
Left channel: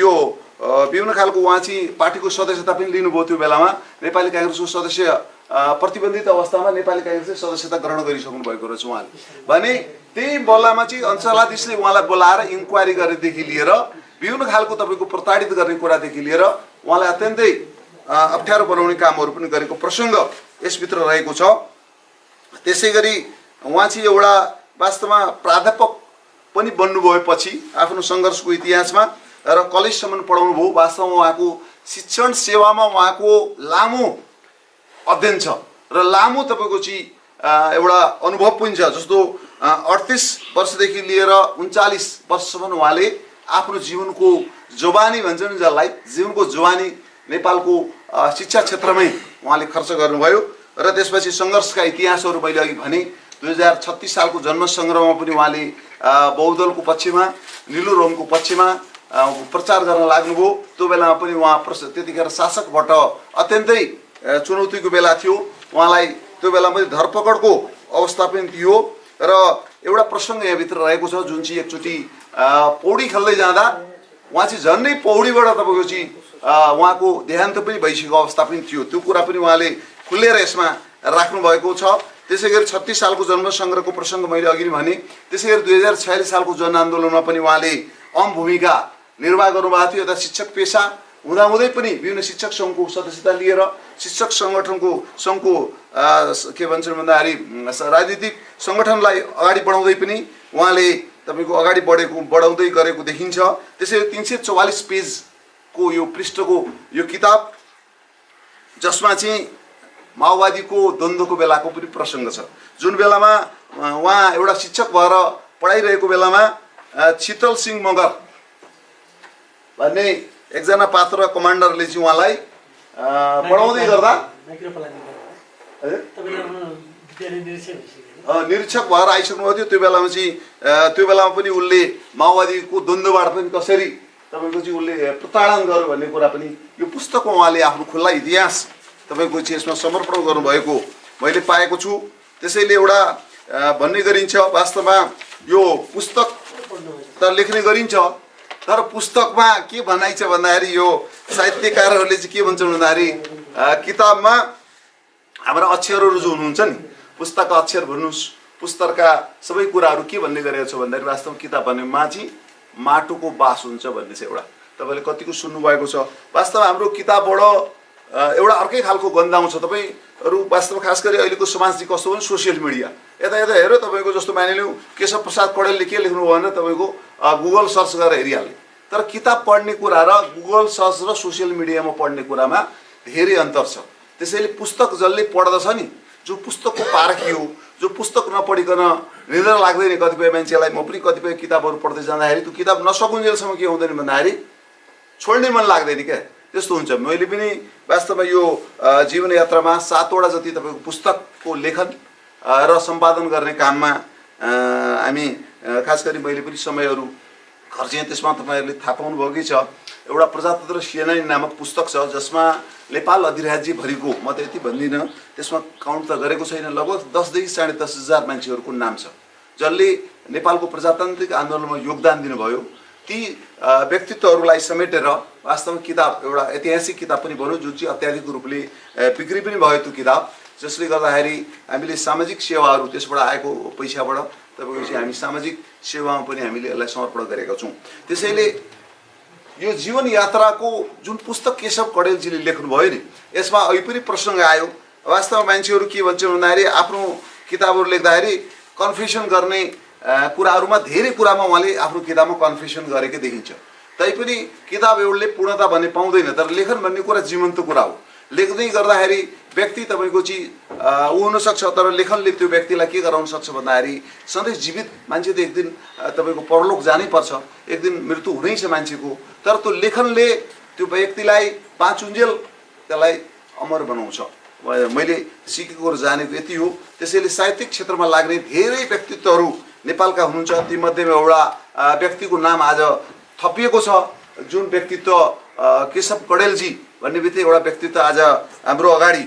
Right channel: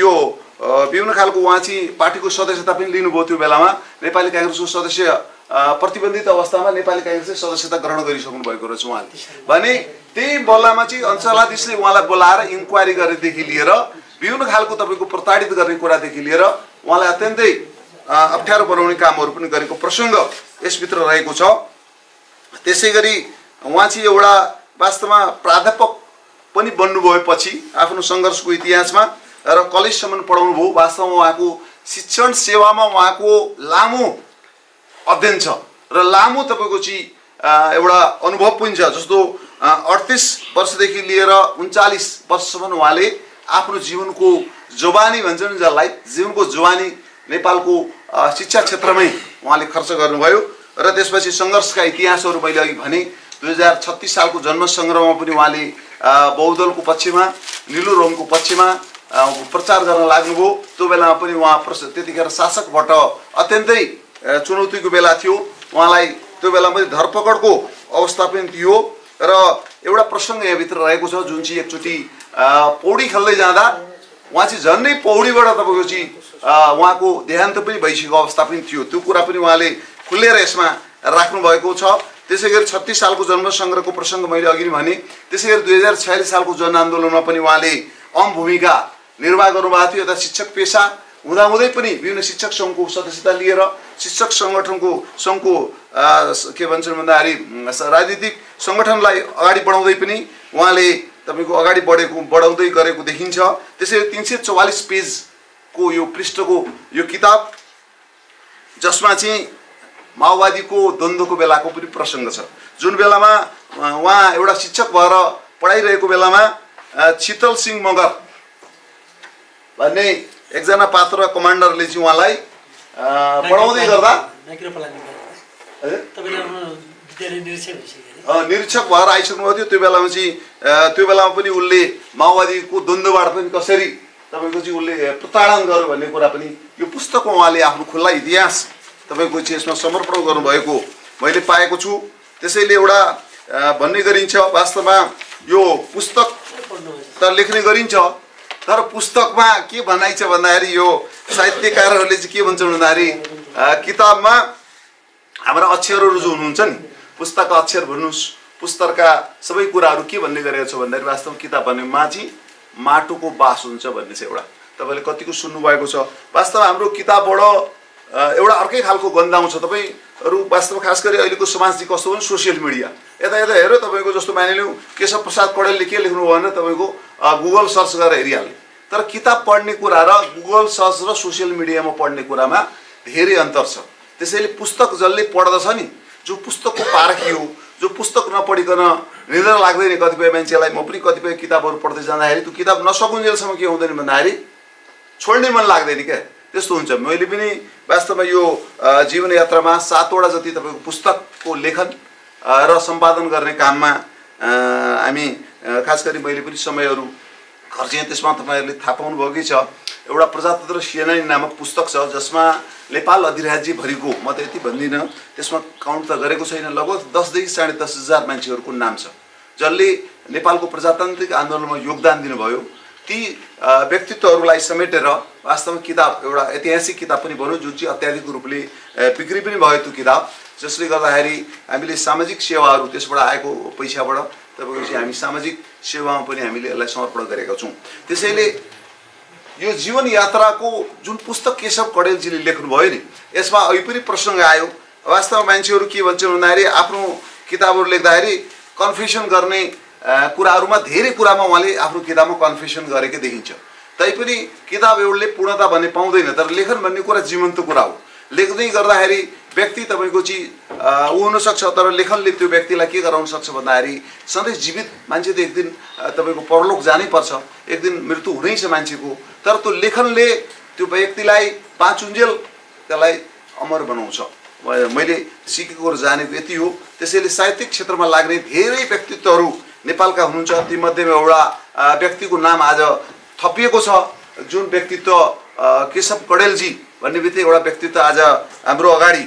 यो विभिन्न खालको उहाँ चाहिँ पार्टीको सदस्यता पनि लिनुभयो। त्यो बेलामा नेपाली काङ्ग्रेसको सदस्य प्रतिबन्धित अवस्थामा नेपाली काङ्ग्रेसले सदस्यता ग्रहण गरिसक्नु भएको रहेछ उहाँले। भने त्यही बल्लामा चाहिँ अञ्चलाधीशले उहाँलाई बोलाएर इन्क्वायरी गरेदेखि लिएर विभिन्न खालको तपाईँको प्रताडित गर्ने कुरादेखि लिएर उहाँलाई अत्यन्तै अप्ठ्यारो बनाउने कामहरू पनि गरेको प्रसङ्ग यसभित्र रहेको छ। त्यसै गरी उहाँ चाहिँ एउटा वास्तवमा प्राध्यापक पनि बन्नुभयो पछि आफ्नो सङ्घर्षको इतिहासमा र कलेजसम्म पढाउनु भयो। वास्तवमा उहाँको शिक्षण सेवामा उहाँको लामो अध्ययन छ र लामो तपाईँको चाहिँ एउटा अनुभव पनि छ। जस्तो 38 वर्षदेखि लिएर 39 वर्षसम्म उहाँले आफ्नो जीवनको जवानी भन्छ नि जसलाई, जीवनको जवानी नेपालको शिक्षा क्षेत्रमै उहाँले खर्च गर्नुभयो। र त्यसपछि सङ्घर्षका इतिहासहरू मैले अघि भने 2036 सालको जन्म सङ्ग्रहमा पनि उहाँले बहुदलको पक्षमा निलो रङको पक्षमा प्रचार गर्न लाग्नुभयो। त्यो बेलामा पनि उहाँ त्यतिखेर शासकबाट अत्यन्तै चुनौतीको बेला थियो। उहाँलाई त्यो बेला पनि धरपकडको अवस्था पनि थियो र एउटा प्रसङ्ग यहाँभित्र रहेको छ जुन चाहिँ एकचोटि पौडी खेल्दै जाँदा उहाँ चाहिँ झन्डै पौडीबाट तपाईँको चाहिँ उहाँको देहान्त पनि भइसकेको अवस्था पनि थियो। त्यो कुरा पनि उहाँले खुलेर यसमा राख्नुभएको छ। त्यसै गरी 36 सालको जन्म सङ्ग्रहको प्रसङ्ग मैले अघि नै भने। त्यसै गरी 2046 सालको जनआन्दोलनमा पनि उहाँले अहम भूमिका निर्वाह गर्नुभएको थियो। यता शिक्षक पेसा हुँदाहुँदै पनि विभिन्न शिक्षक सङ्घको सदस्यता लिएर शिक्षक सङ्घको के भन्छन् भन्दाखेरि राजनीतिक सङ्गठनलाई अगाडि बढाउँदै पनि उहाँले तपाईँको अगाडि बढाउँदै गरेको देखिन्छ। त्यसैले 344 पेजको यो पृष्ठको यो किताब जसमा चाहिँ माओवादीको द्वन्द्वको बेलाको पनि प्रसङ्ग छ। जुन बेलामा उहाँ एउटा शिक्षक भएर पढाइरहेको बेलामा शीतल सिंह मगर भन्ने एकजना पात्र कमान्डरले चाहिँ उहाँलाई पढाउँदै गर्दा निरीक्षक भएर आइसक्नुभएको थियो। त्यो बेलामा चाहिँ त्यो बेलामा पनि उसले माओवादीको द्वन्द्वबाट पनि कसरी तपाईँको चाहिँ उसले प्रताडन गर्यो भन्ने कुरा पनि यो पुस्तकमा उहाँले आफ्नो खुल्ला इतिहास तपाईँको चाहिँ यसमा समर्पण गर्नुभएको मैले पाएको छु। त्यसैले एउटा भन्ने गरिन्छ वास्तवमा यो पुस्तक त लेख्ने गरिन्छ, तर पुस्तकमा के भनाइ छ भन्दाखेरि यो साहित्यकारहरूले चाहिँ के भन्छन् भन्दाखेरि किताबमा हाम्रा अक्षरहरू जो हुनुहुन्छ नि, पुस्तकका अक्षर भन्नुहोस् पुस्तकका सबै कुराहरू के भन्ने गरेको छ भन्दाखेरि वास्तवमा किताब भन्ने माथि माटोको बास हुन्छ भन्ने चाहिँ एउटा तपाईँले कतिको सुन्नुभएको छ। वास्तवमा हाम्रो किताबबाट एउटा अर्कै खालको गन्ध आउँछ। तपाईँहरू वास्तवमा खास गरी अहिलेको समाज चाहिँ कस्तो भने सोसियल मिडिया यता यता हेऱ्यो तपाईँको जस्तो मानिलिउँ केशव प्रसाद कौडेलले के लेख्नु भयो भने तपाईँको गुगल सर्च गरेर हेरिहाल्ने। तर किताब पढ्ने कुरा र गुगल सर्च र सोसियल मिडियामा पढ्ने कुरामा धेरै अन्तर छ। त्यसैले पुस्तक जसले पढ्दछ नि, जो पुस्तकको पारखी हो, जो पुस्तक नपढिकन निद्रा लाग्दैन कतिपय मान्छेलाई। म पनि कतिपय किताबहरू पढ्दै जाँदाखेरि त्यो किताब नसकुन्जेलसम्म के हुँदैन भन्दाखेरि छोड्नै मन लाग्दैन क्या, त्यस्तो हुन्छ। मैले पनि वास्तवमा यो जीवन यात्रामा 7 वटा जति तपाईँको पुस्तकको लेखन र सम्पादन गर्ने काममा हामी खास गरी मैले पनि समयहरू खर्चेँ। त्यसमा तपाईँहरूले थाहा पाउनुभएकै छ एउटा प्रजातन्त्र सेनानी नामक पुस्तक छ जसमा नेपाल अधिराज्यभरिको, म त यति भन्दिनँ त्यसमा काउन्ट त गरेको छैन, लगभग 10 देखि 10.5 हजार मान्छेहरूको नाम छ जसले नेपालको प्रजातान्त्रिक आन्दोलनमा योगदान दिनुभयो। ती व्यक्तित्वहरूलाई समेटेर वास्तवमा किताब एउटा ऐतिहासिक किताब पनि बन्यो जुन चाहिँ अत्याधिक रूपले बिक्री पनि भयो त्यो किताब, जसले गर्दाखेरि हामीले सामाजिक सेवाहरू त्यसबाट आएको पैसाबाट तपाईँको चाहिँ हामी सामाजिक सेवामा पनि हामीले यसलाई समर्पण गरेका छौँ। त्यसैले यो जीवन यात्राको जुन पुस्तक केशव कौडेलजीले लेख्नुभयो नि, यसमा अहिले पनि प्रसङ्ग आयो। वास्तवमा मान्छेहरू के भन्छन् भन्दाखेरि आफ्नो किताबहरू लेख्दाखेरि कन्फेसन गर्ने कुराहरूमा धेरै कुरामा उहाँले आफ्नो किताबमा कन्फेसन गरेकै देखिन्छ। तैपनि किताब एउटले पूर्णता भन्ने पाउँदैन, तर लेखन भन्ने कुरा जीवन्त कुरा हो। लेख्दै गर्दाखेरि व्यक्ति तपाईँको चाहिँ ऊ हुनसक्छ, तर लेखनले त्यो व्यक्तिलाई के गराउन सक्छ भन्दाखेरि सधैँ जीवित मान्छे त एक दिन तपाईँको परलोक जानै पर्छ, एक दिन मृत्यु हुनै छ मान्छेको, तर त्यो लेखनले त्यो व्यक्तिलाई पाँचुन्जेल त्यसलाई अमर बनाउँछ। मैले सिकेको र जानेको यति हो। त्यसैले साहित्यिक क्षेत्रमा लाग्ने धेरै व्यक्तित्वहरू नेपालका हुनुहुन्छ। तीमध्येमा एउटा व्यक्तिको नाम आज थपिएको छ, जुन व्यक्तित्व केशव कौडेलजी भन्ने बित्तिकै एउटा व्यक्तित्व आज हाम्रो अगाडि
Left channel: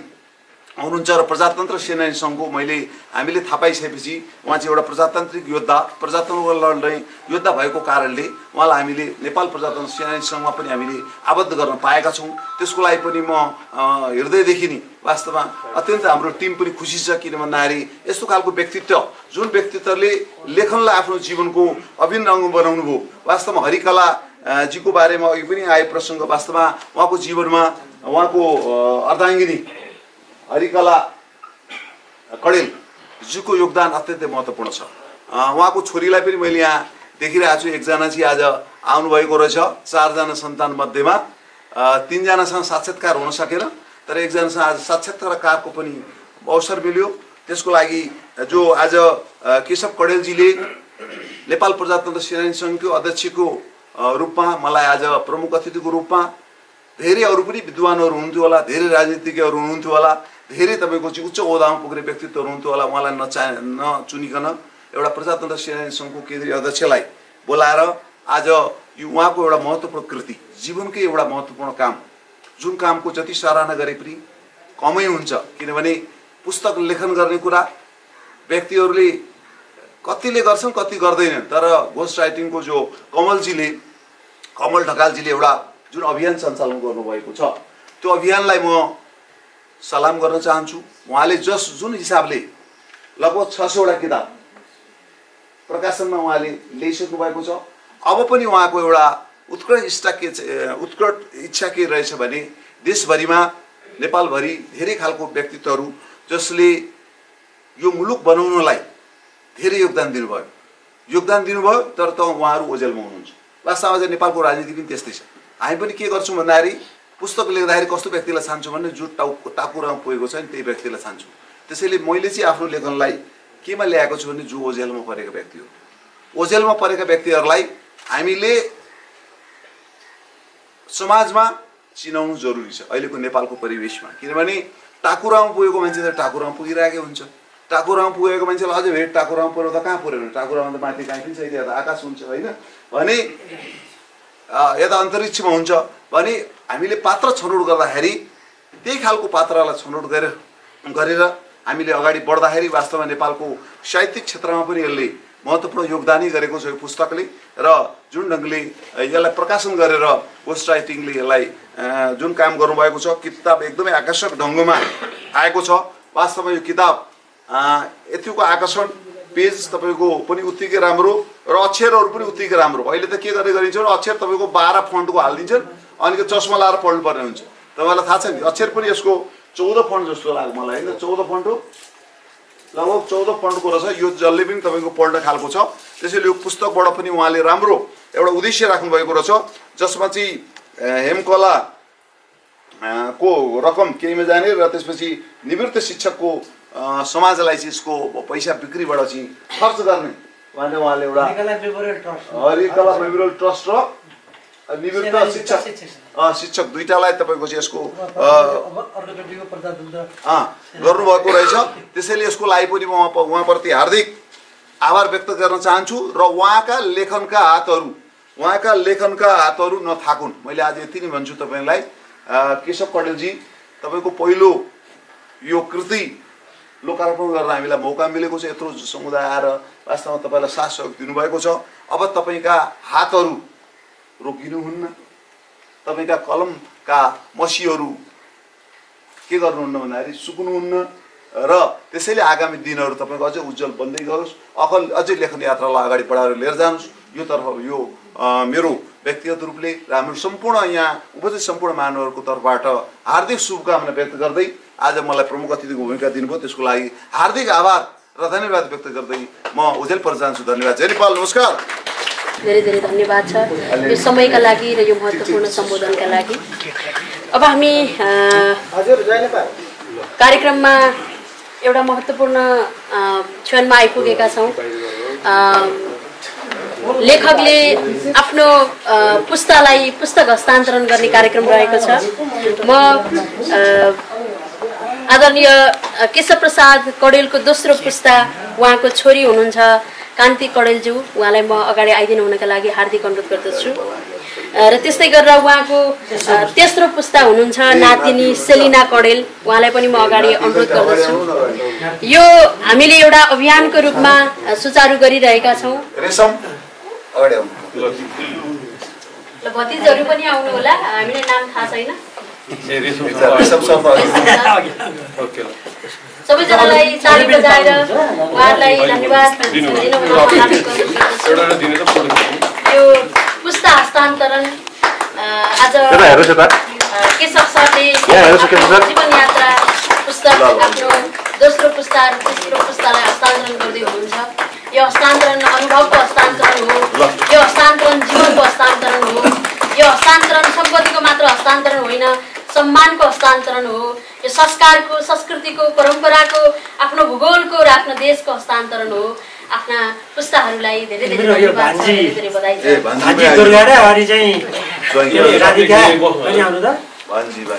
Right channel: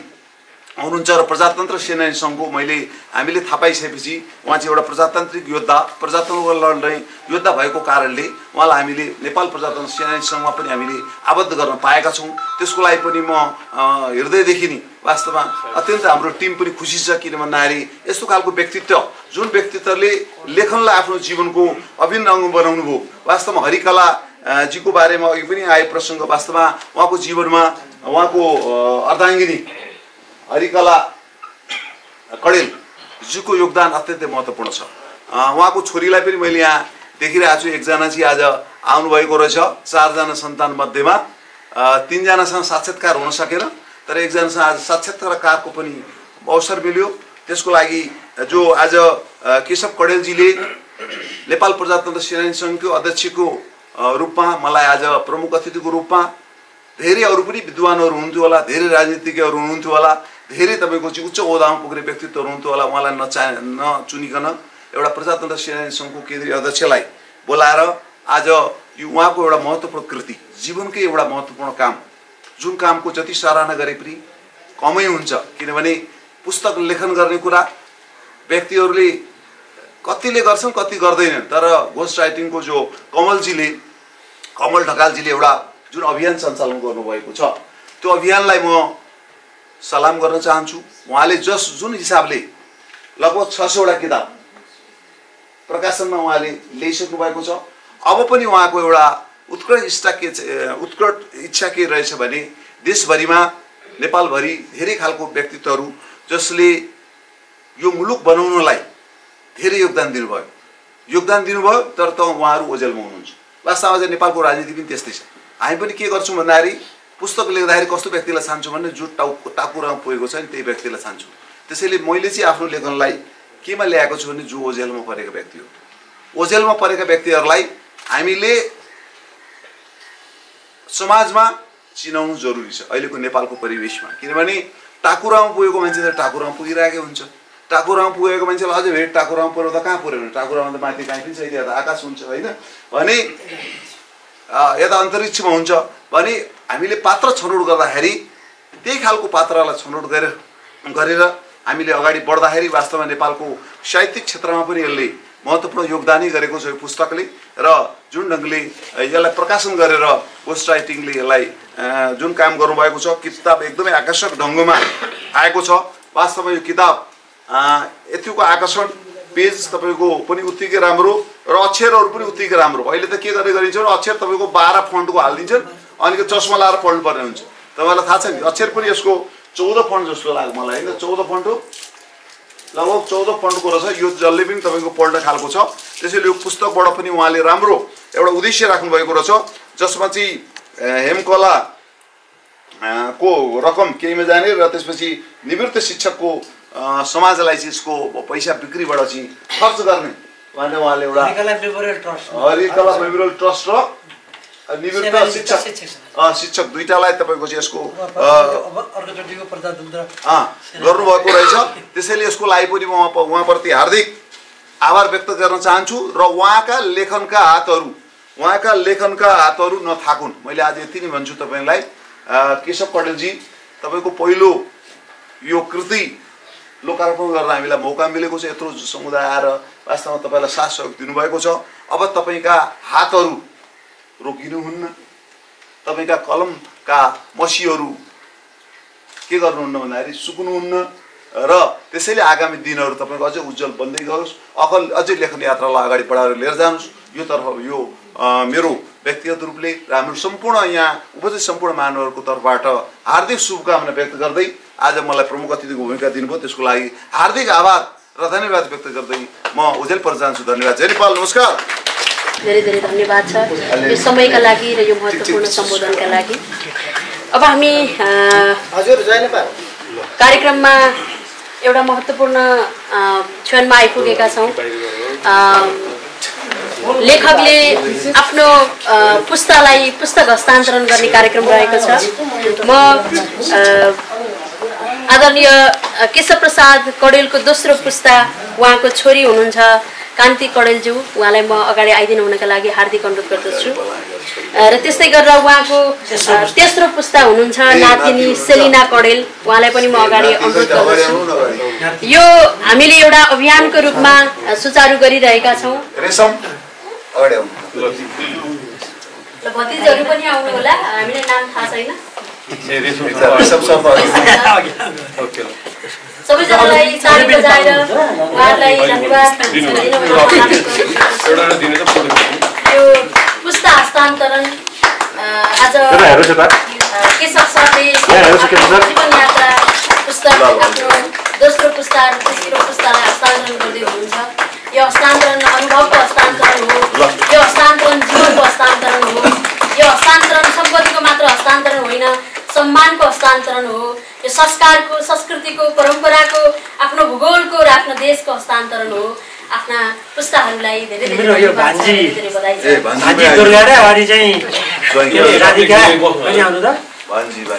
हुनुहुन्छ र प्रजातन्त्र सेनानी सङ्घको हामीले थाहा पाइसकेपछि उहाँ चाहिँ एउटा प्रजातान्त्रिक योद्धा, प्रजातन्त्र लड्ने योद्धा भएको कारणले उहाँलाई हामीले नेपाल प्रजातन्त्र सेनानी सङ्घमा पनि हामीले आबद्ध गर्न पाएका छौँ। त्यसको लागि पनि म हृदयदेखि नै वास्तवमा अत्यन्त हाम्रो टिम पनि खुसी छ। किन भन्दाखेरि यस्तो खालको व्यक्तित्व जुन व्यक्तित्वले लेखनलाई आफ्नो जीवनको अभिन्न अङ्ग बनाउनु भयो। वास्तवमा हरिकला जीको बारेमा अघि पनि आए प्रसङ्ग, वास्तवमा उहाँको जीवनमा उहाँको अर्धाङ्गिनी हरिकला कौडेल जीको योगदान अत्यन्तै महत्त्वपूर्ण छ। उहाँको छोरीलाई पनि मैले यहाँ देखिरहेको छु, एकजना चाहिँ आज आउनुभएको रहेछ। 4 जना सन्तान मध्येमा 3 जनासँग साक्षात्कार हुन सकेन, तर एकजनासँग आज साक्षात्कारको पनि अवसर मिल्यो। त्यसको लागि जो आज केशव कौडेलजीले नेपाल प्रजातन्त्र सेनानी सङ्घको अध्यक्षको रूपमा मलाई आज प्रमुख अतिथिको रूपमा, धेरै अरू पनि विद्वानहरू हुनुहुन्थ्यो होला, धेरै राजनीतिज्ञहरू हुनुहुन्थ्यो होला, धेरै तपाईँको चाहिँ उच्च ओहदामा पुग्ने व्यक्तित्वहरू हुनुहुन्थ्यो होला, उहाँलाई नचुनिकन एउटा प्रजातन्त्र सेनानी सङ्घको केन्द्रीय अध्यक्षलाई बोलाएर आज यो उहाँको एउटा महत्त्वपूर्ण कृति, जीवनकै एउटा महत्त्वपूर्ण काम, जुन कामको जति सराहना गरे पनि कमै हुन्छ। किनभने पुस्तक लेखन गर्ने कुरा व्यक्तिहरूले कतिले गर्छन् कति गर्दैनन्, तर घोस्ट राइटिङको जो कमल ढकालजीले एउटा जुन अभियान सञ्चालन गर्नुभएको छ त्यो अभियानलाई म सलाम गर्न चाहन्छु। उहाँले जुन हिसाबले लगभग 600 वटा किताब प्रकाशनमा उहाँले ल्याइसक्नु भएको छ। अब पनि उहाँको एउटा उत्कट इच्छा के रहेछ भने देशभरिमा नेपालभरि धेरै खालको व्यक्तित्वहरू जसले यो मुलुक बनाउनलाई धेरै योगदान दिनुभयो, तर त उहाँहरू ओझेलमा हुनुहुन्छ। वास्तवमा चाहिँ नेपालको राजनीति पनि त्यस्तै छ। हामी पनि के गर्छौँ भन्दाखेरि पुस्तक लेख्दाखेरि कस्तो व्यक्तिलाई छान्छौँ भने जो टाकुरामा पुगेको छ नि त्यही व्यक्तिलाई छान्छौँ। त्यसैले मैले चाहिँ आफ्नो लेखनलाई केमा ल्याएको छु भने जो ओझेलमा परेका व्यक्ति हो, ओझेलमा परेका व्यक्तिहरूलाई हामीले समाजमा चिनाउनु जरुरी छ अहिलेको नेपालको परिवेशमा। किनभने टाकुरामा पुगेको मान्छे त टाकुरामा पुगिरहेकै हुन्छ, टाकुरामा पुगेको मान्छेलाई अझै भेट टाकुरामा पुऱ्याउँदा कहाँ पुऱ्यो भने टाकुरामा त माथि कहीँ पनि छैन, यता आकाश हुन्छ होइन भने यता अन्तरिक्षमा हुन्छ भने हामीले पात्र छनौट गर्दाखेरि त्यही खालको पात्रलाई छनौट गरेर हामीले अगाडि बढ्दाखेरि वास्तवमा नेपालको साहित्यिक क्षेत्रमा पनि यसले महत्त्वपूर्ण योगदानै गरेको छ यो पुस्तकले। र जुन ढङ्गले यसलाई प्रकाशन गरेर घोस्ट राइटिङले यसलाई जुन काम गर्नुभएको छ, किताब एकदमै आकर्षक ढङ्गमा आएको छ। वास्तवमा यो किताब यतिको आकर्षण पेज तपाईँको पनि उत्तिकै राम्रो र अक्षरहरू पनि उत्तिकै राम्रो। अहिले त के गरिन्छ भने अक्षर तपाईँको 12 फन्टको हालिदिन्छन् अनि चस्मा लाएर पढ्नुपर्ने हुन्छ। तपाईँलाई थाहा छ नि अक्षर पनि यसको 14 फन्ट जस्तो लाग्यो मलाई होइन 14 फन्ट हो लगभग 14 फन्टको रहेछ। यो जसले पनि तपाईँको पढ्ने खालको छ। त्यसैले यो पुस्तकबाट पनि उहाँले राम्रो एउटा उद्देश्य राख्नुभएको रहेछ जसमा चाहिँ हेमकला को रकम केहीमा जाने र त्यसपछि निवृत्त शिक्षकको समाजलाई चाहिँ यसको पैसा बिक्रीबाट चाहिँ खर्च गर्ने उहाँले एउटा हरिकला मेमोरियल ट्रस्ट र निवृत्त शिक्षक दुईटालाई तपाईँको चाहिँ यसको गर्नुभएको रहेछ। त्यसैले यसको लागि पनि म उहाँप्रति हार्दिक आभार व्यक्त गर्न चाहन्छु र उहाँका लेखनका हातहरू नथाकुन्। मैले आज यति नै भन्छु तपाईँलाई केशव कडेलजी तपाईँको पहिलो यो कृति लोकार्पण गर्न हामीलाई मौका मिलेको छ। यत्रो समुदाय आएर वास्तवमा तपाईँलाई साथ सहयोग दिनुभएको छ। अब तपाईँका हातहरू रोकिनुहुन्न, तपाईँका कलमका मसीहरू के गर्नुहुन्न भन्दाखेरि सुक्नुहुन्न र त्यसैले आगामी दिनहरू तपाईँको अझै उज्जवल बन्दै गयोस्। अझै लेखन यात्रालाई अगाडि बढाएर लिएर जानुहोस्। यो मेरो व्यक्तिगत रूपले र हाम्रो सम्पूर्ण यहाँ उपस्थित सम्पूर्ण महानुभावहरूको तर्फबाट हार्दिक शुभकामना व्यक्त गर्दै आज मलाई प्रमुख अतिथिको भूमिका दिनुभयो त्यसको लागि हार्दिक आभार र धन्यवाद व्यक्त गर्दै म उजेल पर जान्छु। धन्यवाद। जय नेपाल। नमस्कार। धेरै धेरै धन्यवाद छ यो समयका लागि र यो महत्त्वपूर्ण सम्बोधनका लागि। अब हामी कार्यक्रममा एउटा महत्त्वपूर्ण क्षणमा आइपुगेका छौँ। लेखकले आफ्नो पुस्तक हस्तान्तरण गर्ने कार्यक्रम रहेको छ। म आदरणीय केशव प्रसाद कडेलको दोस्रो पुस्ता उहाँको छोरी हुनुहुन्छ कान्ति कडेलज्यू, उहाँलाई म अगाडि आइदिनु हुनका लागि हार्दिक अनुरोध गर्दछु। र त्यस्तै गरेर उहाँको तेस्रो पुस्ता हुनुहुन्छ नातिनी सेलिना कडेल, उहाँलाई पनि म अगाडि अनुरोध गर्दछु। यो हामीले एउटा अभियानको रूपमा सुचारू गरिरहेका छौँ। भतिजहरू पनि आउनु होला, हामीलाई नाम थाहा छैन। सबैजनालाई ताली बजाएर उहाँहरूलाई धन्यवाद यो पुस्ता हस्तान्तरण आज केशव सरले जीवन यात्रा पुस्तक आफ्नो दोस्रो पुस्ता र तेस्रो पुस्तालाई हस्तान्तरण गर्दै हुनुहुन्छ। यो हस्तान्तरण अनुभवको हस्तान्तरण हो, यो हस्तान्तरण जीवनको हस्तान्तरण हो, यो हस्तान्तरण सम्पत्तिको मात्र हस्तान्तरण होइन, सम्मानको हस्तान्तरण हो, यो संस्कारको, संस्कृतिको, परम्पराको, आफ्नो भूगोलको र आफ्नो देशको हस्तान्तरण हो। आफ्ना पुस्ताहरूलाई धेरै धेरै बधाई छ।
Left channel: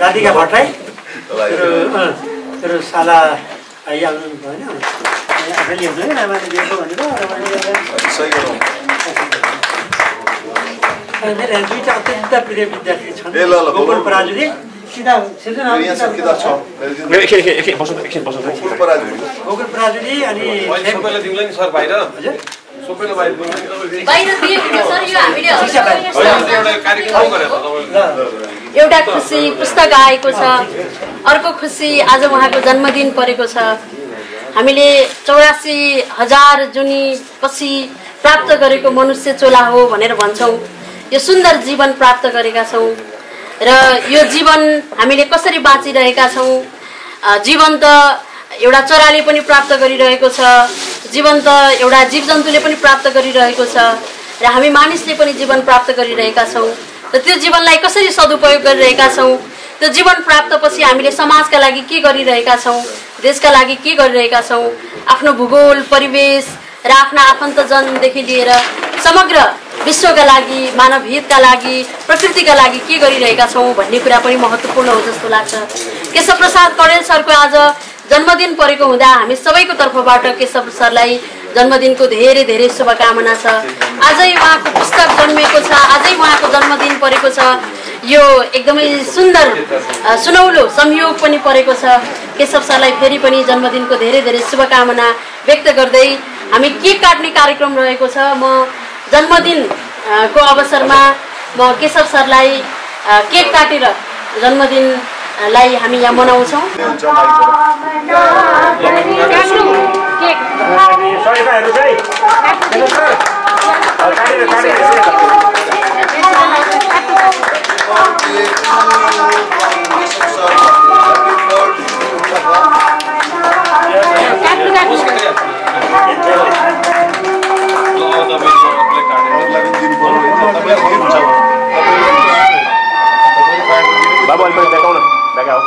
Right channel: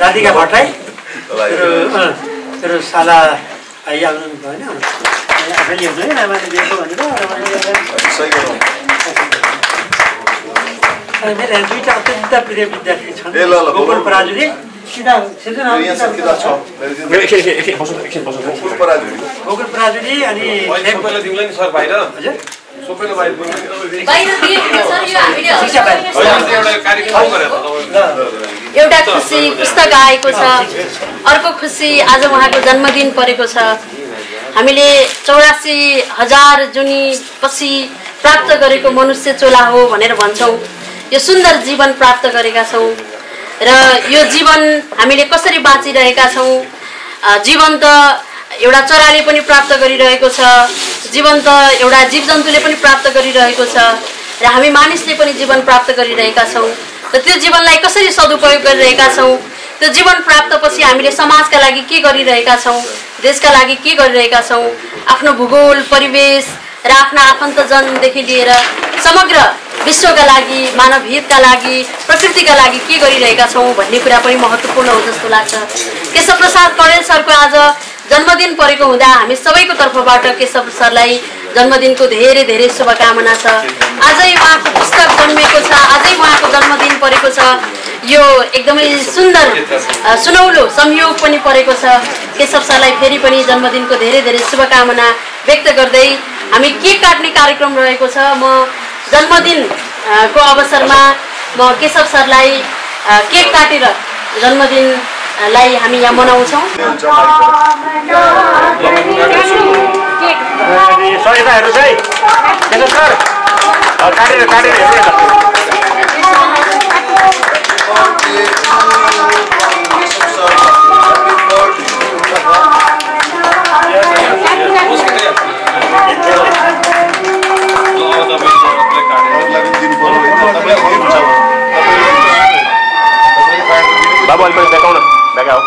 राधिका भट्टराई तेरो साला आउनु भएन आफैले हेर्नु है आमाले दिएको भनेर मेरो दुईटा अत्यन्त प्रिय विद्यार्थी छन् गोकुल पराजुली गोकुल पराजुली अनि एउटा खुसी पुस्तक आएको छ, अर्को खुसी आज उहाँको जन्मदिन परेको छ। हामीले 84,000 जुनी पछि प्राप्त गरेको मनुष्य चोला हो भनेर भन्छौँ। यो सुन्दर जीवन प्राप्त गरेका छौँ र यो जीवन हामीले कसरी बाँचिरहेका छौँ। जीवन त एउटा चराले पनि प्राप्त गरिरहेको छ, जीवन त एउटा जीवजन्तुले पनि प्राप्त गरिरहेको छ र हामी मानिसले पनि जीवन प्राप्त गरिरहेका छौँ। र त्यो जीवनलाई कसरी सदुपयोग गरिरहेका छौँ, त्यो जीवन प्राप्तपछि हामीले समाजका लागि के गरिरहेका छौँ, देशका लागि के गरिरहेका छौँ, आफ्नो भूगोल, परिवेश र आफ्ना आफन्तजनदेखि लिएर समग्र विश्वका लागि, मानव हितका लागि, प्रकृतिका लागि के गरिरहेका छौँ भन्ने कुरा पनि महत्त्वपूर्ण हो जस्तो लाग्छ। केशव प्रसाद कडेल सरको आज जन्मदिन परेको हुँदा हामी सबैको तर्फबाट केशव सरलाई जन्मदिनको धेरै धेरै शुभकामना छ। आजै उहाँको पुस्तक जन्मेको छ, आजै उहाँको जन्मदिन परेको छ। यो एकदमै सुन्दर सुनौलो संयोग पनि परेको छ। केशव सरलाई फेरि पनि जन्मदिनको धेरै धेरै शुभकामना व्यक्त गर्दै हामी केक काट्ने कार्यक्रम रहेको छ। म जन्मदिनको अवसरमा म केशव सरलाई केक काटेर जन्मदिनलाई हामी यहाँ मनाउँछौँ। हेर्नुहोस् है हेर्नुहोस् सर काटेर बाबु अलि देखाउन देखाऊ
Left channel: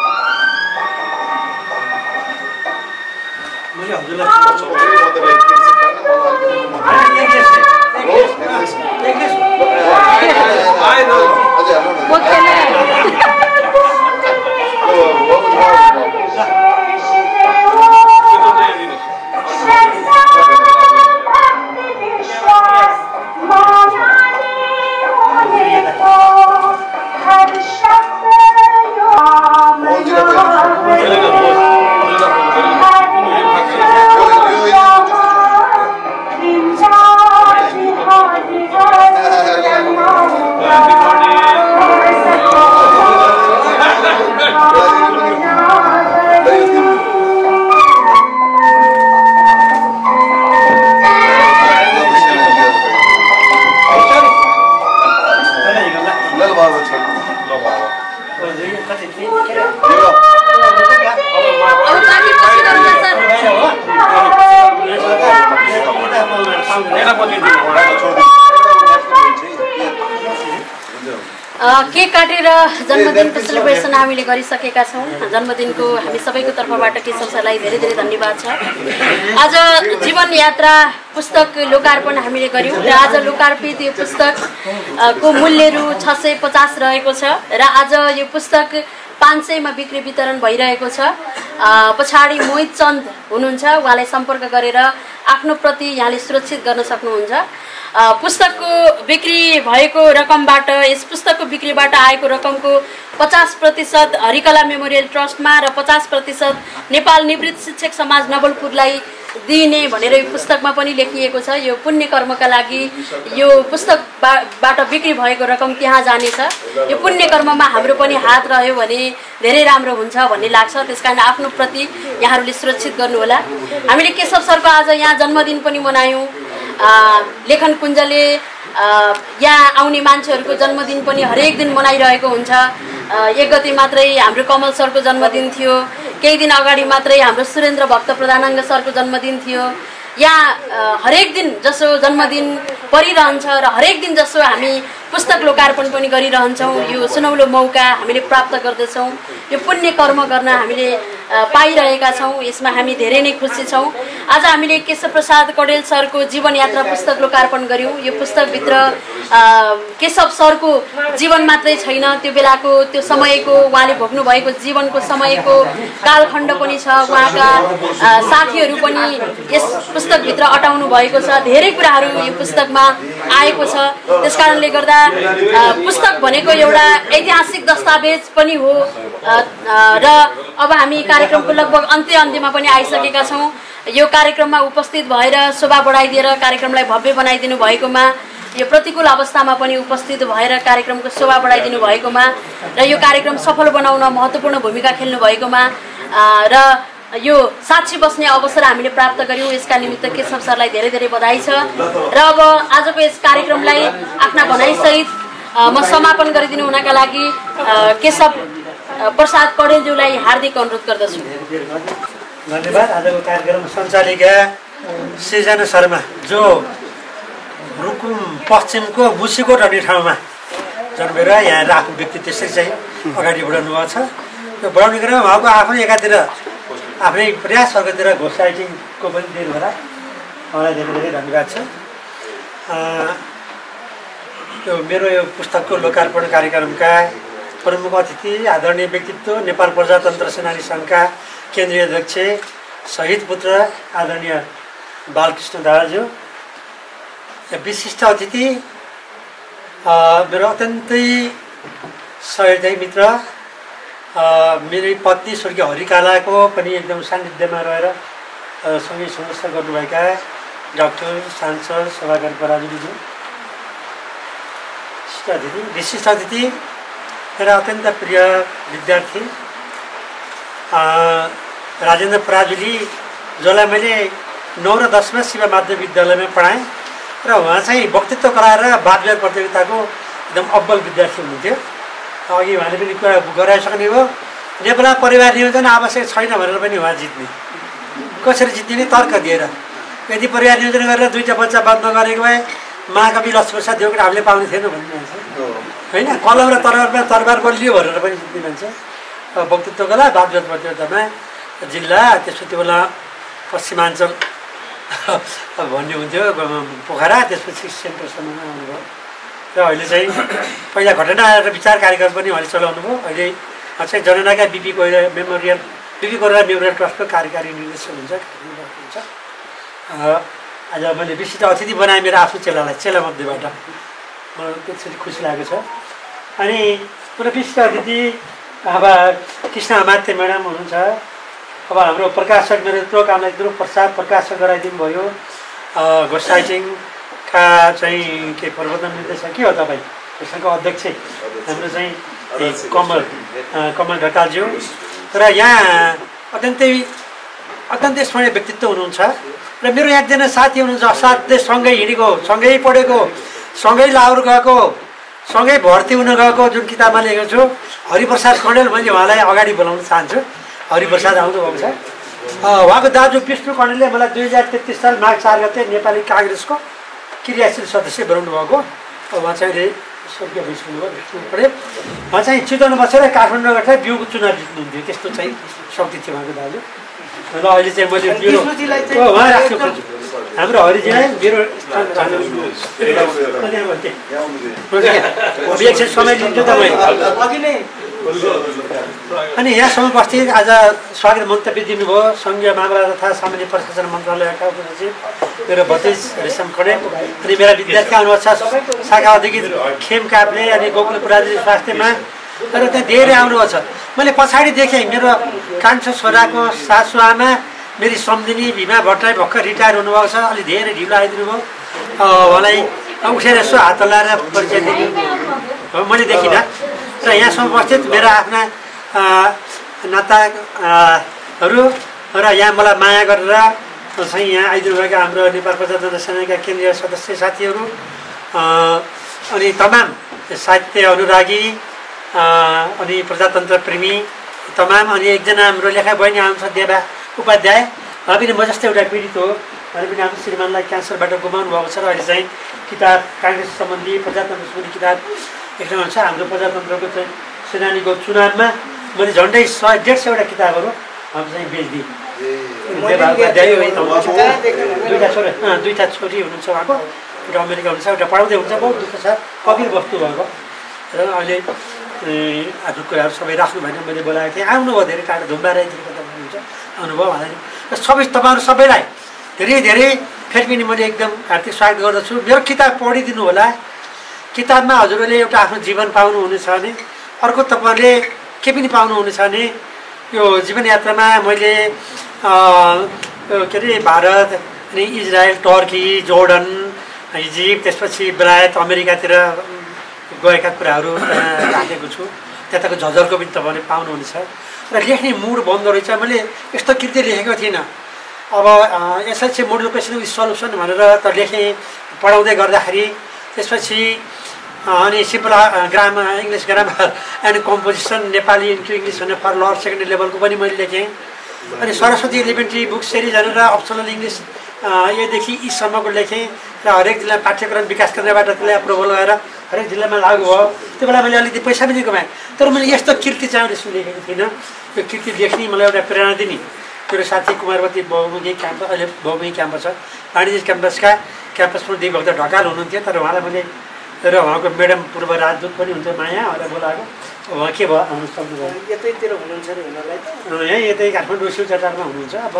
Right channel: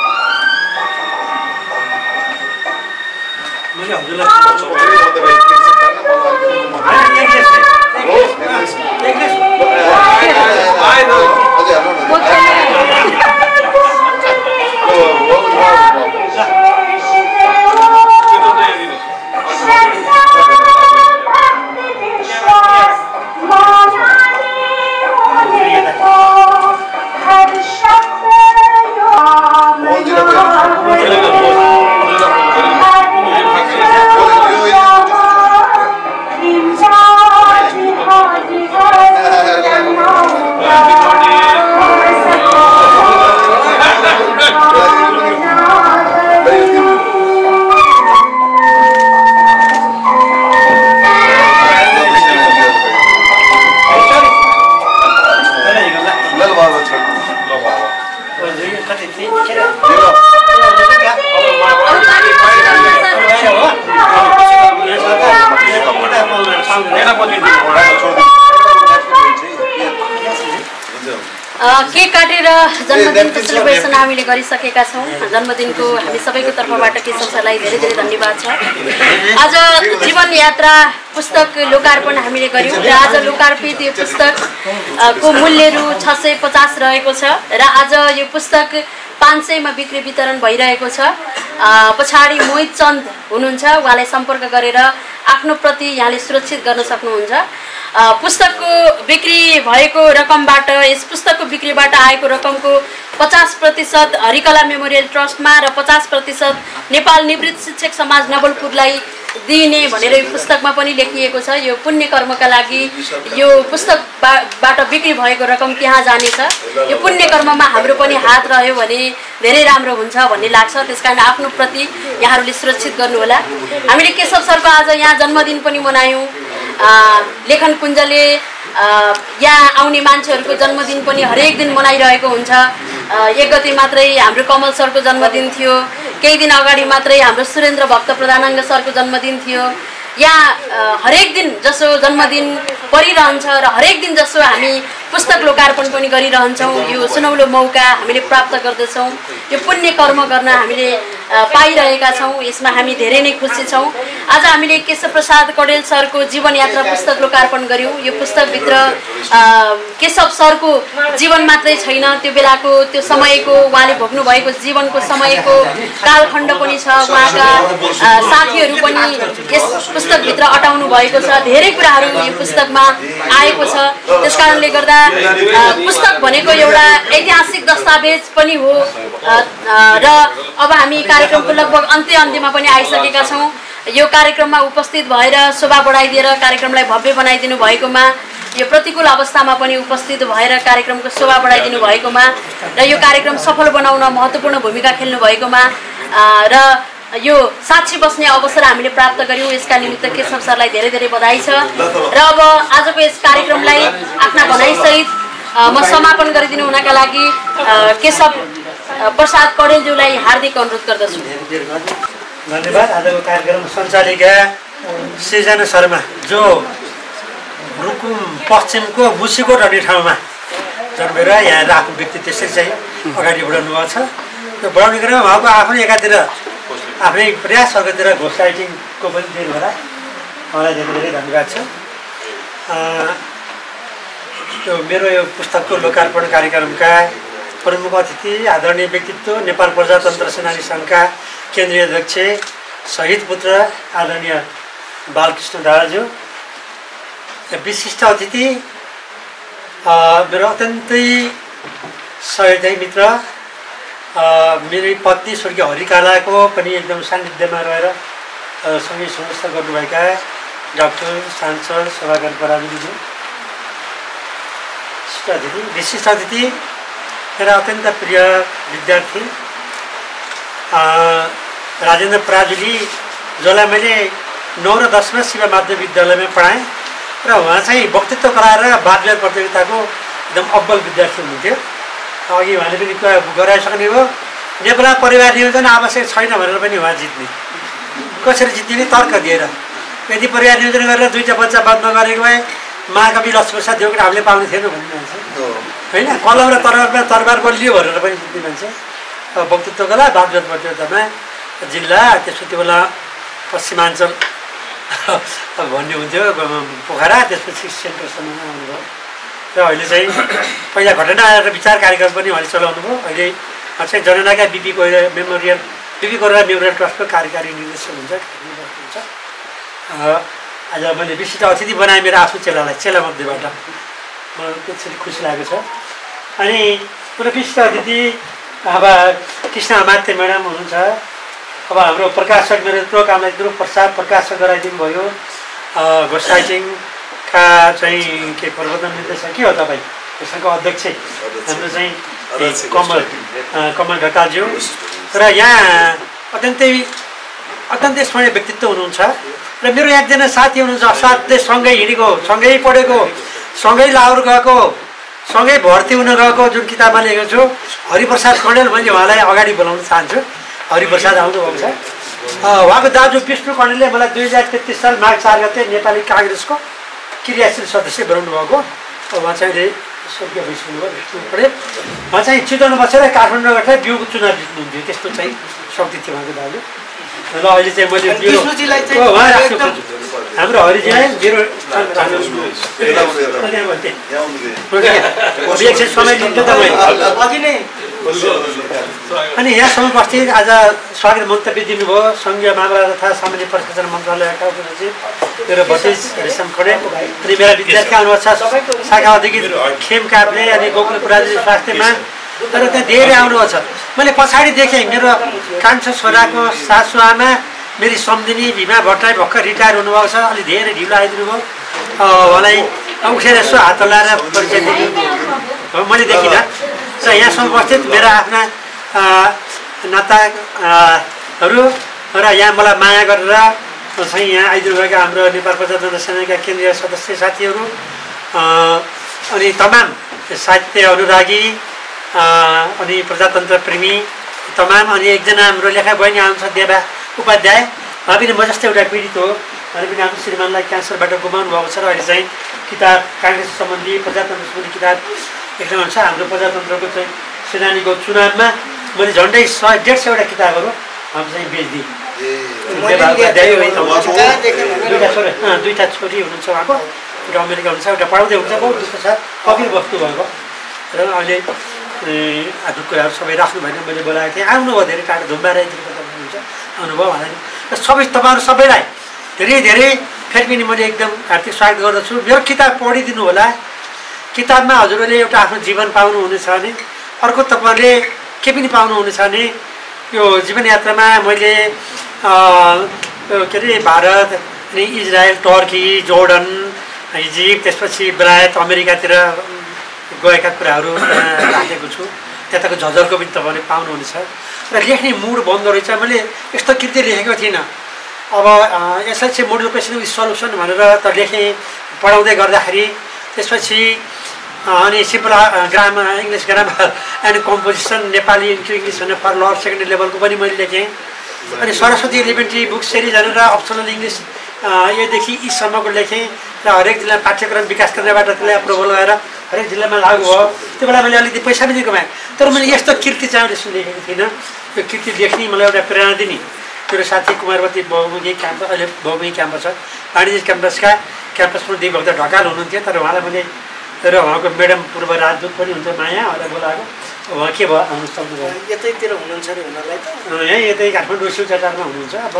केक काटेर जन्मदिनको सेलिब्रेसन हामीले गरिसकेका छौँ। जन्मदिनको हामी सबैको तर्फबाट केशव सरलाई धेरै धेरै धन्यवाद छ। आज जीवन यात्रा पुस्तक लोकार्पण हामीले गऱ्यौँ र आज लोकार्पित यो पुस्तकको मूल्य रु 650 रहेको छ र आज यो पुस्तक 500 बिक्री वितरण भइरहेको छ। पछाडि मोहित चन्द हुनुहुन्छ, उहाँलाई सम्पर्क गरेर आफ्नो प्रति यहाँले सुरक्षित गर्न सक्नुहुन्छ। पुस्तकको बिक्री भएको रकमबाट यस पुस्तकको बिक्रीबाट आएको रकमको 50% हरिकला मेमोरियल ट्रस्टमा र 50% नेपाल निवृत्त शिक्षक समाज नवलपुरलाई दिने भनेर यो पुस्तकमा पनि लेखिएको छ। यो पुण्य कर्मका लागि यो पुस्तकबाट बिक्री भएको रकम त्यहाँ जानेछ। यो पुण्य कर्ममा हाम्रो पनि हात रह्यो भने धेरै राम्रो हुन्छ भन्ने लाग्छ। त्यसकारण आफ्नो प्रति यहाँहरूले सुरक्षित गर्नुहोला। हामीले केशव सरको आज यहाँ जन्मदिन पनि मनायौँ। लेखन कुञ्जले यहाँ आउने मान्छेहरूको जन्मदिन पनि हरेक दिन मनाइरहेको हुन्छ। 1 गते मात्रै हाम्रो कमल सरको जन्मदिन थियो, केही दिन अगाडि मात्रै हाम्रो सुरेन्द्र भक्त प्रधानाङ्ग सरको जन्मदिन थियो। यहाँ हरेक दिन जसो जन्मदिन परिरहन्छ र हरेक दिन जसो हामी पुस्तक लोकार्पण पनि गरिरहन्छौँ। यो सुनौलो मौका हामीले प्राप्त गर्दछौँ। यो पुण्य कर्म गर्न हामीले पाइरहेका छौँ। यसमा हामी धेरै नै खुसी छौँ। आज हामीले केशव प्रसाद कौडेल सरको जीवन यात्रा पुस्तक लोकार्पण गऱ्यौँ। यो पुस्तकभित्र केशव सरको जीवन मात्रै छैन, त्यो बेलाको त्यो समयको उहाँले भोग्नु भएको जीवनको समयको कालखण्ड पनि छ। उहाँका साथीहरू पनि यस पुस्तकभित्र अटाउनु भएको छ। धेरै कुराहरू यो पुस्तकमा आएको छ। त्यसकारणले गर्दा पुस्तक भनेको एउटा ऐतिहासिक दस्तावेज पनि हो र अब हामी कार्यक्रमको लगभग अन्त्यमा पनि आइसकेका छौँ। यो कार्यक्रममा उपस्थित भएर शोभा बढाइदिएर कार्यक्रमलाई भव्य बनाइदिनु भएकोमा, यो प्रतिकूल अवस्थामा पनि उपस्थित भएर कार्यक्रमको शोभा बढाइदिनु भएकोमा र यो कार्यक्रम सफल बनाउन महत्त्वपूर्ण भूमिका खेल्नु भएकोमा र यो साक्षी बस्ने अवसर हामीले प्राप्त गऱ्यौँ। यसका निमित्त केशव सरलाई धेरै धेरै बधाई छ। र अब आजको यस कार्यक्रमलाई आफ्ना भनाइसहित म समापन गरिदिनु हुनका लागि केशव प्रसाद कौडेलज्यूलाई हार्दिक अनुरोध गर्दछु। धन्यवाद। आजको कार्यक्रम सञ्चालिका सृजना शर्मा जो रुकुम पश्चिमको बुसीकोट भन्ने ठाउँमा जन्मेर यहाँ आफ्नो व्यक्ति त्यसरी चाहिँ अगाडि बढाउनु भएको छ। त्यो बढाउने क्रममा उहाँको आफ्नै एकातिर आफ्नै प्रयास अर्कोतिर घोष राइटिङको पनि दिनु होला। उहाँलाई धेरै धेरै धन्यवाद छ। यो मेरो यो पुस्तकको लोकार्पण कार्यक्रमका प्रमुख अतिथि आदरणीय व्यक्तित्व नेपाल प्रजातन्त्र सेनानी सङ्घका केन्द्रीय अध्यक्ष शहीद पुत्र आदरणीय बालकृष्ण दाहालज्यू, विशिष्ट अतिथि मेरो अत्यन्तै सहयोगी मित्र मेरी पत्नी स्वर्गीय हरिकालाको पनि एकदम सान्निध्यमा रहेर सँगै सङ्घर्ष गर्नुभएका डाक्टर सांसद सभाकर पराजुलीज्यू, विशिष्ट अतिथि मेरा अत्यन्त प्रिय विद्यार्थी राजेन्द्र पराजुली, जसलाई मैले 9 र 10 मा शिव माध्यमिक विद्यालयमा पढाएँ र उहाँ चाहिँ वक्तृत्व गराएर वादविवाद प्रतियोगिताको एकदम अब्बल विद्यार्थी हुनुहुन्थ्यो। अघि उहाँले पनि कुरा गराइसक्ने हो, नेपालमा परिवार नियोजन आवश्यक छैन भनेर पनि उहाँ जित्ने। कसरी जित्ने नि तर्क दिएर, यदि परिवार नियोजन गरेर 2टा बच्चा बन्द नगरेको भए महाकवि लक्ष्मीप्रसाद देवकोटा हामीले पाउने थिएन भन्ने मान्छे होइन। कलम र तरबार बलियो भनेर पनि जित्ने मान्छे। वक्तृत्व कला वादविवाद प्रतियोगितामा जिल्ला, त्यसपछि त्यो बेला पश्चिमाञ्चल भन्ने हुन्थ्यो पोखरा, त्यसपछि सेन्टरसम्म आउनुभयो र अहिले चाहिँ पहिला घटना र विचार कार्यक्रम पनि उहाँले चलाउनु भयो। अहिले चाहिँ जननायक बिपी कोइराला मेमोरियल ट्रस्टको कार्यकारी निर्देशक हुन्छ। आज मैले विशिष्ट अतिथि बनाएँ मेरो आफ्नो चेलामध्येबाट, मलाई त्यसरी खुसी लागेको छ। अनि पुरा विशिष्ट अतिथि अब कृष्ण अमात्य म्याडम हुनुहुन्छ। अब हाम्रो प्रकाशक मेरो यत्रो कामलाई यत्रो प्रकाशक गराइदिनु भयो। घोस्ट राइटिङका चाहिँ के प्रवर्तन निर्देशक के हो तपाईँ, त्यसको अध्यक्ष हाम्रो चाहिँ कमल ढकालज्यू। र यहाँ अत्यन्तै स्मरणीय व्यक्तित्व हुनुहुन्छ। र मेरो एकजना साथी हुनुहुन्छ, असाध्यै सँगै हिँडेको, सँगै पढेको, सँगै लाहोर गएको, सँगै भर्ती हुन गएको, जुन किताबमा लेखेको छु हरिप्रसाद कणेल। मैले उहाँलाई अगाडि बोलाउन चाहन्छु। हरिप्रसाद आउनुभएको छ। उहाँको दाजु विष्णु कणेलले मलाई 2033 साल माघ 4 गते नेपाली काङ्ग्रेसको क्रियाशील सदस्य बनाउनु भएको। उहाँ चाहिँ अहिले स्वर्गीय भइसक्नु भयो विष्णु कणेल। उहाँ चाहिँ चितवनमा बसेर काठमाडौँ गएर बिउको चुनाव जित्नुहुन्थ्यो, त्यस्तो चाहिँ शक्ति थियो उहाँको दाजु। र अहिले चाहिँ मैले उहाँ राख्नु खोज्छु। हाम्रो हरिजीलाई मेरो समय लिन्छु त मैले। अनि यहाँसम्म उपस्थित आज स्वागत मन्तव्य दिनुभयो सङ्घीय मामला तथा सामान्य प्रशासन मन्त्रालयका उपसचिव मेरो भतिज रेशम कणेल। अनि मेरा विद्यार्थी आउनुभएको छ शाखा अधिकृत खेम काप्ले अनि गोकुल प्राजी स्वास्थ्यमा, तर त्यहाँ धेरै आउनुभएको छ। मैले पछाडि देखेँ मेरो कान्छो छोराको सासुआमा मेरी सम्झिनी भीमा भट्टराई भर्खर रिटायर हुनुभएको छ। अलि धेरै ढिलो आइदिनु भयो। उहाँलाई उठेर यसो हात हल्लाएर परिचय दिनु मैले देखिनँ। र यहाँसम्म उपस्थित मेरा आफ्ना नाताहरू र यहाँ मलाई माया गरेर चाहिँ यहाँ आइदिनुभएका हाम्रो नेपाल प्रजातन्त्र सेनाका केन्द्रीय सदस्य साथीहरू, अनि तमाम साहित्य अनुरागी अनि प्रजातन्त्र प्रेमी तमाम, अनि एकजना हाम्रो लेखा बहिनी आउनुहुन्छ देवा उपाध्याय। उहाँ पनि म जस्तै एउटा पीडित हो। उहाँले पनि आफ्नो श्रीमानलाई क्यान्सरबाट गुमाउनु भएको छ र अहिले चाहिँ किताब काङ्ग्रेस सम्बन्धी प्रजातन्त्र सम्बन्धी किताब लेख्नु हुन्छ। हाम्रो प्रजातन्त्रको चाहिँ सेनानीको चुनावमा मैले झन्डै 100-150 किताबहरू हामी चाहिँ बेच्दिएँ। दुईवटा छोरी हुनुहुन्छ उहाँको, एउटा अमेरिका हुनुहुन्छ, एउटा पढाउँदै हुन्छ। बहुत दुःख छ, कपिल बस्नु भएको र अहिले आफ्नो कुराहरू सबै राख्नु भएन। मैले बोलाएको थिएँ, आउनुभयो धेरै टाढो धुम्बाराईतिर हुनुहुन्छ, आउनुभयो उहाँलाई र सबै तपाईँहरू सबैलाई धेरै धेरै फेरि पनि मैले एकदम हार्दिक स्वागत गर्दछु। मेरो किताब पढिदिनु होला। किताबमा हजुरहरूले एउटा आफ्नो जीवन पाउनुहुनेछ भने, अर्को तपाईँहरूले के पनि पाउनुहुनेछ भने यो जीवन यात्रामा मैले के अरे भारत अनि इजरायल, टर्की, जोर्डन, इजिप्ट, त्यसपछि बेलायत, अमेरिकातिर गएका कुराहरू राखेको छु। त्यताको झझलको पनि तपाईँले पाउनुहुनेछ। र लेख्ने मुड बन्द रहेछ। मैले यस्तो कृति लेखेको थिइनँ। अब SLC model question with solution भनेर त लेखेँ पढाउँदै गर्दाखेरि। त्यसपछि अनि simple English grammar and composition Nepali into English भनेर फर लोअर सेकेन्डरी लेभलको पनि मैले लेखेँ। अनि सरस्वती एलिमेन्ट्री बुक सिरिज भनेर अप्सनल इङ्ग्लिस योदेखि यीसम्मको लेखेँ र हरेक जिल्ला पाठ्यक्रम विकास केन्द्रबाट त्यसलाई अप्रुभल भएर हरेक जिल्लामा लागु भयो। त्यो बेला मैले अलिकति पैसा पनि कमाएँ। तर मैले यस्तो कृति चाहिँ अहिले लेखेको थिइनँ। यो कृति लेख्ने मलाई एउटा प्रेरणा दिने मेरो साथी कुमारवती बहुमुखी क्याम्पस, अहिले बहुमुखी क्याम्पस छ, वाणिज्य क्याम्पसका क्याम्पसमा देवभक्त ढकाल हुनुहुन्थ्यो। तर उहाँलाई मैले र उहाँको म्याडम पूर्व राजदूत पनि हुन्छ माया, उहाँलाई बोलाएको। उहाँ के भयो आउनु सक्नुभयो? यतैतिर हुनुहुन्छ अरे उनीहरूलाई त? यहीँ यतै काठमाडौँ शिवचटारमा हुनुहुन्छ। अब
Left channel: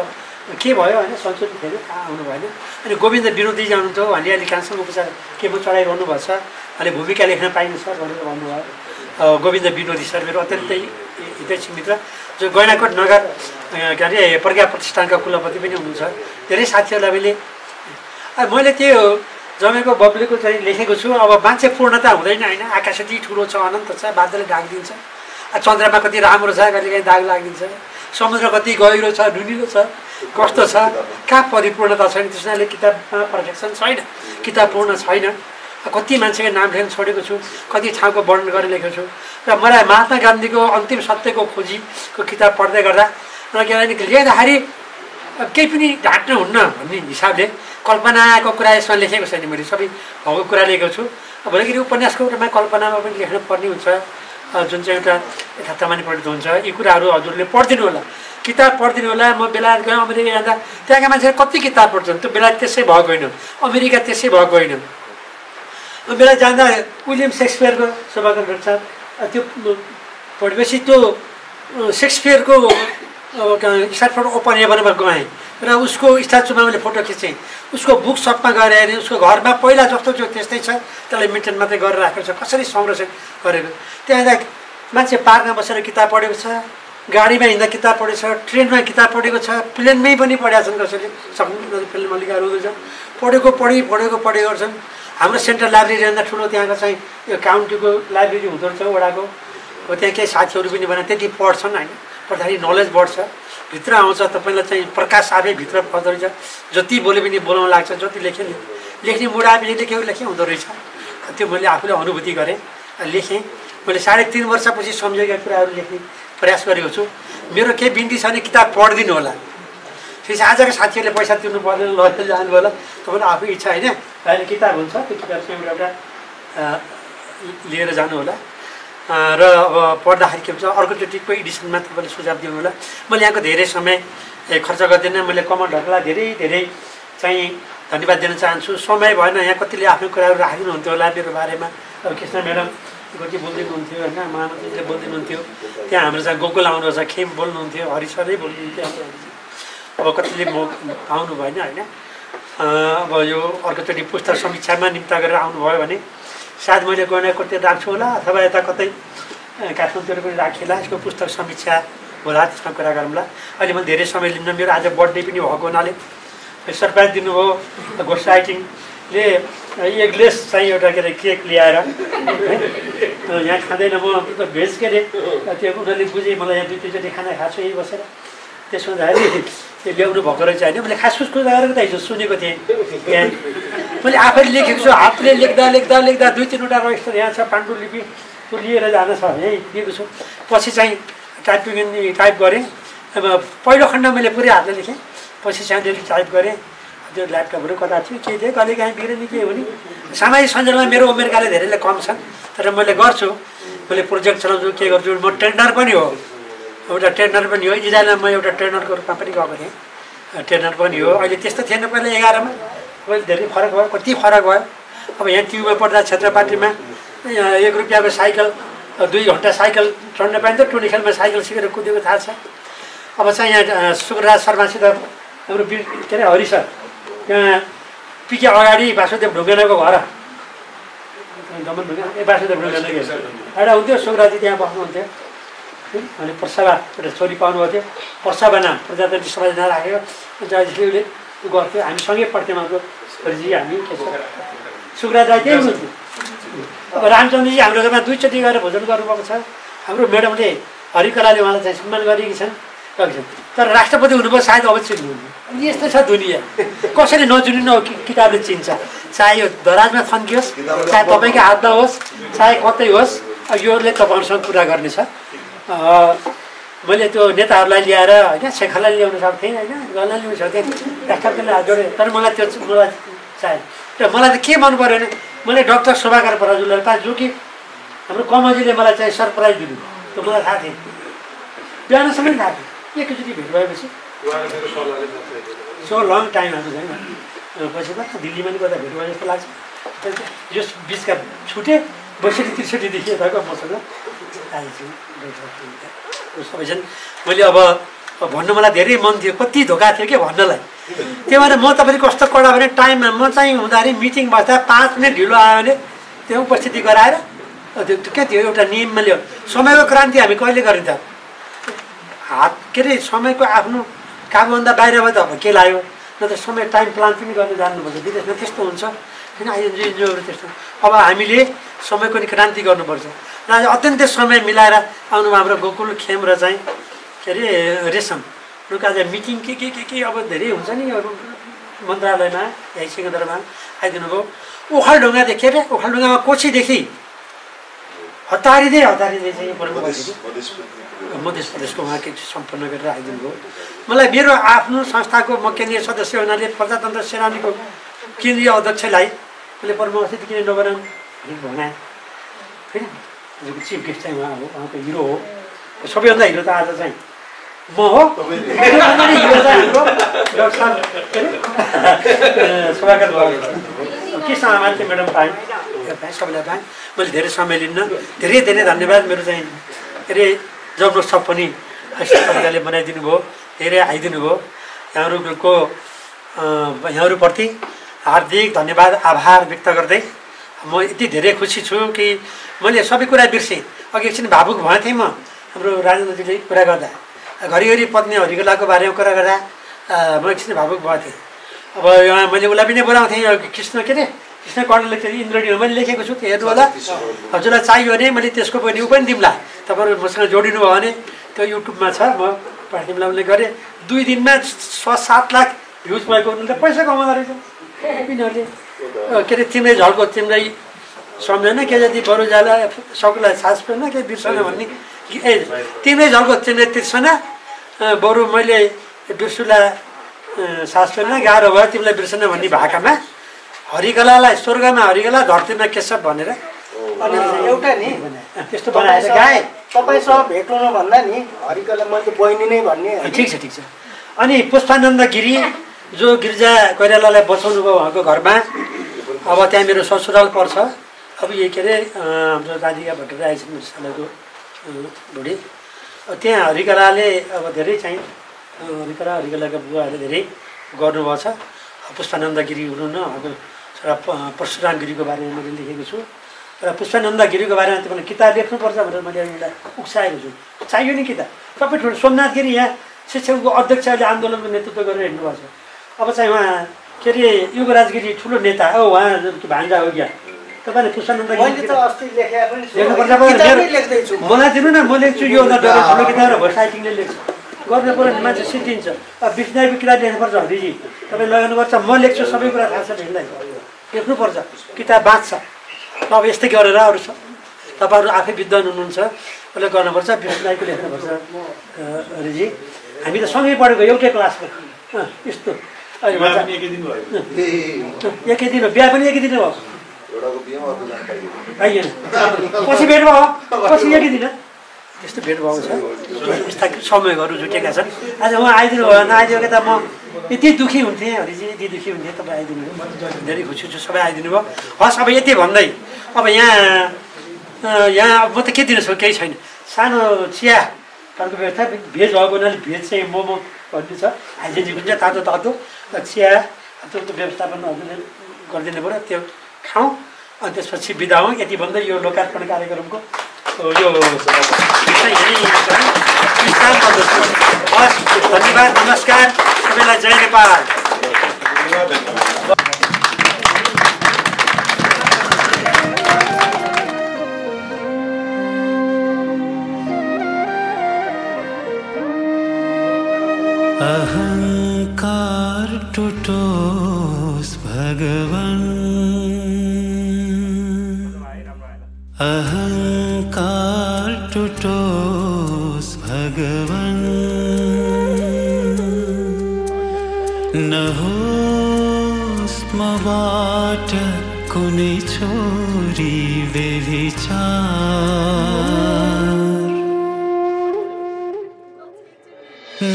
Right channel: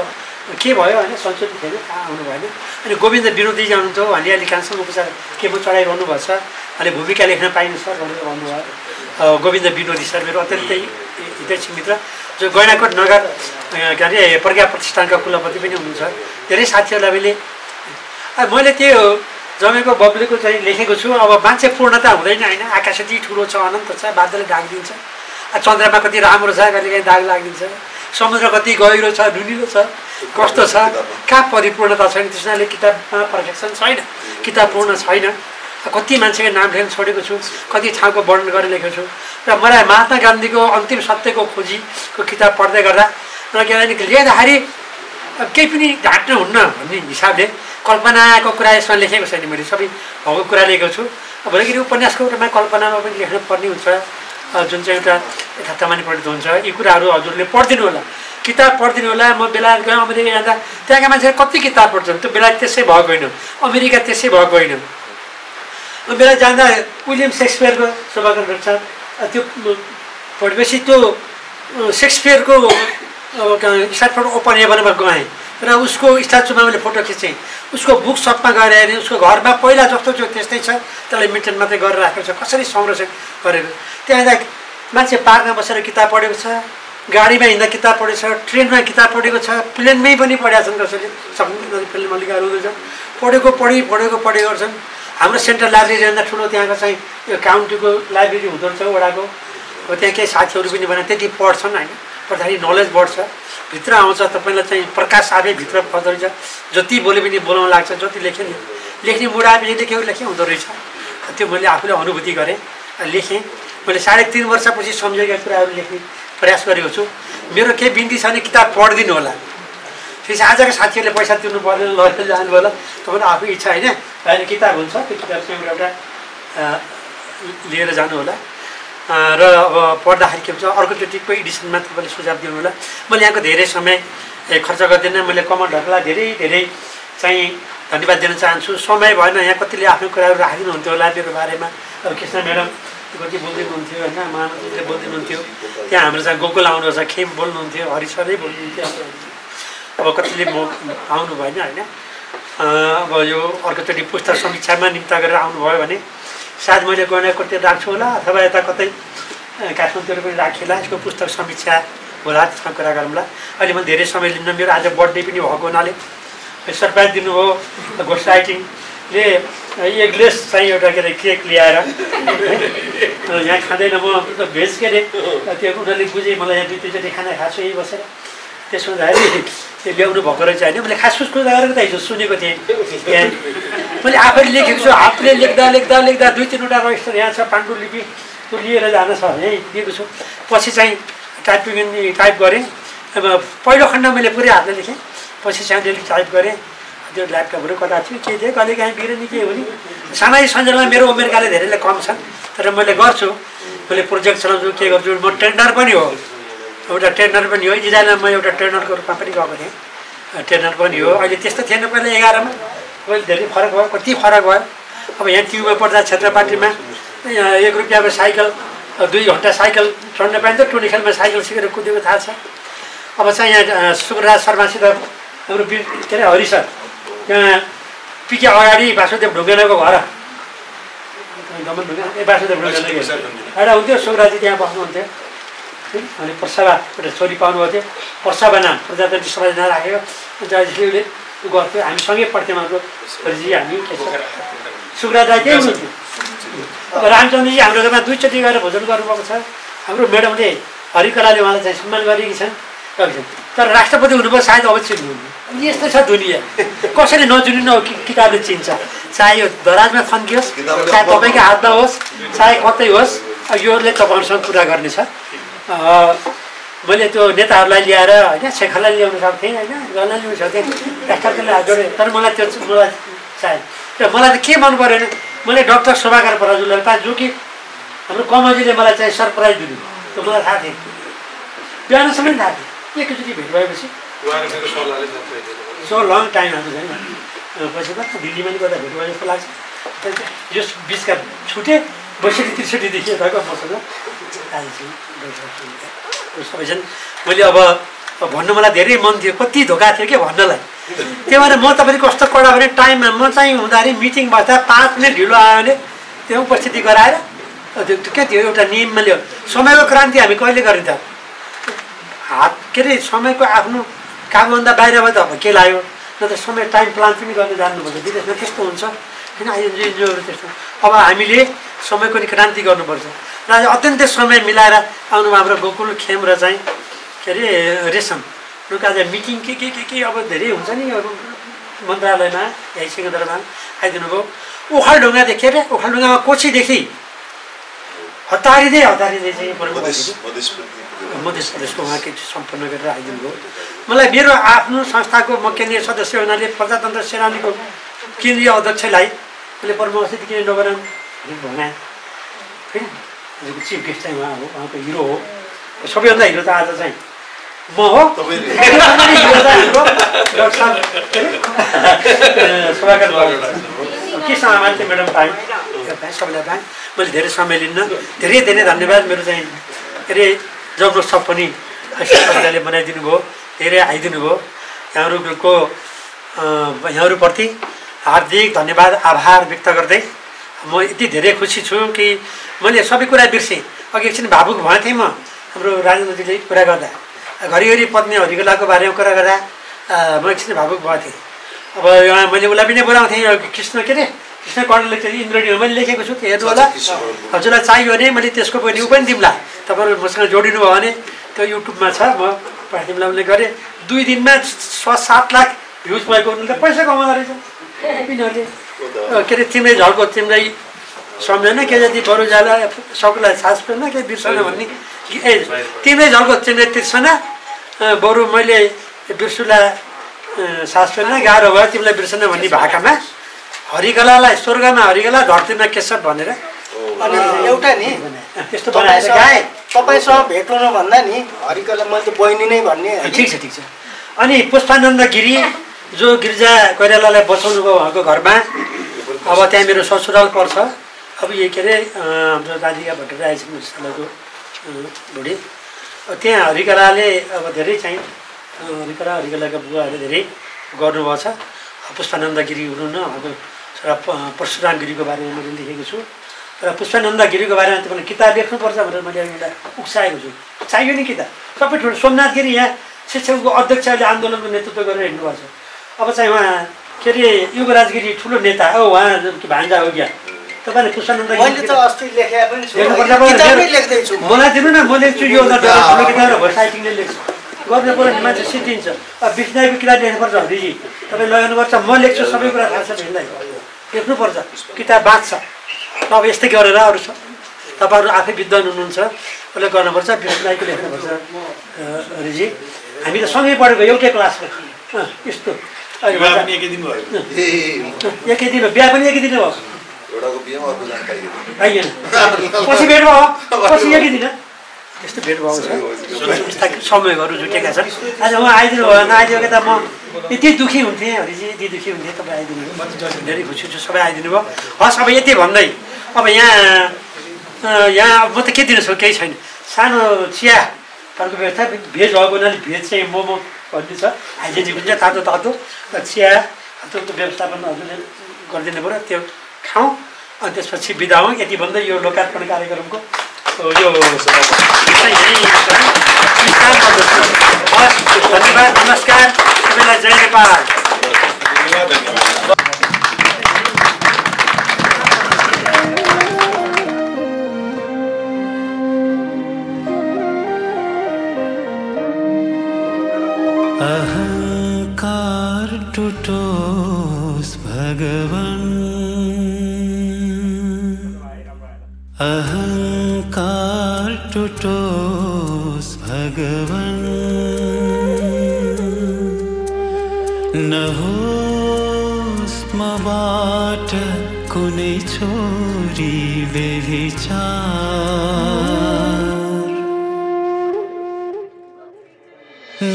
के भयो होइन, संशोधित थिएन, कहाँ आउनु भएन। अनि गोविन्द विनोदी हुनुहुन्छ, उहाँले अहिले क्यान्सर उपचार केमो चढाइरहनु भएको छ, अहिले भूमिका लेख्न पाइनु सर भनेर भन्नुभयो। गोविन्द विनोदी सर मेरो अत्यन्तै हितैषी मित्र, जो गैँडाकोट नगर के अरे प्रज्ञा प्रतिष्ठानका कुलपति पनि हुनुहुन्छ। धेरै साथीहरूलाई मैले त्यो जमेको बब्लीको चाहिँ लेखेको छु। अब मान्छे पूर्णता हुँदैन होइन, आकाश यति ठुलो छ, अनन्त छ, बादलले ढाकिदिन्छ। चन्द्रमा कति राम्रो छ, कहिले काहीँ दाग लागिदिन्छ। समुद्र कति गहिरो छ, नुनिलो छ, कस्तो छ, कहाँ परिपूर्णता छैन, त्यसैले किताबमा पर्फेक्सन छैन, किताब पूर्ण छैन। कति मान्छेको नाम लेख्न छोडेको छु, कति ठाउँको वर्णन गरेर लेखेको छु। र मलाई महात्मा गान्धीको अन्तिम सत्यको खोजीको किताब पढ्दै गर्दा किनभने लेख्दाखेरि केही पनि ढाँट्न हुन्न भन्ने हिसाबले कल्पनाको कुरा यसमा लेखेको छैन, मैले सबै भएको कुरा लेखेको छु। भोलिखेरि उपन्यासको रूपमा कल्पनामा पनि लेख्नु पर्ने हुन्छ, जुन चाहिँ एउटा यथार्थमा परिणत हुन्छ। यी कुराहरू हजुरले पढिदिनु होला, किताब पढिदिनु होला। म बेलायत गएँ, अमेरिका जाँदा त्यहाँका मान्छेहरू कति किताब पढ्छन्, त्यो बेलायत त्यसै भएको होइन, अमेरिका त्यसै भएको होइन। बेला जाँदा विलियम सेक्सपियरको सभागार गर्छ, त्यो पढेपछि त्यो सेक्सपियरको स्ट्याटफोर्ड ओपन हेभनमा गएँ र उसको स्ट्याचुमा मैले फोटो खिचेँ। उसको बुक सपमा गएर हेरेँ, उसको घरमा पहिला जस्तो थियो त्यस्तै छ, त्यसलाई मेन्टेन मात्रै गरेर राखेको छ, कसरी संरक्षण गरेको। त्यहाँ मान्छे पार्कमा बसेर किताब पढेको छ, गाडीमा हिँड्दा किताब पढेको छ, ट्रेनमा किताब पढेको छ, प्लेनमै पनि पढेका छन्, कसैले सक्नु फिल्ममा लेखाहरू हुँदैछ, पढेको छन्। हाम्रो सेन्ट्रल लाइब्रेरी जाँदा ठुलो त्यहाँको चाहिँ यो काउन्टीको लाइब्रेरी हुँदो रहेछ वडाको, त्यहाँ केही साथीहरू पनि भने त्यति पढ्छन् होइन, पढ्दाखेरि नलेज बढ्छ, भित्र आउँछ, तपाईँलाई चाहिँ प्रकाश आफै भित्र पर्दो रहेछ। जति बोले पनि बोलाउनु लाग्छ, जति लेख्ने मुड आएपछि लेखे हुँदो रहेछ। त्यो मैले आफूले अनुभूति गरेँ, लेखेँ। मैले 3.5 वर्षपछि सम्झेका कुराहरू लेख्ने प्रयास गरेको छु। मेरो केही बिन्ती छ भने किताब पढिदिनु होला। फेरि आजको साथीहरूले पैसा तिर्नु पर्दैन, लगेर जानु होला, तपाईँलाई आफै इच्छा होइन, अहिले किताब हुन्छ, त्यो किताब चाहिँ एउटा लिएर जानु होला। र अब पढ्दाखेरि के हुन्छ, अर्कोचोटिको एडिसनमा तपाईँले सुझाव दिनु होला। मैले यहाँको धेरै समय खर्च गर्दिनँ। मैले कमलहरूलाई धेरै चाहिँ धन्यवाद दिन चाहन्छु। समय भएन, यहाँ कतिले आफ्नो कुराहरू राखिदिनुहुन्थ्यो होला मेरो बारेमा। अब कृष्ण म्याडम कति बोलिदिनुहुन्थ्यो होइन, महामन्त्रीले बोलिदिनुहुन्थ्यो, त्यहाँ हाम्रो चाहिँ गोकुल आउनुहुन्छ, खेम बोल्नुहुन्थ्यो, हरि सरै बोल्नुहुन्थ्यो। अब कतिले आउनु भएन होइन। अब यो अर्कोचोटि पुस्तक समीक्षामा निम्ता गरेर आउनुभयो भने सायद मैले गैँडाकोटतिर राख्छु होला, अथवा यता कतै काठमाडौँतिर पनि राखेला, यसको पुस्तक समीक्षा होला, त्यसमा कुरा गरौँला। अहिले मैले धेरै समय लिन्न, मेरो आज बर्थडे पनि भएको हुनाले सरप्राइज दिनुभयो घोस्ट राइटिङले। एक ग्लास चाहिँ एउटा के अरे केक ल्याएर यहाँ खाँदैन, म भेज के अरे त्यो उनीहरूले बुझेँ, मलाई यहाँ 2-3चोटि खाना खाएको छु यहीँ बसेर। त्यसो हुँदाखेरि त्यो ल्याउनु भएको रहेछ होइन। मैले खास फुस गरेर त हिजो सुनेको थिएँ, मैले आफैले लेखेको छु, हातले लेख्दा 2-3वटा रजिस्टर यहाँ छ, पाण्डुलिपि त्यो लिएर जान छ यहीँ दिएको छु। पछि चाहिँ टाइप गरेँ। अब पहिलो खण्ड मैले पुरै हातले लेखेँ, पछि चाहिँ टाइप गरेँ। त्यो ल्यापटपहरू कता थियो के थियो, कहिले काहीँ बिग्रिने के हो नि। सामाजिक सञ्जालमा मेरो उमेरकाले धेरैले कम छन्, तर मैले गर्छु, मैले प्रोजेक्ट चलाउँछु, के गर्छु। म ट्रेनर पनि हो, एउटा ट्रेनर पनि हो। इजरायलमा म एउटा ट्रेनरको रूपमा पनि गएको थिएँ, ट्रेनर पनि हो। अहिले त्यस्तो थिएन पहिला 11मा, अहिले धेरै फरक भयो, कति फरक भयो। अब यहाँ ट्युबमा पढ्दा क्षेत्रपाटीमा 1 रुपियाँको साइकल, 2 घन्टा साइकल चढ्न पाइन्छ। टुनी खेलमा साइकल सिकेर कुदेको थाहा छ। अब चाहिँ यहाँ सुकुराज शर्मासित हाम्रो के अरे हरि सर, त्यहाँ पिके अगाडि वासुदेव ढुङ्गेनाको घर, वासुदेव ढुङ्गेना एउटा हुन्थ्यो, सुकुराजी त्यहाँ बस्नुहुन्थ्यो। अनि प्रसभा एउटा छोरी पाउनुभएको थियो, प्रसभा नाम प्रजातन्त्र समाज राखेको, जयश्रीले गर्थ्यो, हामी सँगै पढ्थ्यौँ। हाम्रो हरिजी हामी सुकुराज राई त्यही हुनुहुन्थ्यो। अब रामचन्द्रजी हाम्रो घरमा 2चोटि गएर भोजन गर्नुभएको छ। हाम्रो म्याडमले हरिकलाले उहाँलाई चाहिँ सम्मान गरेकी छन्, तर राष्ट्रपति हुनुभयो, सायद अब चिन्नुहुन्न। यस्तो छ दुनियाँ, कसैले नचिन्नु किताबले चिन्छ, चाहे यो दराजमा थन्कियोस्, चाहे तपाईँको हातमा होस्, चाहे कतै होस्, योले तपाईँहरूसँग कुरा गर्नेछ। मैले त्यो नेताहरूलाई ल्याएर होइन, शेखरलाई ल्याउन सक्थेँ होइन, गर्नलाई ल्याउन सक्थेँ, राष्ट्रपतिले हात जोडेँ, तर मलाई चाहे र मलाई त के मन परेन। मैले डाक्टर शोभाकर पराजुलीलाई पाएँ, जो कि हाम्रो कमजीले मलाई चाहिँ सरप्राइज दिनु, त्यो मलाई थाहा थियो, बिहानसम्म थाहा थियो। एकैचोटि भेट भएपछि सो लङ टाइम हाम्रो छैन, पछि त दिल्लीमा नि गर्दा भेट भयो जस्तो लाग्छ। यस बिचका छुटेँ, 62-63देखि यताको मसँग आइछु सबैजना। मैले अब भन्नु मलाई धेरै मन थियो, कति धोका थियो कि भन्नलाई। त्यही भएर म तपाईँले कस्तो कडा भने टाइममा म चाहिँ हुँदाखेरि मिटिङ बस्दा 5 मिनट ढिलो आयो भने त्यो उपस्थिति गराएर त्यो के थियो, एउटा नियममा ल्यायो। समयको क्रान्ति हामी कहिले गरिन्छ, हात के अरे समयको आफ्नो कामभन्दा बाहिर भयो त अब के लाग्यो, न त समय टाइम प्लान पनि गर्न जान्नुपर्छ। विदेशमा त्यस्तो हुन्छ होइन, आइएनजिओहरू त्यस्तो। अब हामीले समयको नि क्रान्ति गर्नुपर्छ। र अत्यन्तै समय मिलाएर आउनुभयो हाम्रो गोकुल खेम र चाहिँ के अरे रेशम उनीहरूको आज मिटिङ के अब धेरै हुन्छ नि अब मन्त्रालयमा यही सिंहदरबारमा आइदिनु भयो। ओखलढुङ्गादेखि के अरे ओखलढुङ्गामा कोसीदेखि हतारिँदै चाहिँ मध्य प्रदेशको उहाँ के सम्पन्न गरेर आइदिनु भयो। मलाई मेरो आफ्नो संस्थाको म केन्द्रीय सदस्य हुनाले प्रजातन्त्र सेनानीको केन्द्रीय अध्यक्षलाई मैले पद्मश्री किन नगराउँ भनेँ होइन। हजुरको चिफ गेस्ट चाहिँ उहाँ हो, उहाँको हिरो हो। सबैभन्दा हिरो त आज चाहिँ म हो। हिरो चाहिँ हाम्रो डाक्टर साहब स्वागत के सामान थियो म्याडम पाएँ सबैलाई पाएँ। मैले धेरै समय लिन्न, धेरै धेरै धन्यवाद। मेरो चाहिँ के अरे जबरजस्त पनि सबैले बनाइदिनु भयो, धेरै आइदिनु भयो। यहाँहरूप्रति हार्दिक धन्यवाद आभार व्यक्त गर्दै म यति धेरै खुसी छु कि मैले सबै कुरा बिर्सेँ। अघि एकछिन भावुक भएको थिएँ म हाम्रो राजेन्द्रजीले कुरा गर्दा, घरिघरि पत्नी हरिकलाको बारेमा कुरा गर्दा म एकछिन भावुक भएको थिएँ। अब यहाँ मैले उसलाई पनि बोलाउँथेँ कृष्ण के अरे कृष्ण कर्ण लेख्छ इन्द्रणी मैले लेखेको छु त्यो हेर्नु होला। हजुरलाई चाहियो भने मैले त्यसको पनि ऊ पनि दिउँला, तपाईँहरू मसँग जोडिनु भयो भने त्यो युट्युबमा छ, म पठाइदिउँला। उसले गरेँ 2 दिनमा 6-7 लाख भ्युज भएको उनीहरूले पैसा कमाउँदो रहेछ यिनीहरूले। के अरे तिम्रै झल्को तिम्रै सम्झेन के जति बरु जाला सबैलाई सास पेर्न के बिर्सन भन्ने ए तिम्रै झल्को तिम्रै तिर्सना बरु मैले बिर्सुलाई सास पेर्न गाह्रो भयो तिमीलाई बिर्सन भन्ने भाकामा हरिकलालाई स्वर्गमा हरिकला धरतीमा केशव भनेर एउटा नि त्यस्तो बनाएर गाएँ। तपाईँसँग भेट हुनु भन्दा नि हरिकला मैले त बहिनी नै भन्ने। ठिक छ। अनि पुष्पानन्द गिरी जो गिरिजा कोइरालालाई बचाउनु भयो उहाँको घरमा, अब त्यहाँ मेरो ससुराल पर्छ। अब यो के अरे हाम्रो राधिका भट्टराई आइसक्नु सालको बुढी, त्यहाँ हरिकलाले अब धेरै चाहिँ हरिकलाका बुवाहरूले धेरै गर्नुभएको छ। पुष्पानन्द गिरी हुनुहुन्न, उहाँको छोरा परशुराम गिरीको बारेमा मैले लेखेको छु र पुष्पानन्द गिरीको बारेमा तपाईँले किताब लेख्नुपर्छ भनेर मैले उसलाई उक्साएको छु। चाहियो नि किताब। सबै ठुलो सोमनाथ गिरी यहाँ शिक्षकको अध्यक्षले आन्दोलनको नेतृत्व गरेर हिँड्नुभएको छ। अब चाहिँ उहाँ के अरे युवराज गिरी ठुलो नेता हो, उहाँ भान्जा हो क्या। तपाईँले पुष्पानन्द मलाई दिनु न, म लेख्छु यो ठुलो किताब र साइटिङले लेख्छु गर्नु पर्यो। मान्छे सिद्धिन्छ। अब विष्णुको किताब लेख्नुपर्छ हरिजी, तपाईँ लगाउनुपर्छ। म लेख्छु सबै कुरा थाहा छ भेट्दै लेख्नुपर्छ, किताब बाँच्छ। अब यस्तै गरेर अरू तपाईँहरू आफै विद्वान हुनुहुन्छ, उसले गर्नुपर्छ। विष्णुको लेख्नुपर्छ हरिजी। हामी त सँगै पढेको एउटै क्लासको यस्तो एकै दिन हो। बिहा पनि एकै दिन भयो, पाइएन। पछि भेट भयो, पछि एकै दिन त्यस्तो भेट भएको छ। यस्ता समयहरू जुटेका छन्। आज उहाँ आइदिनु भयो, नआइदिएको त म यति दुःखी हुन्थेँ हरिजी, यति दुःखी हुन्थेँ। तपाईँ आइदिनु भयो, धेरै खुसी छु सबै आइदिनु भयो। हस् अब यति भन्दै अब यहाँ म त के दिनु सक्छु, केही छैन। सानो चिया अर्को व्यवस्था भेज भएको हुनाले भेज चाहिँ मोमो भन्ने छ, हाइजेनिक हुन्छ, तातो तातो चिया त्यो व्यवस्थापन हजुरले गरिदिनु पऱ्यो, त्यो खाउँ अनि त्यसपछि बिदा हौँ। यति भन्दै यो लोकार्पण कार्यक्रमको यो धन्यवाद, नमस्कार सबैलाई, जय नेपाल। अहंकार टुटोस् भगवान, अहंकार टुटोस् भगवान, नहोस् मबाट कुनै छोरी व्यभिचार,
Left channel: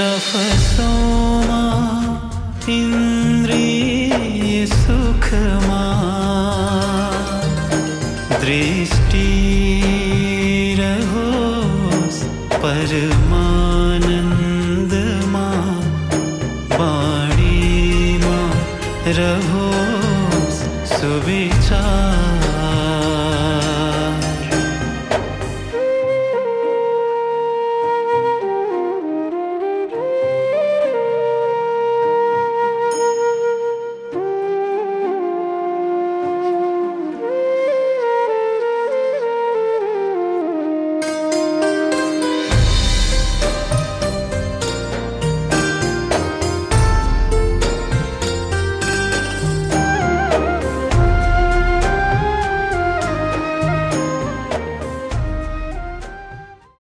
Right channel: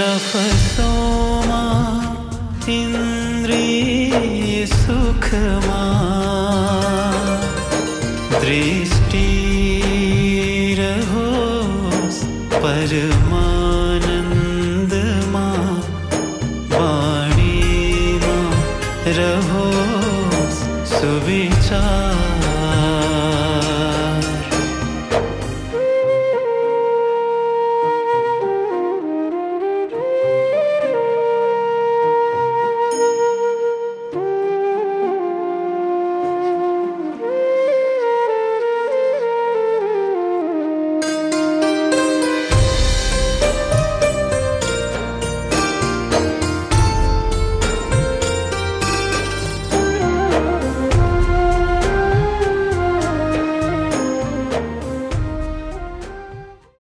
नफसोमा इन्द्रिय सुखमा, दृष्टि रहोस् परमानन्दमा, वाणीमा रहोस् सुविचार।